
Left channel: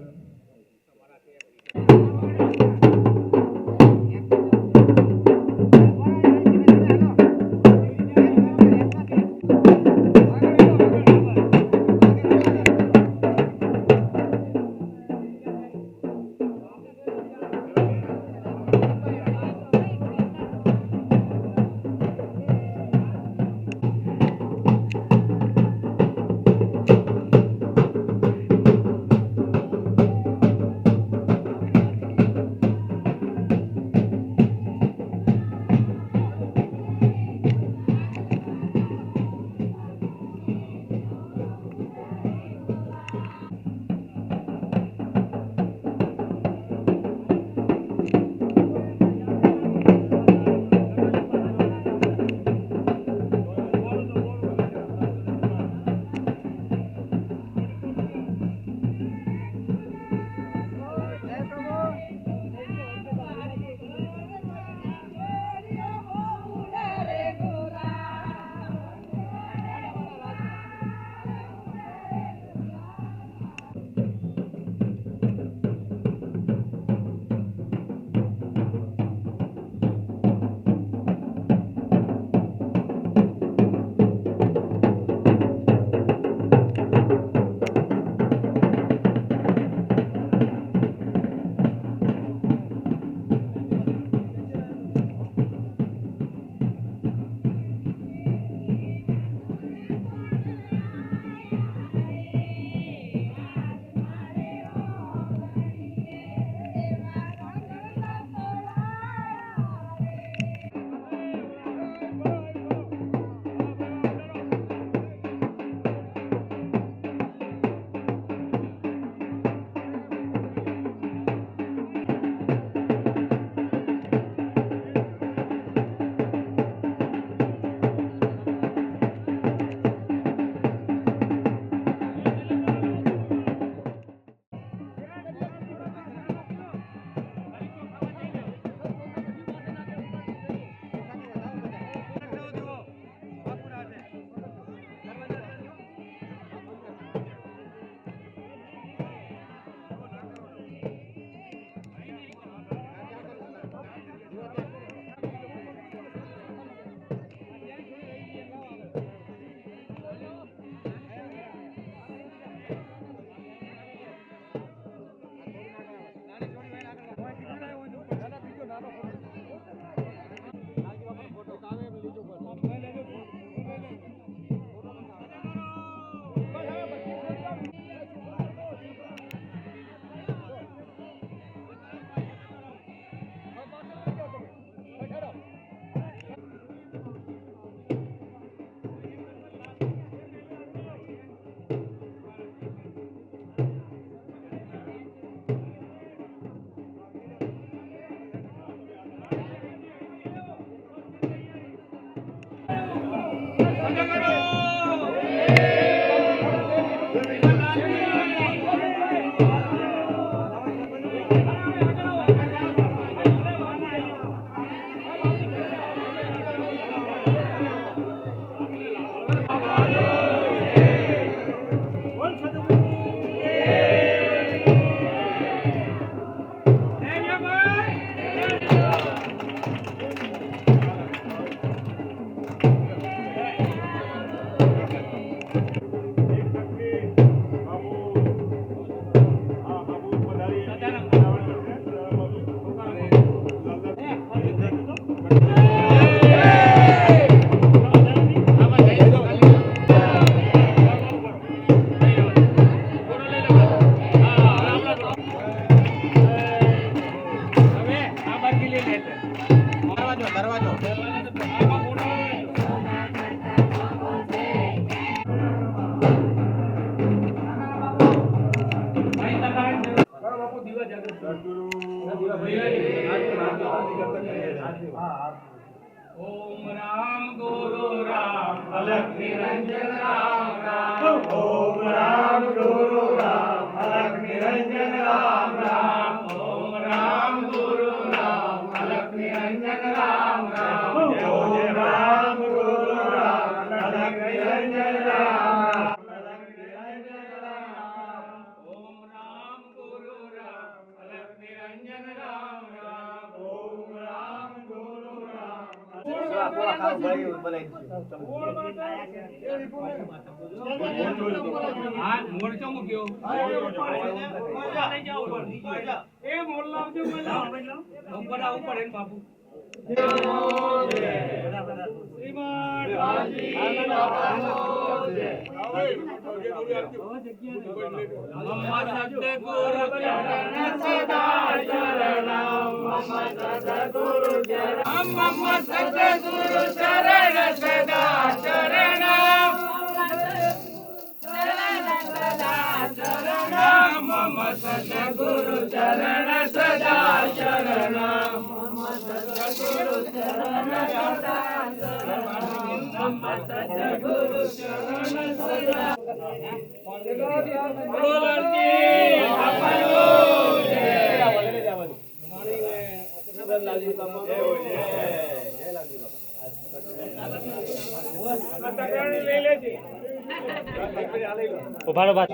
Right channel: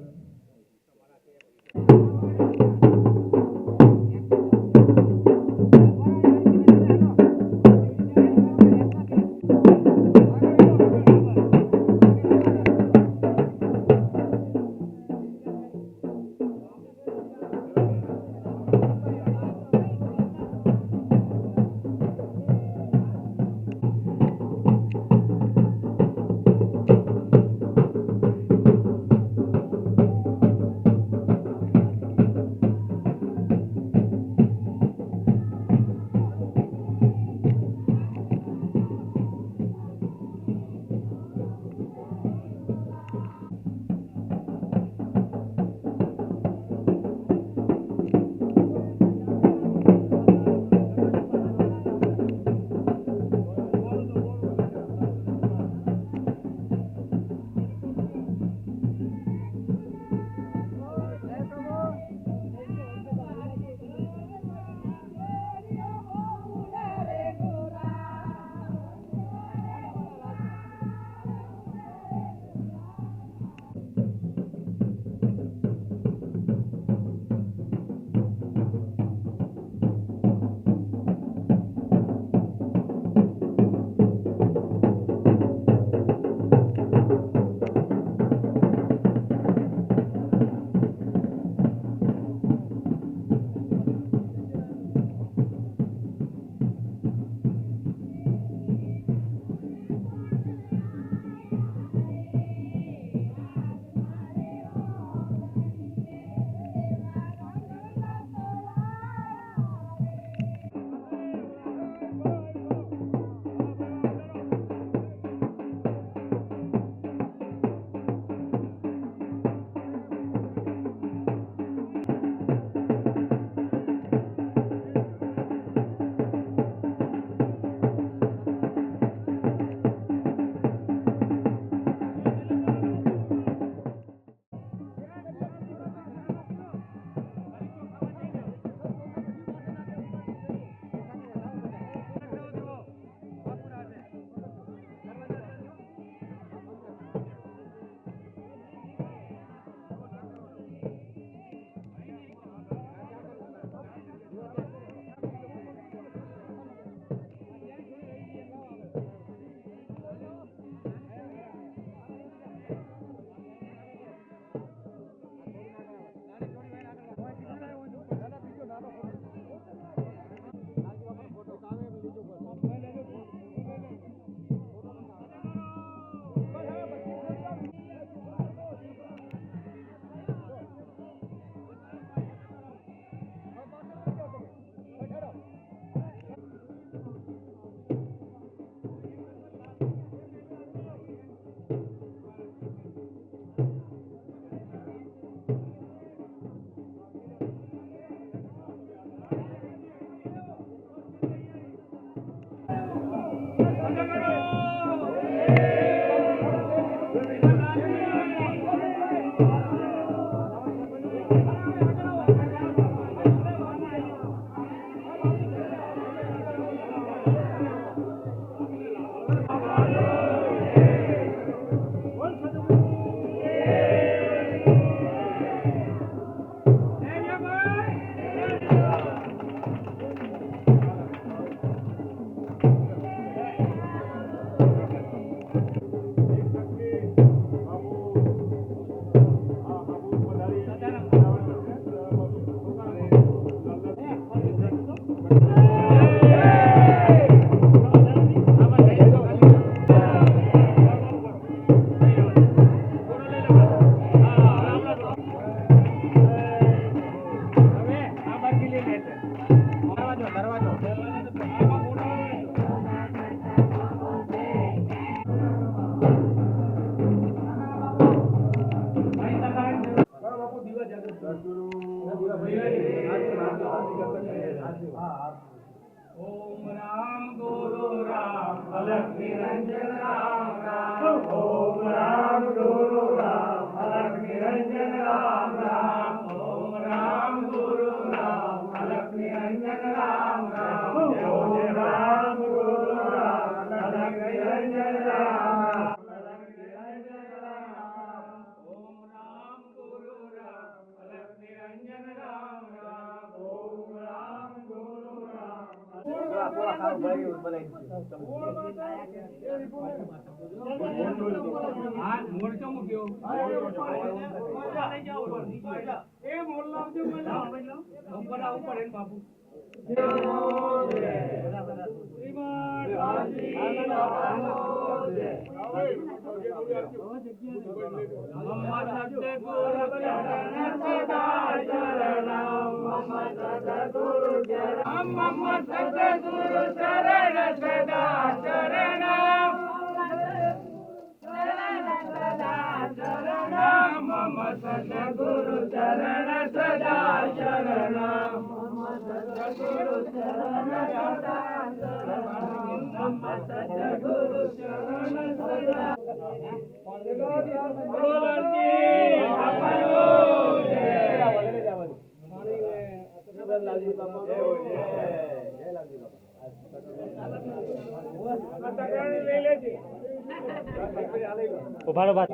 ઉભારો બાદ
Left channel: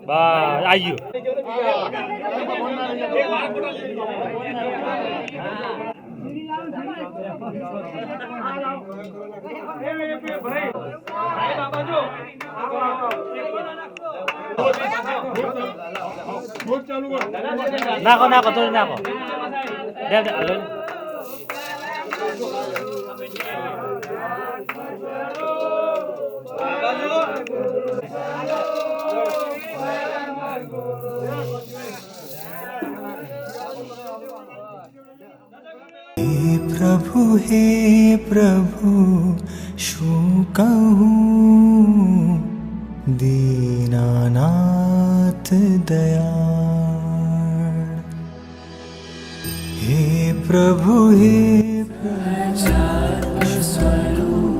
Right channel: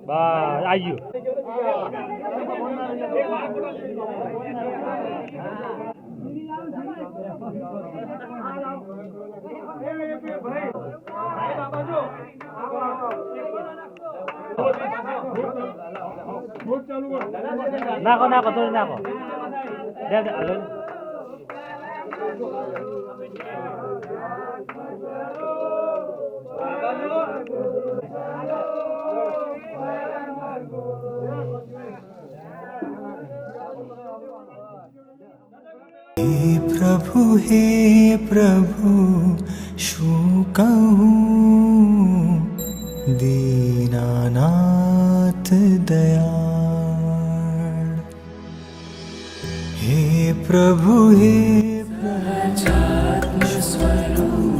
બસ આવી ગયું નાખો નાખો થોડી નાખો દે દે લો. हे प्रभु શું કહું દીનાનાથ દયાળ હે પ્રભુ શું કહું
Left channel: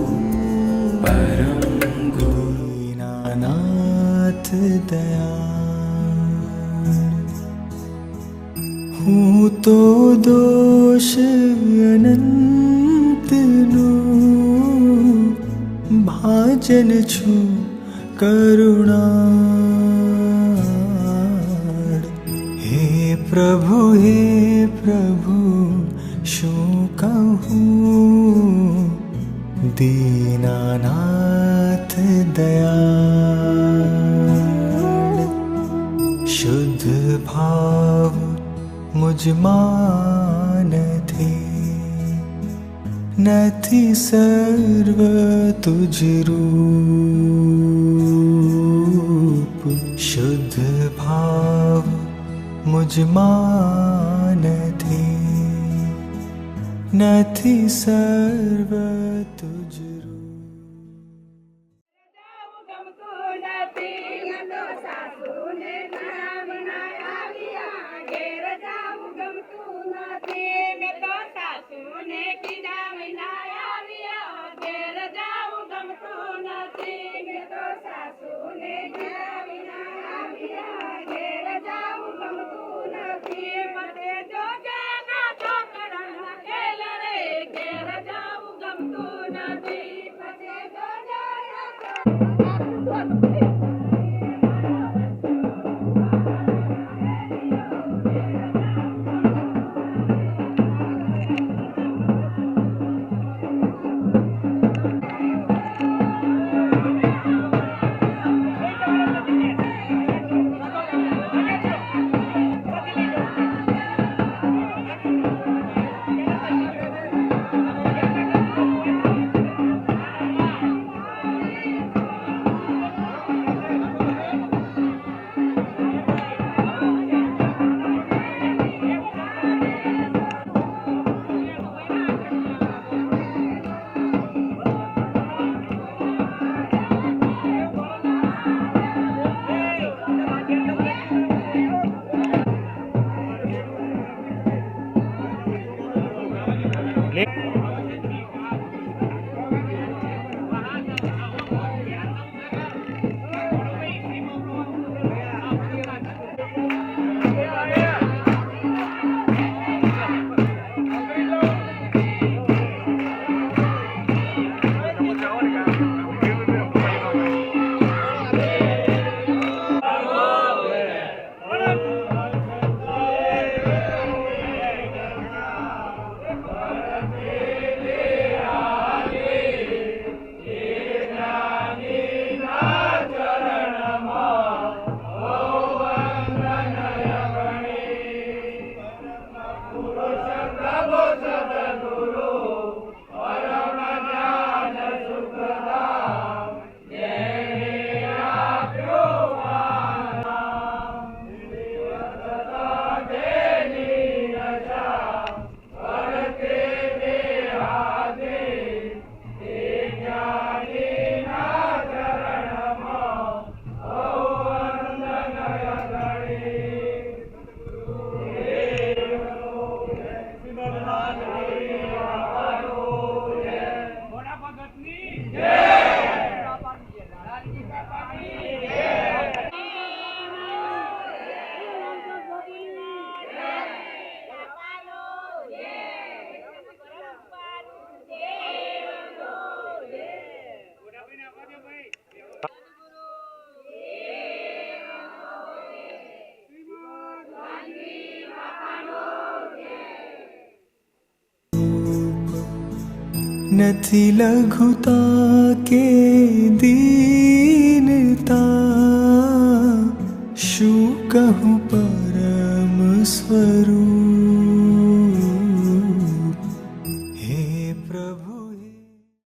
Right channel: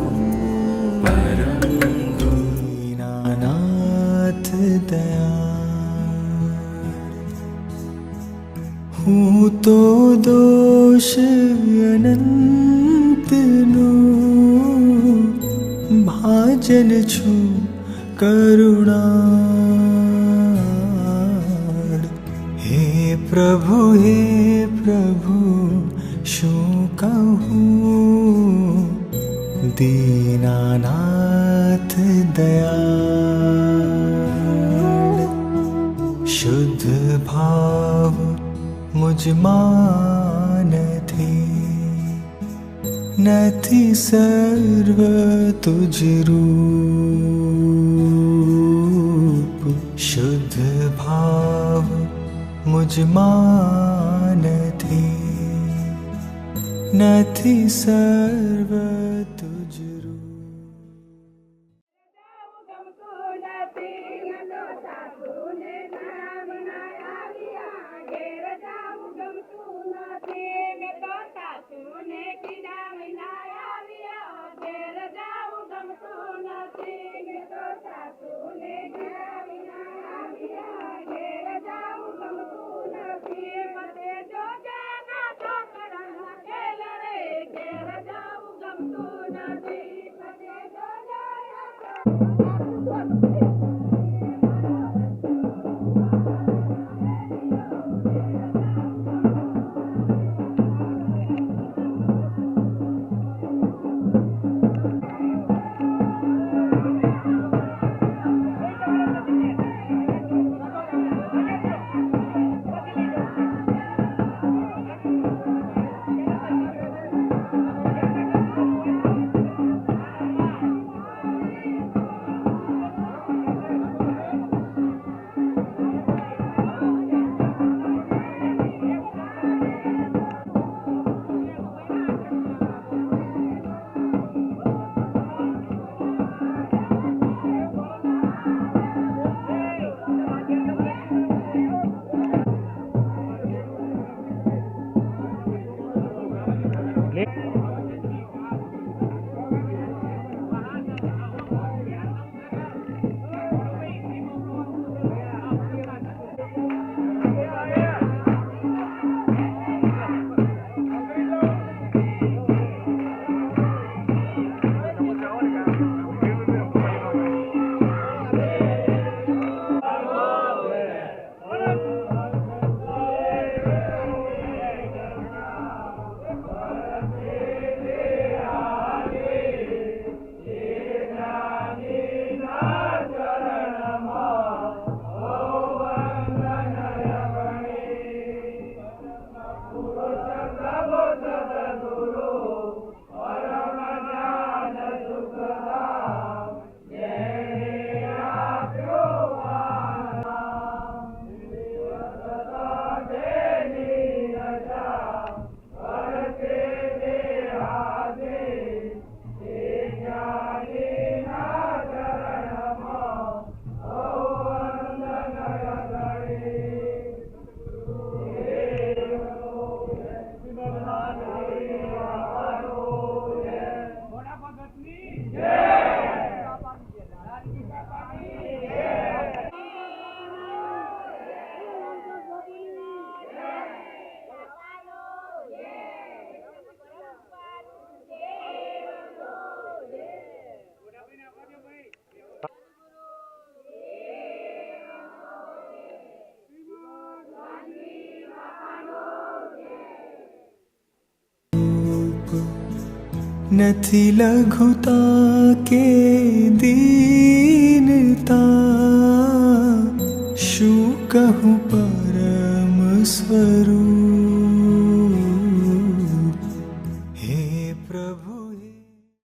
દીનાનાથ દયાળ હું તો દોષ અનંતનું ભાજન છું કરુણાળ હે પ્રભુ શું કહું દીનાનાથ દયાળ શુદ્ધ ભાવ મુજમાં નથી સર્વ તુજ રૂપ શુદ્ધ ભાવ મુજમાં નથી સર્વ તુજ રૂપ નથી લઘુતા કે દીનતા, શું કહું પરમ સ્વરૂપ.